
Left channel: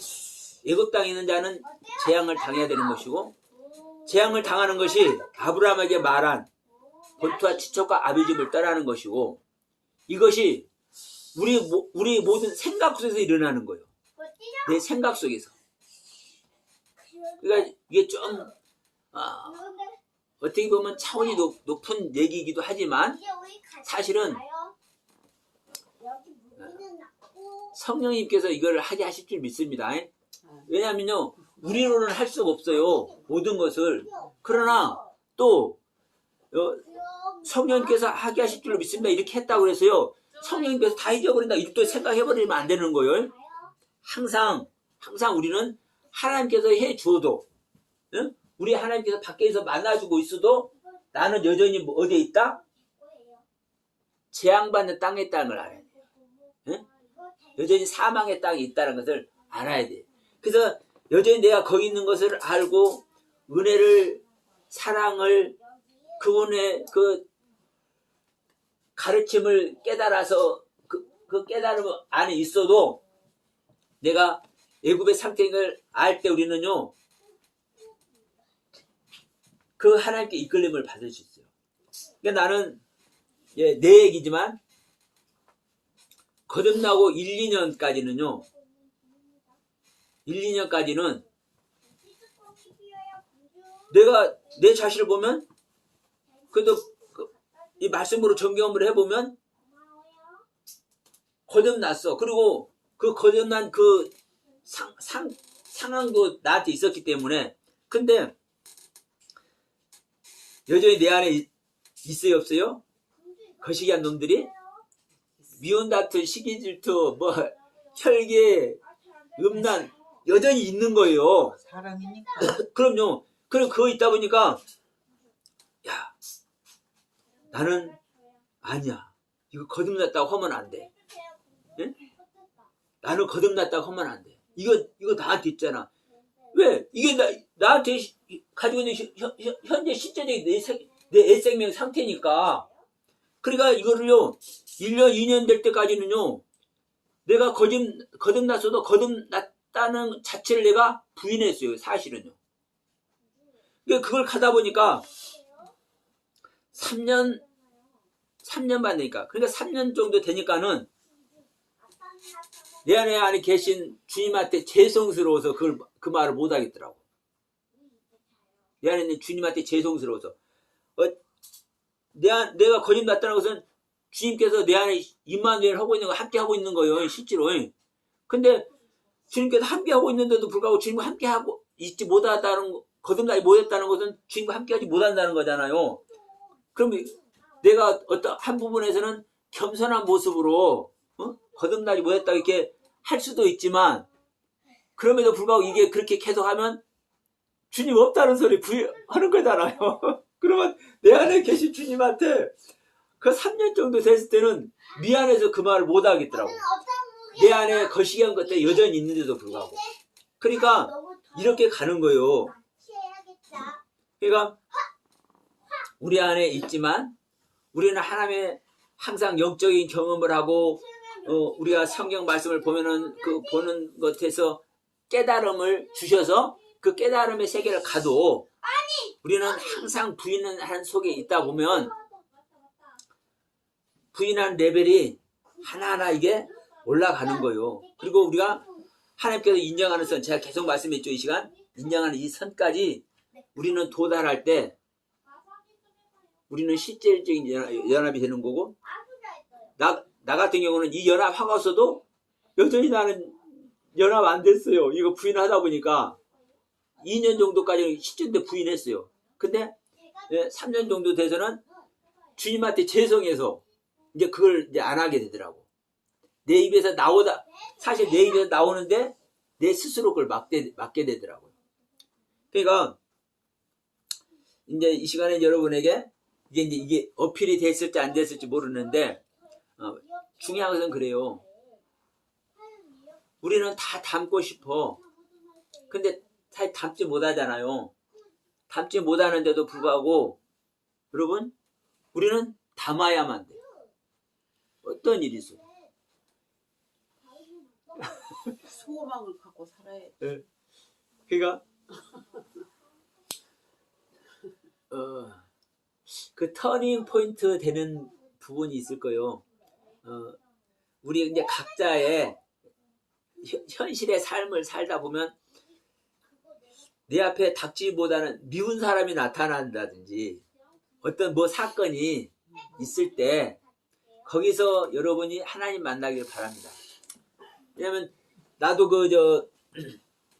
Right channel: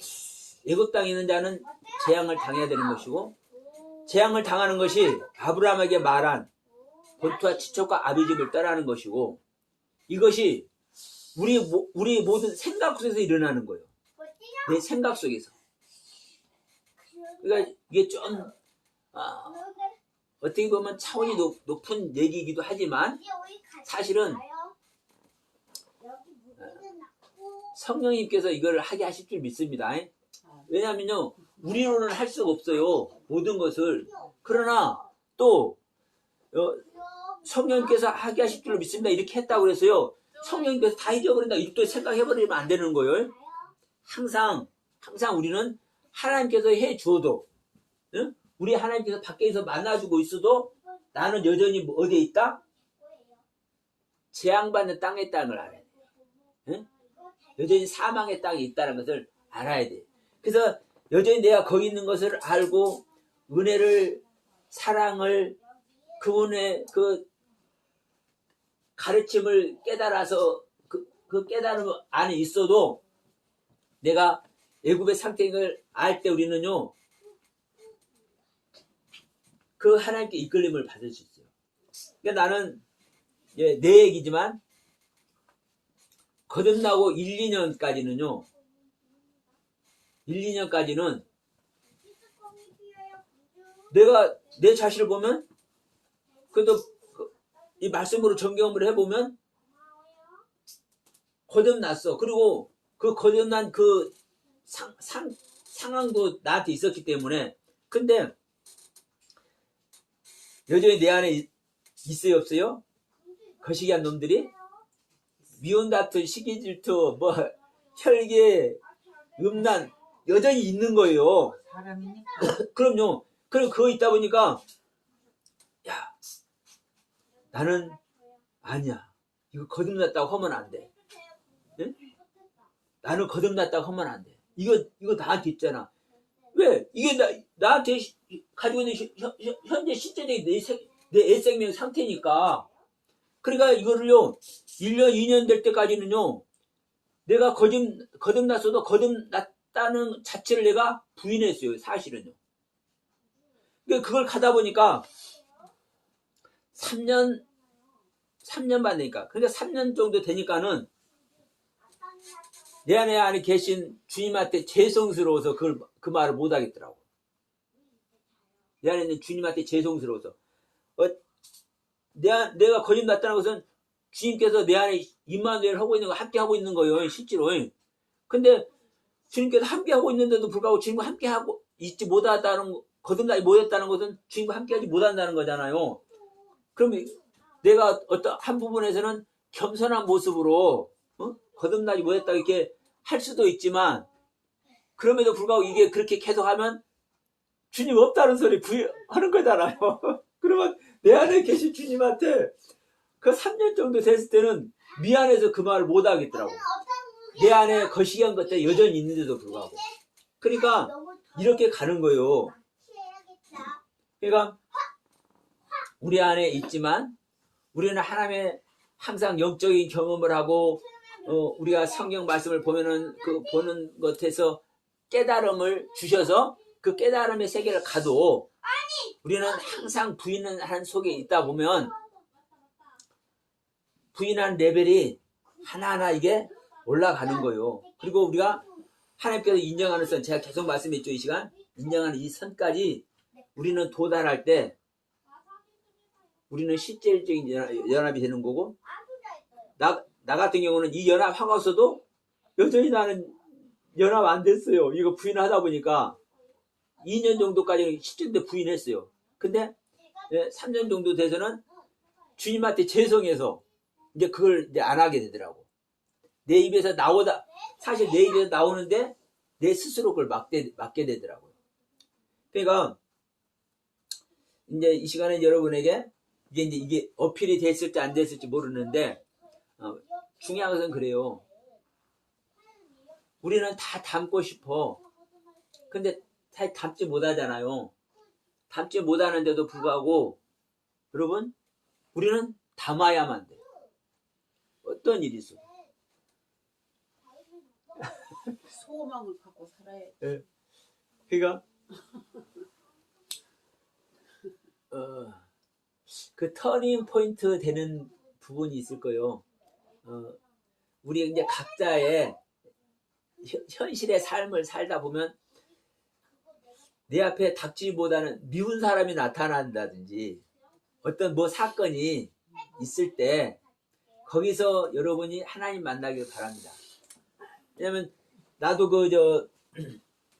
애굽 땅에 있는 자는 재앙을 당해야 되는 것이고 재앙을 당하는 것이 아브라함에게 말한 본토와 친척과 아비집을 떠나는 것이고 이것이 우리 모든 생각 속에서 일어나는 거예요. 내 생각 속에서. 그러니까 이게 좀 어떻게 보면 차원이 높은 얘기이기도 하지만 사실은 성령님께서 이걸 하게 하실 줄 믿습니다. 왜냐하면요 우리로는 할 수가 없어요 모든 것을. 그러나 또 성령님께서 하게 하실 줄 믿습니다 이렇게 했다고 해서요 성령님께서 다 잊어버린다 이렇게 생각해버리면 안 되는 거예요. 항상 우리는 하나님께서 해 주어도 응? 우리 하나님께서 밖에서 만나주고 있어도 나는 여전히 어디에 있다? 재앙받는 땅에 있다는 걸 알아야 돼. 응? 여전히 사망의 땅에 있다는 것을 알아야 돼. 그래서 여전히 내가 거기 있는 것을 알고 은혜를 사랑을 그분의 그 가르침을 깨달아서 그 깨달음 안에 있어도 내가 애굽의 상태를 알 때 우리는요 그 하나님께 이끌림을 받을 수 있어요. 그러니까 나는 내 얘기지만 거듭나고 1, 2년까지는요 1, 2년까지는 내가 내 자신을 보면 그래도 이 말씀으로 점검을 해보면 거듭났어. 그리고 그 거듭난 그 상황도 나한테 있었기 때문에 근데 여전히 내 안에 있어요 없어요? 거시기한 놈들이 미운 다툼, 시기 질투, 뭐 혈기, 음란 여전히 있는 거예요. 사람이니까. 그럼요. 그럼 그거 있다 보니까 야 나는 아니야. 이거 거듭났다고 하면 안 돼. 예? 나는 거듭났다고 하면 안 돼. 이거 나한테 있잖아. 왜? 이게 나한테 가지고 있는 현재 실제적인 내 애생명 상태니까. 그러니까 이거를요 1년, 2년 될 때까지는요 내가 거듭났어도 거듭났다는 자체를 내가 부인했어요. 사실은요. 그러니까 그걸 가다 보니까 3년 반 되니까 그러니까 3년 정도 되니까는 내 안에 계신 주님한테 죄송스러워서 그 말을 못 하겠더라고. 내 안에 있는 주님한테 죄송스러워서 내가 거듭났다는 것은 주님께서 내 안에 임마누엘 하고 있는 거 함께 하고 있는 거예요. 실제로. 근데 주님께서 함께 하고 있는데도 불구하고 주님과 함께 하고 있지 못하다는 거듭나지 못했다는 것은 주님과 함께하지 못한다는 거잖아요. 그럼 내가 어떤 한 부분에서는 겸손한 모습으로 거듭나지 못했다 이렇게 할 수도 있지만 그럼에도 불구하고 이게 그렇게 계속하면 주님 없다는 소리 하는 거잖아요. 그러면 내 안에 계신 주님한테 그 3년 정도 됐을 때는 미안해서 그 말을 못 하겠더라고. 내 안에 거시기한 것들이 여전히 있는데도 불구하고. 그러니까 이렇게 가는 거예요. 그러니까 우리 안에 있지만 우리는 하나님의 항상 영적인 경험을 하고 우리가 성경 말씀을 보면은 그 보는 것에서 깨달음을 주셔서 그 깨달음의 세계를 가도 우리는 항상 부인하는 속에 있다 보면 부인하는 레벨이 하나하나 이게 올라가는 거예요. 그리고 우리가 하나님께서 인정하는 선, 제가 계속 말씀했죠. 이 시간 인정하는 이 선까지 우리는 도달할 때 우리는 실질적인 연합이 되는 거고 나 같은 경우는 이 연합하고 있어도 여전히 나는 연합 안 됐어요. 이거 부인하다 보니까 2년 정도까지는 실전때 부인했어요. 근데 3년 정도 돼서는 주님한테 죄송해서 이제 그걸 이제 안 하게 되더라고. 내 입에서 사실 내 입에서 나오는데 내 스스로 그걸 막게 되더라고요. 그러니까 이제 이 시간에 여러분에게 이게 어필이 됐을지 안 됐을지 모르는데 중요한 것은 그래요. 우리는 다 담고 싶어. 근데 잘 담지 못하잖아요. 담지 못하는데도 불구하고 여러분 우리는 담아야만 돼요. 어떤 일이 있어? 소망을 갖고 살아야 돼. 네. 그러니까 그 터닝 포인트 되는 부분이 있을 거예요. 우리 이제 각자의 현실의 삶을 살다 보면 내 앞에 닥치기보다는 미운 사람이 나타난다든지 어떤 뭐 사건이 있을 때 거기서 여러분이 하나님 만나길 바랍니다. 왜냐면 나도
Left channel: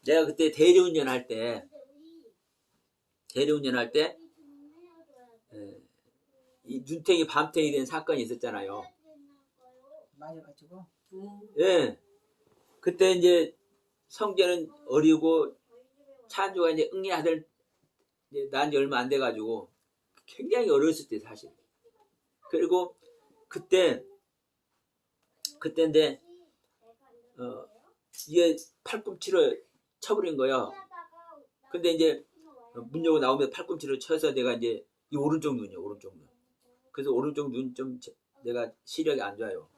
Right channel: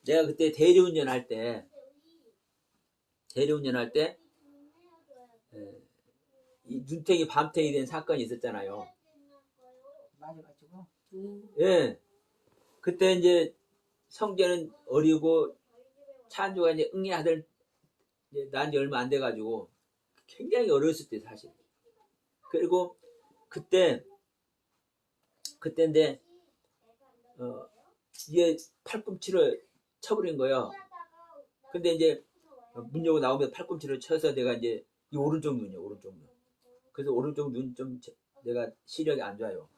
내가 그때 대리운전 할 때 이 눈탱이 밤탱이 된 사건이 있었잖아요. 맞아가지고. 예. 그때 이제 성재는 어리고 찬주가 이제 응애 아들 난 지 얼마 안 돼가지고 굉장히 어렸을 때 사실. 그리고 그때인데 이게 팔꿈치를 쳐버린 거예요. 근데 이제 문 열고 나오면 팔꿈치를 쳐서 내가 이제 이 오른쪽 눈이요, 오른쪽 눈. 그래서 오른쪽 눈 좀 내가 시력이 안 좋아요.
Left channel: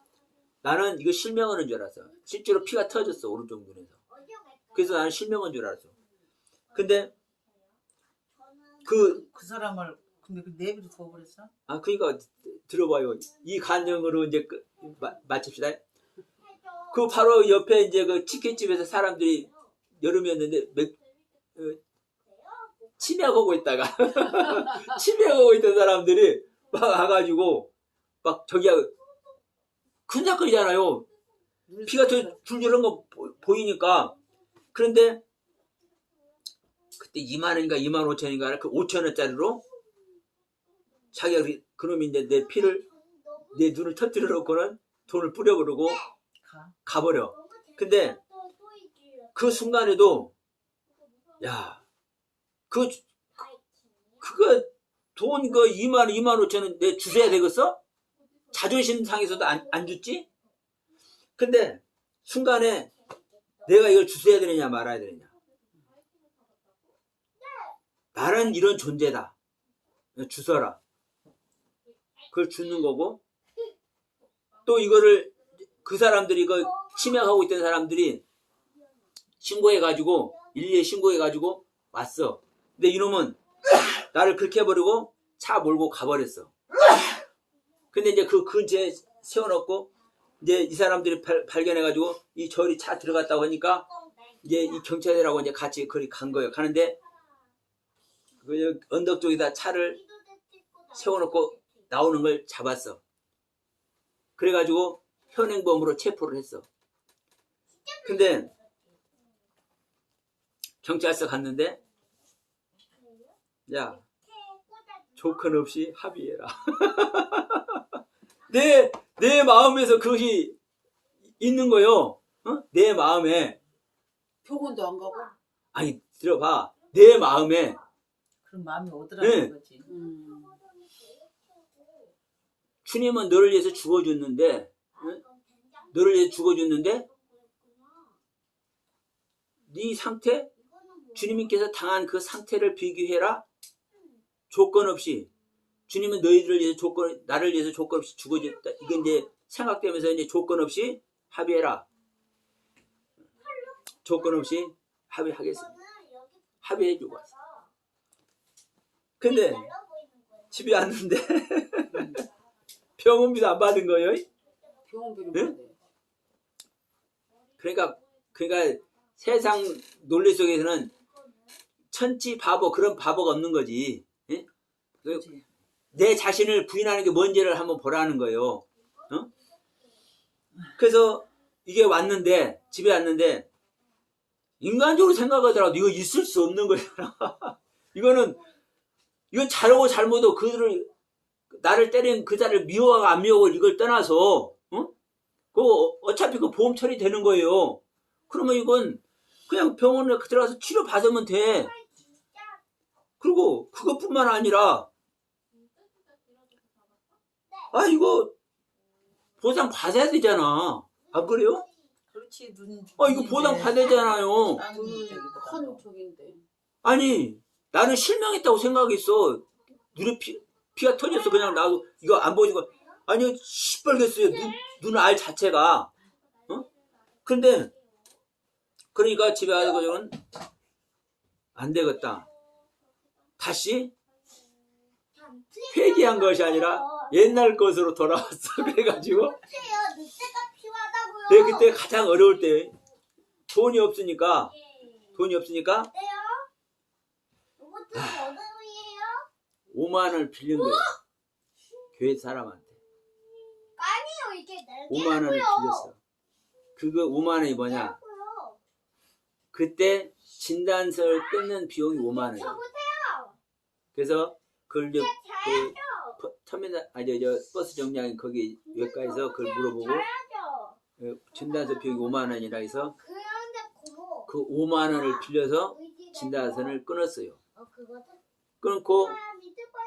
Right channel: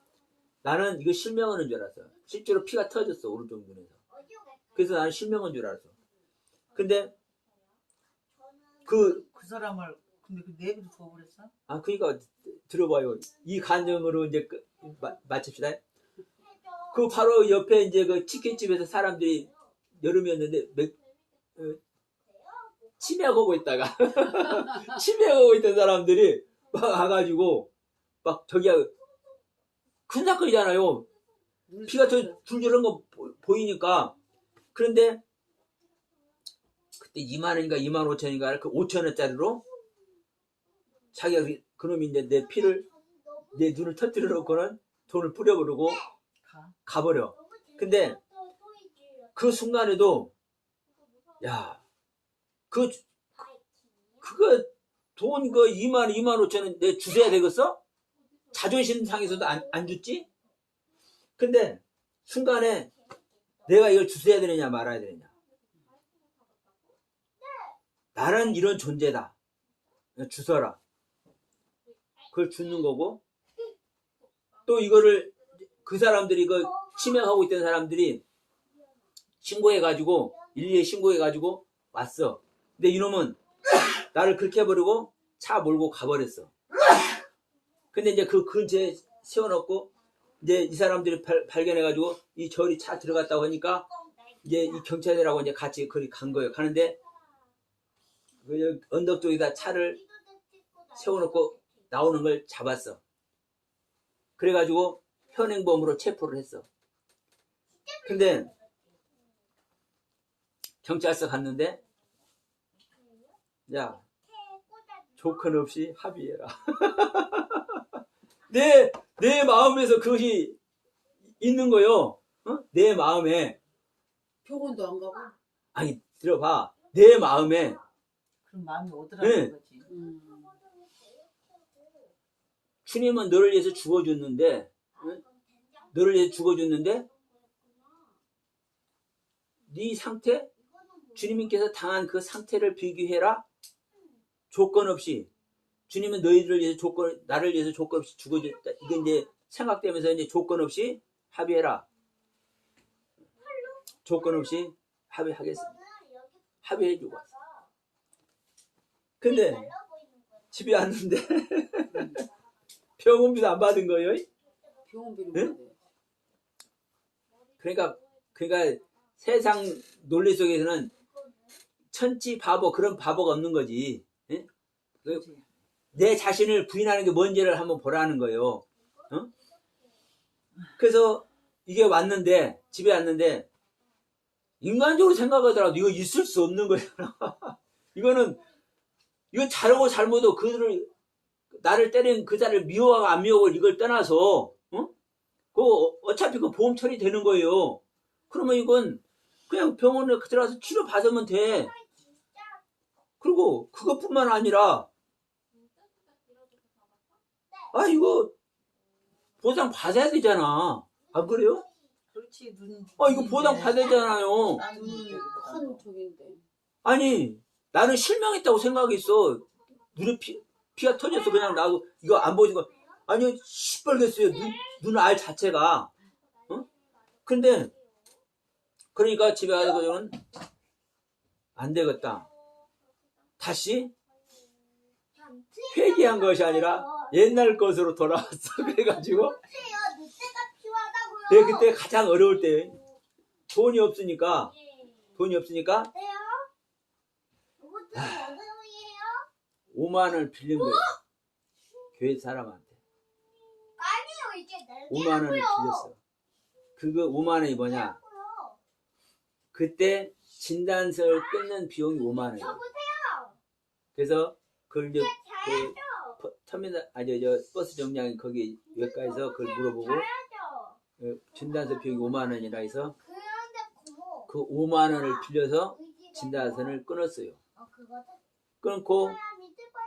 나는 이거 실명하는 줄 알았어. 실제로 피가 터졌어, 오른쪽 눈에서. 그래서 나는 실명한 줄 알았어. 근데 그 사람을 근데 그 내비를 두고 그랬어? 그러니까 들어봐요. 이 간증으로 이제 마칩시다. 그 바로 옆에 이제 그 치킨집에서 사람들이 여름이었는데 치매하고 있다가 치매하고 있던 사람들이 막 와가지고 막 저기야 큰작거리잖아요. 피가 더 줄줄한 거 보이니까. 그런데 그때 2만 원인가 2만 5천인가 그 5천 원짜리로 자기가 그놈이 이제 내 눈을 터뜨려 놓고는 돈을 뿌려 그러고 가버려. 근데 그 순간에도 야 그거 돈 2만 원 2만 5천 원 내 주셔야 되겠어? 자존심 상해서도 안 줬지? 근데 순간에 내가 이걸 주셔야 되느냐 말아야 되느냐. 나는 이런 존재다. 주서라. 그걸 주는 거고 또 이거를 그 사람들이 그 치매하고 있던 사람들이 신고해가지고 112에 신고해가지고 왔어. 근데 이놈은 나를 그렇게 해버리고 차 몰고 가버렸어. 근데 이제 그 근처에 세워놓고 이제 이 사람들이 발견해가지고 이 저리 차 들어갔다고 하니까 이제 이 경찰들하고 이제 같이 거리 간 거예요. 가는데 그 언덕 쪽에다 차를 세워놓고 나오는 걸 잡았어. 그래가지고 현행범으로 체포를 했어. 근데 경찰서 갔는데 야 조건 없이 합의해라. 내 마음에서 그것이 있는 거요. 내 마음에. 병원도 안 가고? 아니 들어봐. 내 마음에. 그런 마음이 오더라는 거지. 주님은 너를 위해서 죽어줬는데, 너를 위해서 죽어줬는데, 네 상태, 주님께서 당한 그 상태를 비교해라. 조건 없이. 주님은 너희들을 위해서 나를 위해서 조건 없이 죽어줬다. 이건 이제 생각되면서 이제 조건 없이 합의해라. 조건 없이 합의하겠습니다. 합의해주고 왔어. 근데 집에 왔는데 병원비도 안 받은 거예요. 병원비는 네? 그러니까 세상 논리 속에서는 천지 바보 그런 바보가 없는 거지. 예? 내 자신을 부인하는 게 뭔지를 한번 보라는 거예요. 그래서 이게 왔는데 집에 왔는데 인간적으로 생각하더라도 이거 있을 수 없는 거잖아. 이건 잘하고 잘못도 그들을 나를 때린 그 자를 미워하고 안 미워하고 이걸 떠나서 어차피 그 보험 처리되는 거예요. 그러면 이건 그냥 병원에 들어가서 치료 받으면 돼. 그리고 그것뿐만 아니라 이거 보상 받아야 되잖아. 안 그래요? 그렇지. 이거 보상 받아야 되잖아요. 눈은 큰 쪽인데. 아니 나는 실명했다고 생각했어. 눈에 피가 터졌어. 그냥 나도 이거 안 보이는 거. 아니 시뻘겠어요. 눈 알 자체가. 근데 그러니까 집에 가서는 안 되겠다. 다시 회개한 것이 아니라 옛날 것으로 돌아왔어. 그래가지고 내가 그때 가장 어려울 때 돈이 없으니까 5만 원을 빌린 거예요. 교회 사람한테. 5만 원을 빌렸어. 그거 5만 원이 뭐냐? 그때 진단서를 끊는 비용이 5만 원이에요. 그래서 그걸 이제 터미널 버스 정류장 거기 외과에서 그걸 물어보고 진단서 비용이 5만 원이라 해서 그 5만 원을 빌려서 진단서를 끊었어요. 끊고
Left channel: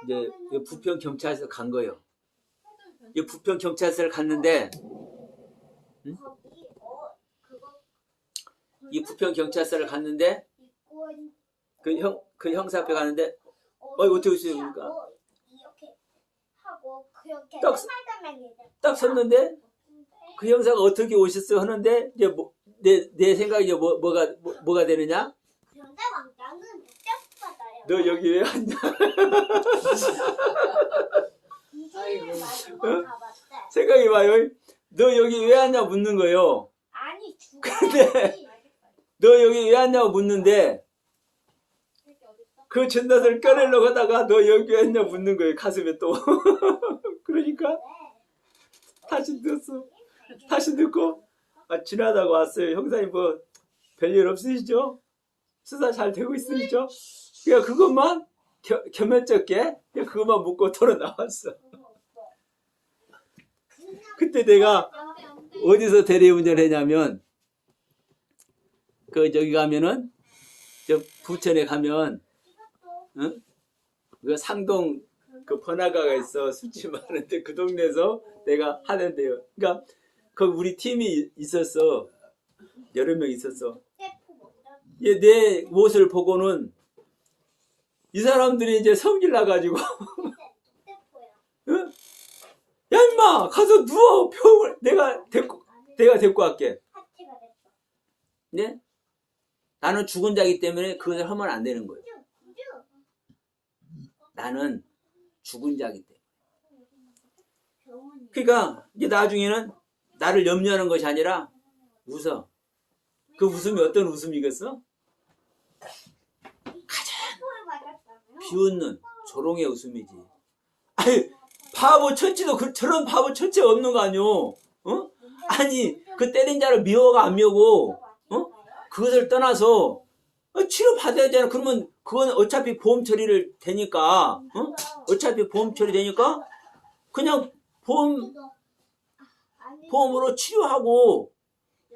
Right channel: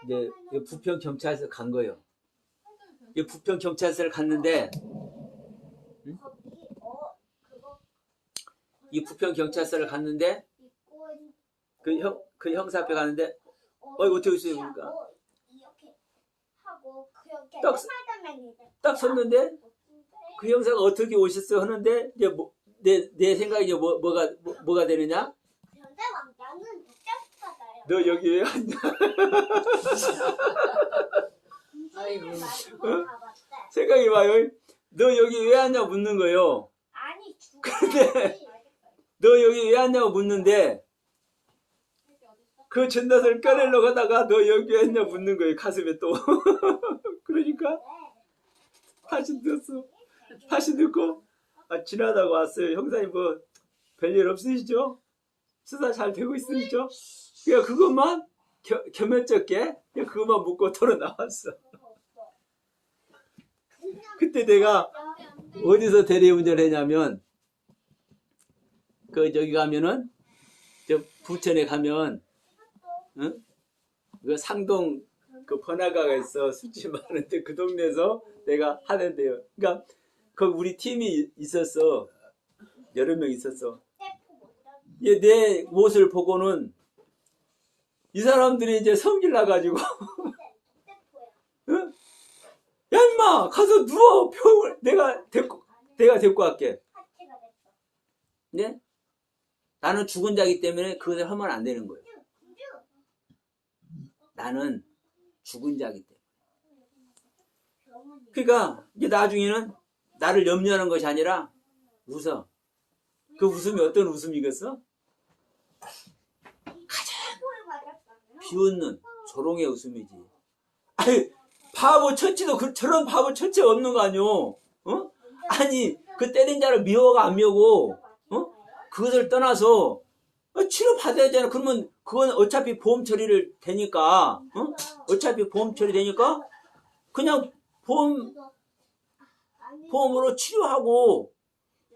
이제 부평 경찰서 간 거예요. 부평 경찰서를 갔는데 이 부평 경찰서를 갔는데 그 형사 앞에 가는데 어떻게 오세요? 그러니까 이렇게 하고 그렇게 딱 섰는데 그 형사가 어떻게 오셨어 하는데 이제 내 생각이 이제 뭐가 되느냐? 그런데 왕자는 못 받아요. 너 여기 왜 왔냐? 생각이 봐요. 너 여기 왜 왔냐 묻는 거요. 아니 근데 너 여기 왜 왔냐고 묻는데 그 전단을 꺼내려고 하다가 너 여기 왜 왔냐 묻는 거예요. 가슴에 또. 그러니까 다시 듣고 지나다가 왔어요. 형사님 뭐 별일 없으시죠? 수사 잘 되고 있으시죠? 그러니까 그것만 겸연쩍게 그것만 묻고 털어 나왔어. 그때 내가 어디서 대리운전을 했냐면 그 저기 가면은 저 부천에 가면 응? 그 상동 그 번화가가 있어. 술집 많은데 그 동네에서 내가 하는데요. 그러니까 거기 우리 팀이 있었어. 여러 명 있었어. 내 모습을 보고는 이 사람들이 이제 성질 나가지고 응? 야 임마 가서 누워 병을 내가 데리고 갈게. 네? 나는 죽은 자이기 때문에 그것을 하면 안 되는 거예요. 나는 죽은 자이기 때문에. 그러니까 이제 나중에는 나를 염려하는 것이 아니라 웃어. 그 웃음이 어떤 웃음이겠어? 가장 비웃는 조롱의 웃음이지. 아니 바보 천치도 저런 바보 천치 없는 거 아니오? 어? 아니 그 때린 자를 미워가 안 미워고 그것을 떠나서 치료 받아야 되잖아. 그러면 그건 어차피 보험 처리를 되니까 어차피 보험 처리 되니까 그냥 보험으로 치료하고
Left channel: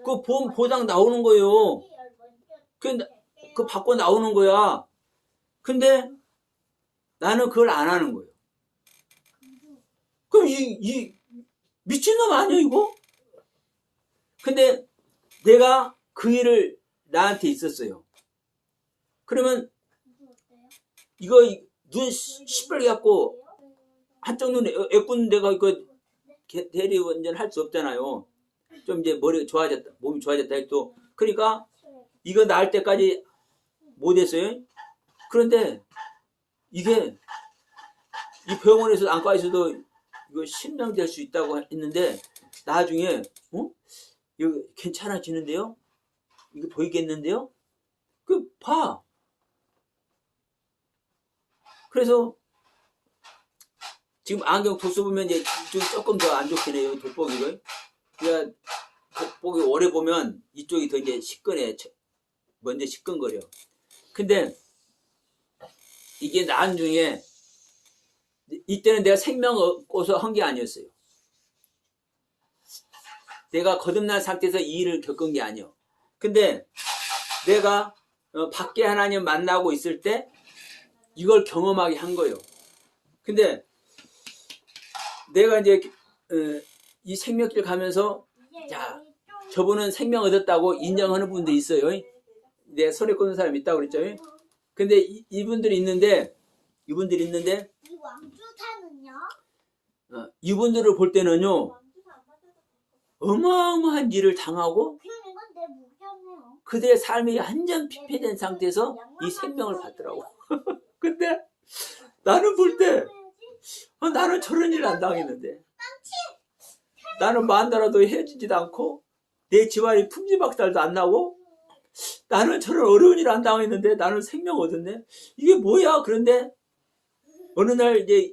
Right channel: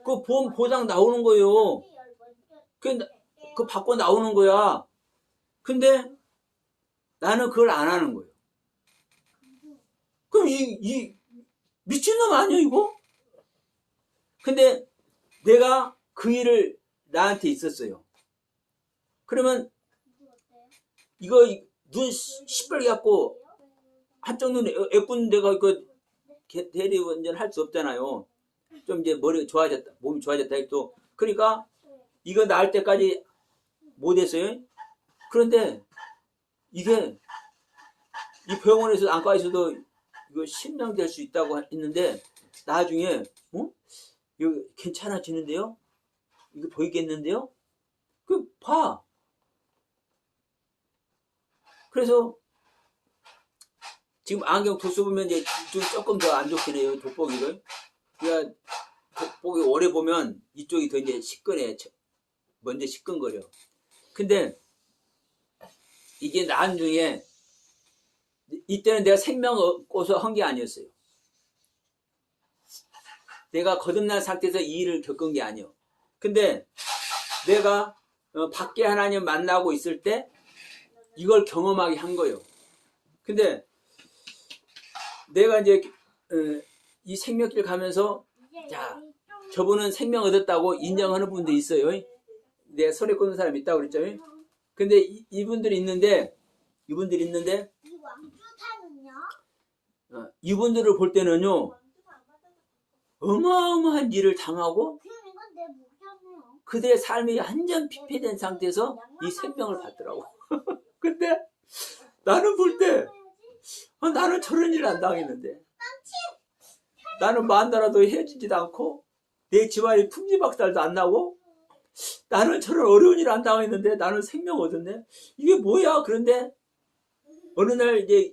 그 보험 보장 나오는 거예요. 그 받고 나오는 거야. 근데 나는 그걸 안 하는 거예요. 그럼 이 미친놈 아니야 이거? 근데 내가 그 일을 나한테 있었어요. 그러면 이거 눈 시뻘게 갖고 한쪽 눈에 애꿎는 데가 이거 대리운전 할 수 없잖아요. 좀 이제 머리가 좋아졌다, 몸이 좋아졌다 또. 그러니까 이거 나을 때까지 못했어요. 그런데 이게 이 병원에서 안과에서도 이거 실명될 수 있다고 했는데 나중에 이거 괜찮아지는데요? 이거 보이겠는데요? 그 봐. 그래서 지금 안경 도수 보면 이제 이쪽이 조금 더 안 좋긴 해요. 돋보기가. 그러니까 돋보기 오래 보면 이쪽이 더 이제 시큰해. 먼저 시큰거려. 근데 이게 나중에 이때는 내가 생명 얻고서 한 게 아니었어요. 내가 거듭난 상태에서 이 일을 겪은 게 아니요. 근데 내가 밖에 하나님 만나고 있을 때 이걸 경험하게 한 거예요. 근데 내가 이제 이 생명길 가면서 자 저분은 생명 얻었다고 인정하는 분도 있어요. 내가 손에 꽂는 사람 있다고 그랬죠. 근데 이분들이 있는데 이분들을 볼 때는요 어마어마한 일을 당하고 그들의 삶이 완전 피폐된 상태에서 이 생명을 받더라고. 근데 나는 볼 때 나는 저런 일을 안 당했는데 나는 만나라도 헤어지지도 않고 내 집안이 풍지박살도 안 나고 나는 저런 어려운 일을 안 당했는데 나는 생명 얻었네. 이게 뭐야? 그런데 어느 날 이제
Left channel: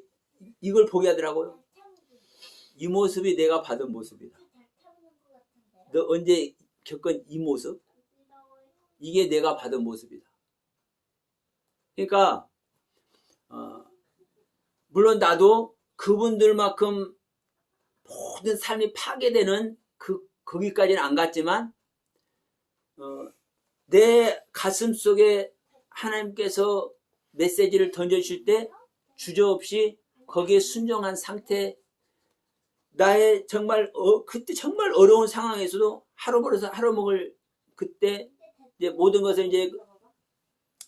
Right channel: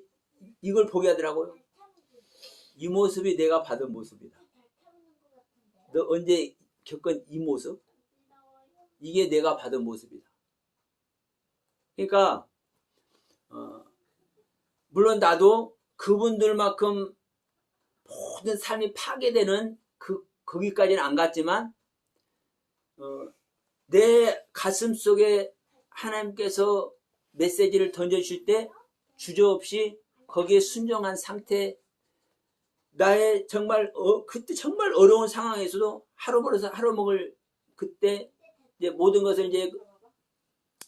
이걸 보게 하더라고요. 이 모습이 내가 받은 모습이다. 너 언제 겪은 이 모습? 이게 내가 받은 모습이다. 그러니까 물론 나도 그분들만큼 모든 삶이 파괴되는 거기까지는 안 갔지만 내 가슴 속에 하나님께서 메시지를 던져주실 때 주저없이 거기에 순종한 상태 나의 정말 그때 정말 어려운 상황에서도 하루 벌어서 하루 먹을 그때 이제 모든 것을 이제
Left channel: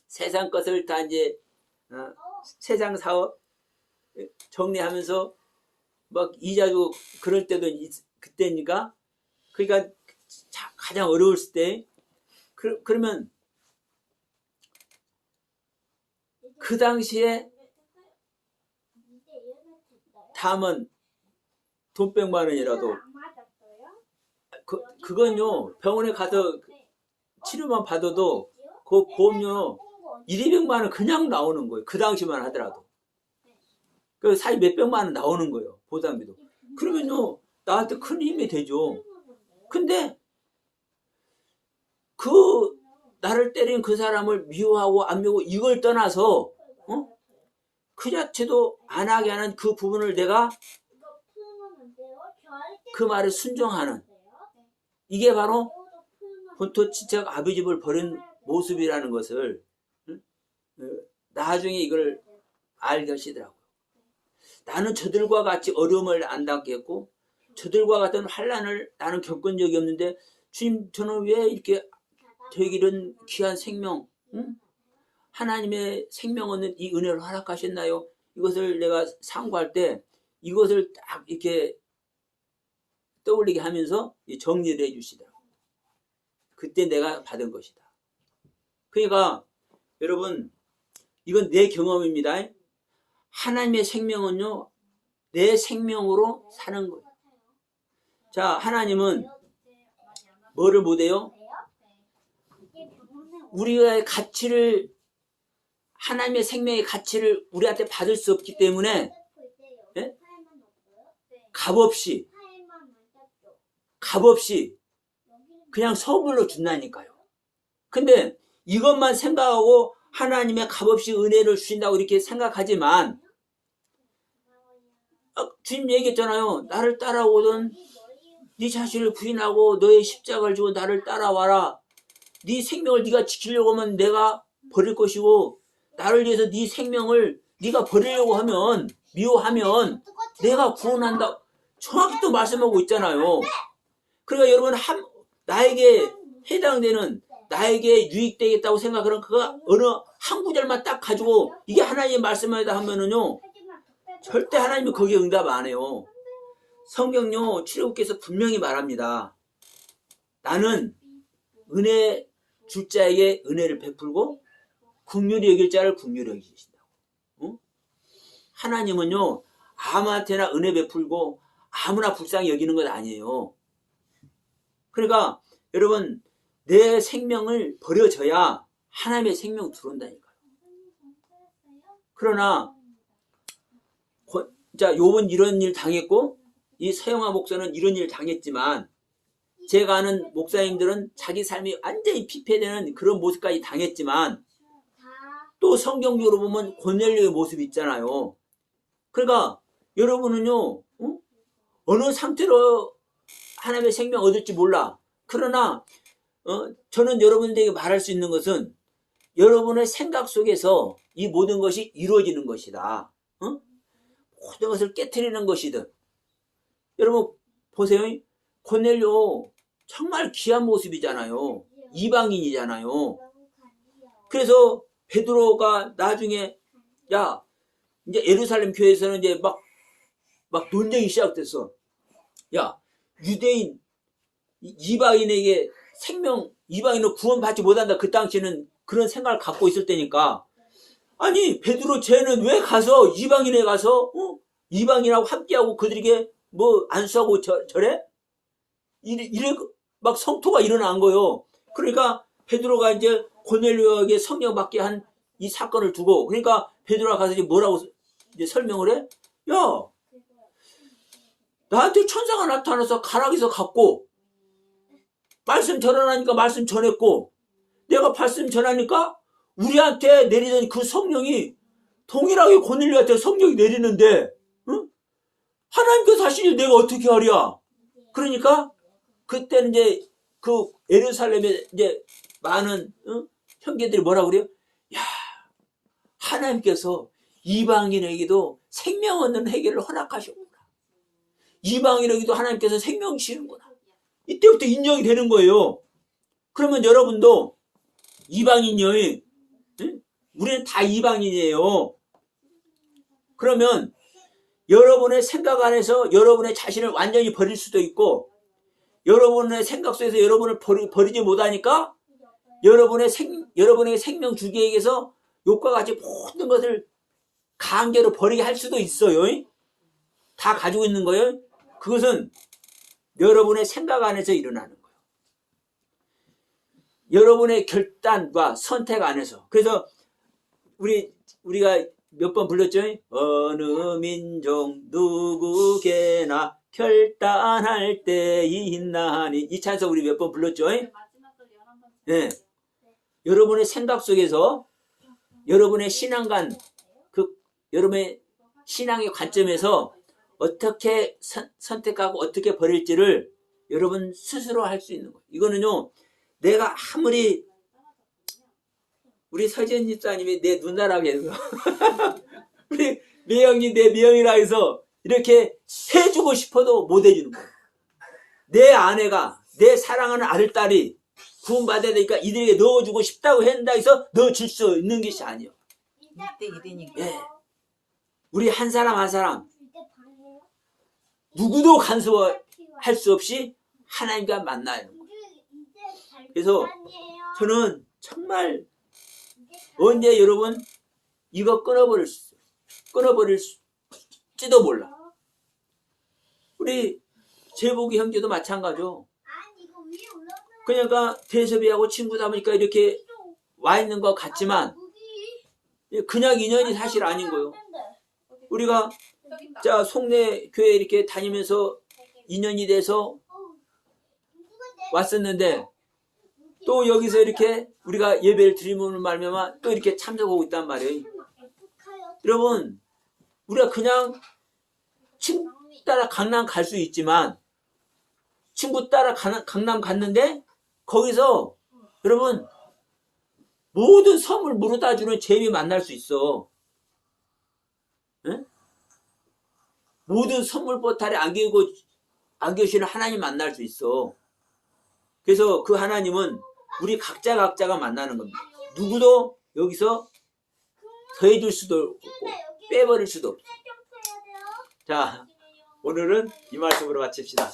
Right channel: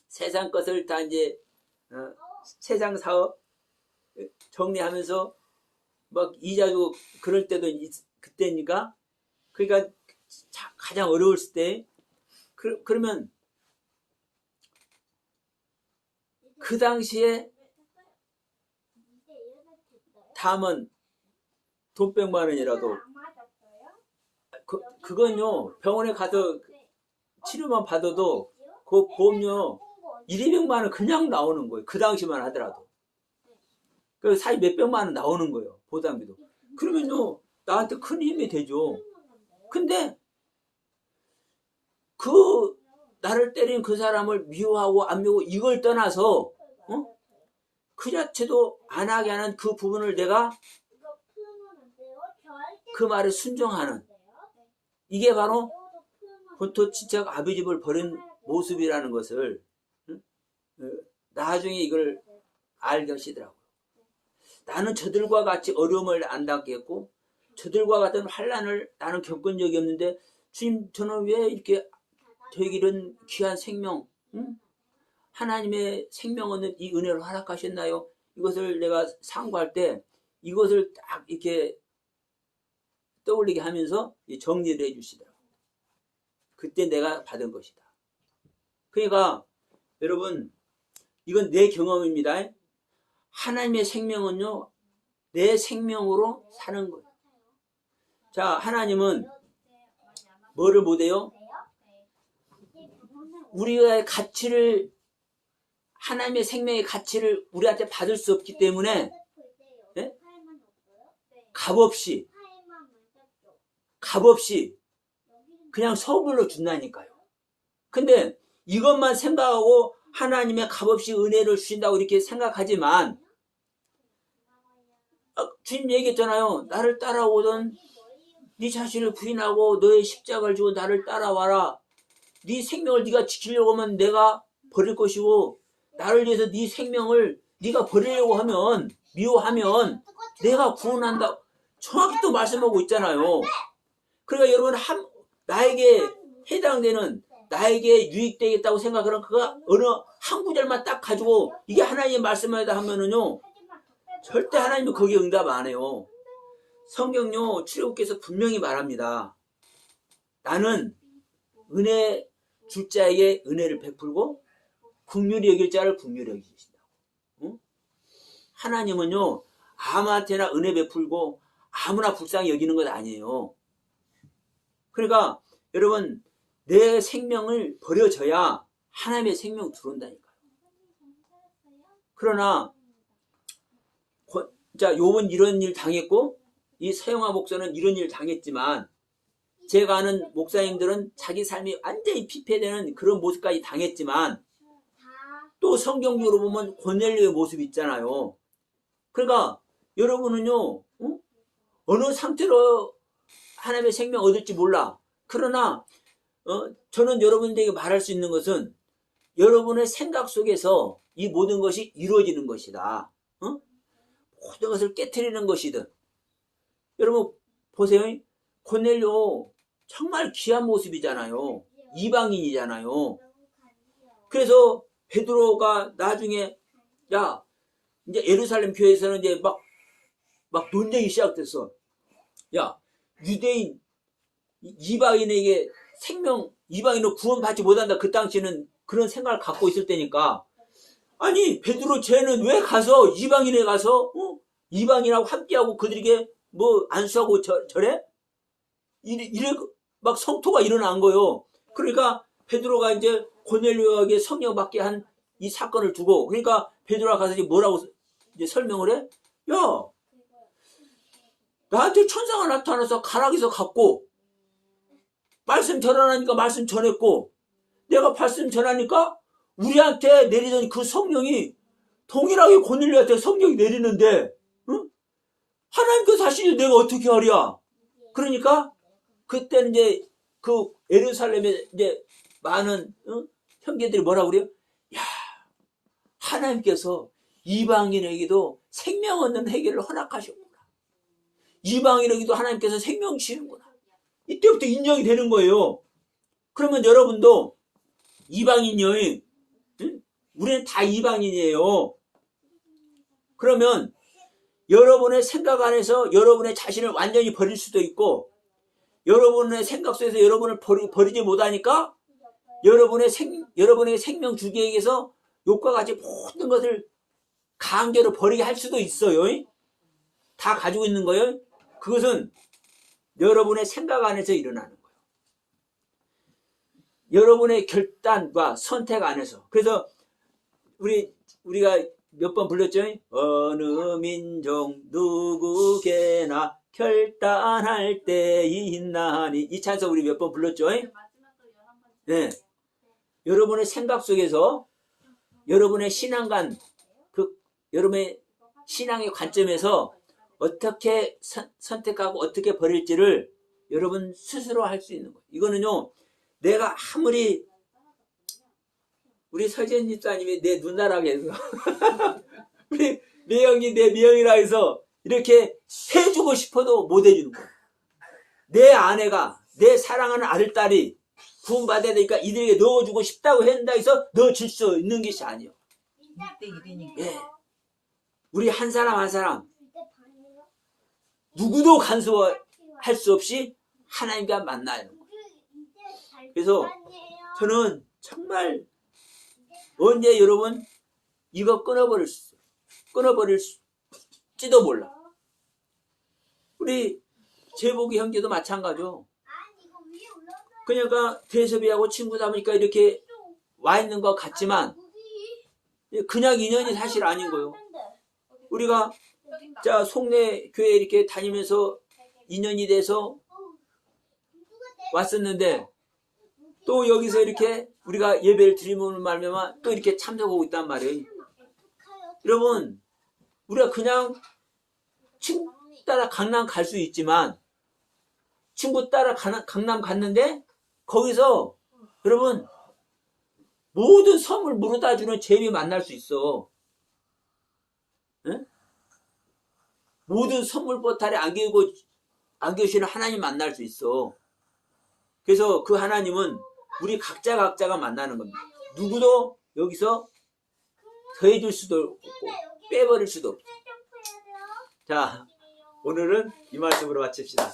세상 것을 다 이제 세상 사업 정리하면서 막 이자도 그럴 때도 그때니까 그러니까 가장 어려웠을 때 그러면 그 당시에 다음은 돈 100만 원이라도 그건요 병원에 가서 치료만 받아도 그 보험료 1,200만 원 그냥 나오는 거예요. 그 당시만 하더라도. 그 사이 몇백만 원 나오는 거예요. 보담비도. 그러면요 나한테 큰 힘이 되죠. 근데 그 나를 때린 그 사람을 미워하고 안 미워하고 이걸 떠나서 그 자체도 안 하게 하는 그 부분을 내가 그 말에 순종하는 이게 바로 본토 친척 아비 집을 버린 모습이라는 것을 나중에 이걸 알게 하시더라고요. 나는 저들과 같이 어려움을 안 당했고 저들과 같은 환난을 나는 겪은 적이 없는데 주님 저는 왜 이렇게 저에게 이런 귀한 생명 하나님의 생명 얻는 이 은혜를 허락하셨나요? 이것을 내가 상고할 때 이것을 딱 이렇게 떠올리게 하면서 정리를 해주시더라고요. 그때 내가 받은 것이다. 그러니까 여러분 이건 내 경험입니다. 하나님의 생명은요 내 생명으로 사는 거예요. 자 하나님은 뭐를 못해요? 우리의 가치를 하나님의 생명의 가치를 우리한테 받을 수 없기 때문에 네? 값없이 그냥 선물로 준다니까요. 근데 이것만 생각하고 하나님의 값없이 은혜를 주신다고 이렇게 생각하지만 주님 얘기했잖아요. 나를 따라오든 네 자신을 부인하고 너의 십자가를 지고 나를 따라와라. 네 생명을 네가 지키려고 하면 내가 버릴 것이고 나를 위해서 네 생명을 네가 버리려고 하면 미워하면 내가 구원한다. 정확히 또 말씀하고 있잖아요. 그러니까 여러분 나에게 해당되는 나에게 유익되겠다고 생각하는 그거 어느 한 구절만 딱 가지고 이게 하나님의 말씀이다 하면은요 절대 하나님이 거기에 응답 안 해요. 성경요 출애굽기에서 분명히 말합니다. 나는 은혜 줄 자에게 은혜를 베풀고 긍휼히 여길 자를 긍휼히 여기신다고. 하나님은요 아무한테나 은혜 베풀고 아무나 불쌍히 여기는 것 아니에요. 그러니까 여러분 내 생명을 버려져야 하나님의 생명 들어온다니까요. 그러나 자 욥은 이런 일 당했고 이 서영아 목사는 이런 일 당했지만 제가 아는 목사님들은 자기 삶이 완전히 피폐되는 그런 모습까지 당했지만 또 성경적으로 보면 고넬료의 모습이 있잖아요. 그러니까 여러분은요 어느 상태로 하나님의 생명 얻을지 몰라. 그러나 저는 여러분들에게 말할 수 있는 것은 여러분의 생각 속에서 이 모든 것이 이루어지는 것이다. 모든 것을 깨트리는 것이든. 여러분 보세요. 고넬료 정말 귀한 모습이잖아요. 이방인이잖아요. 그래서 베드로가 나중에 야 이제 예루살렘 교회에서는 이제 막 논쟁이 시작됐어. 야 유대인 이방인에게 생명 이방인은 구원받지 못한다. 그 당시에는 그런 생각을 갖고 있을 때니까 아니 베드로 쟤는 왜 가서 이방인에 가서 이방인하고 함께하고 그들에게 뭐 안수하고 저래? 이래 막 성토가 일어난 거예요. 그러니까 베드로가 이제 고넬료에게 성령 받게 한 이 사건을 두고 그러니까 베드로가 가서 이제 뭐라고 이제 설명을 해? 야 나한테 천사가 나타나서 가락에서 갔고 말씀 전하니까 말씀 전했고 내가 말씀 전하니까 우리한테 내리던 그 성령이 동일하게 고넬료한테 성령이 내리는데 하나님께서 하시니 내가 어떻게 하랴? 그러니까 그때는 이제 그 예루살렘에 이제 많은 형제들이 뭐라 그래요? 야 하나님께서 이방인에게도 생명 얻는 해결을 허락하셨구나. 이방인에게도 하나님께서 생명 주시는구나. 이때부터 인정이 되는 거예요. 그러면 여러분도 이방인이 응? 우리는 다 이방인이에요. 그러면 여러분의 생각 안에서 여러분의 자신을 완전히 버릴 수도 있고, 여러분의 생각 속에서 여러분을 버리지 못하니까 여러분의 생명 주기에 의해서 욕과 같이 모든 것을 강제로 버리게 할 수도 있어요. 다 가지고 있는 거예요. 그것은 여러분의 생각 안에서 일어나는 거예요. 여러분의 결단과 선택 안에서. 그래서 우리가 몇 번 불렀죠? 어느 민족 누구게나 결단할 때이 있나니. 이 찬송 우리 몇 번 불렀죠? 네. 여러분의 생각 속에서 여러분의 신앙관, 여러분의 신앙의 관점에서 어떻게 선택하고 어떻게 버릴지를 여러분 스스로 할 수 있는 거예요. 이거는요, 내가 아무리 우리 서지현 집사님이 내 누나라고 해서 우리 매형이 내 매형이라 해서 이렇게 해주고 싶어도 못 해주는 거예요. 내 아내가, 내 사랑하는 아들딸이 구원받아야 되니까 이들에게 넣어주고 싶다고 한다 해서 넣어줄 수 있는 것이 아니에요. 예. 우리 한 사람 한 사람 누구도 간섭할 수 없이 하나님과 만나요. 그래서 저는 정말 언제 여러분 이거 끊어버릴지도 몰라. 우리 제복이 형제도 마찬가지죠. 그러니까 대섭이하고 친구다 보니까 이렇게 와 있는 것 같지만 그냥 인연이 사실 아닌 거예요. 우리가 자 송내 교회 이렇게 다니면서 인연이 돼서 왔었는데 또 여기서 이렇게 우리가 예배를 드리면 말미암아 또 이렇게 참석하고 있단 말이에요. 여러분 우리가 그냥 친구 따라 강남 갈 수 있지만 친구 따라 강남 갔는데 거기서 여러분 모든 선물 물어다 주는 재미 만날 수 있어. 응? 모든 선물 보따리 안겨주시는 하나님 만날 수 있어. 그래서 그 하나님은 우리 각자가 만나는 겁니다. 누구도 여기서 더해줄 수도 없고 빼버릴 수도 없고. 자, 오늘은 이 말씀으로 마칩시다.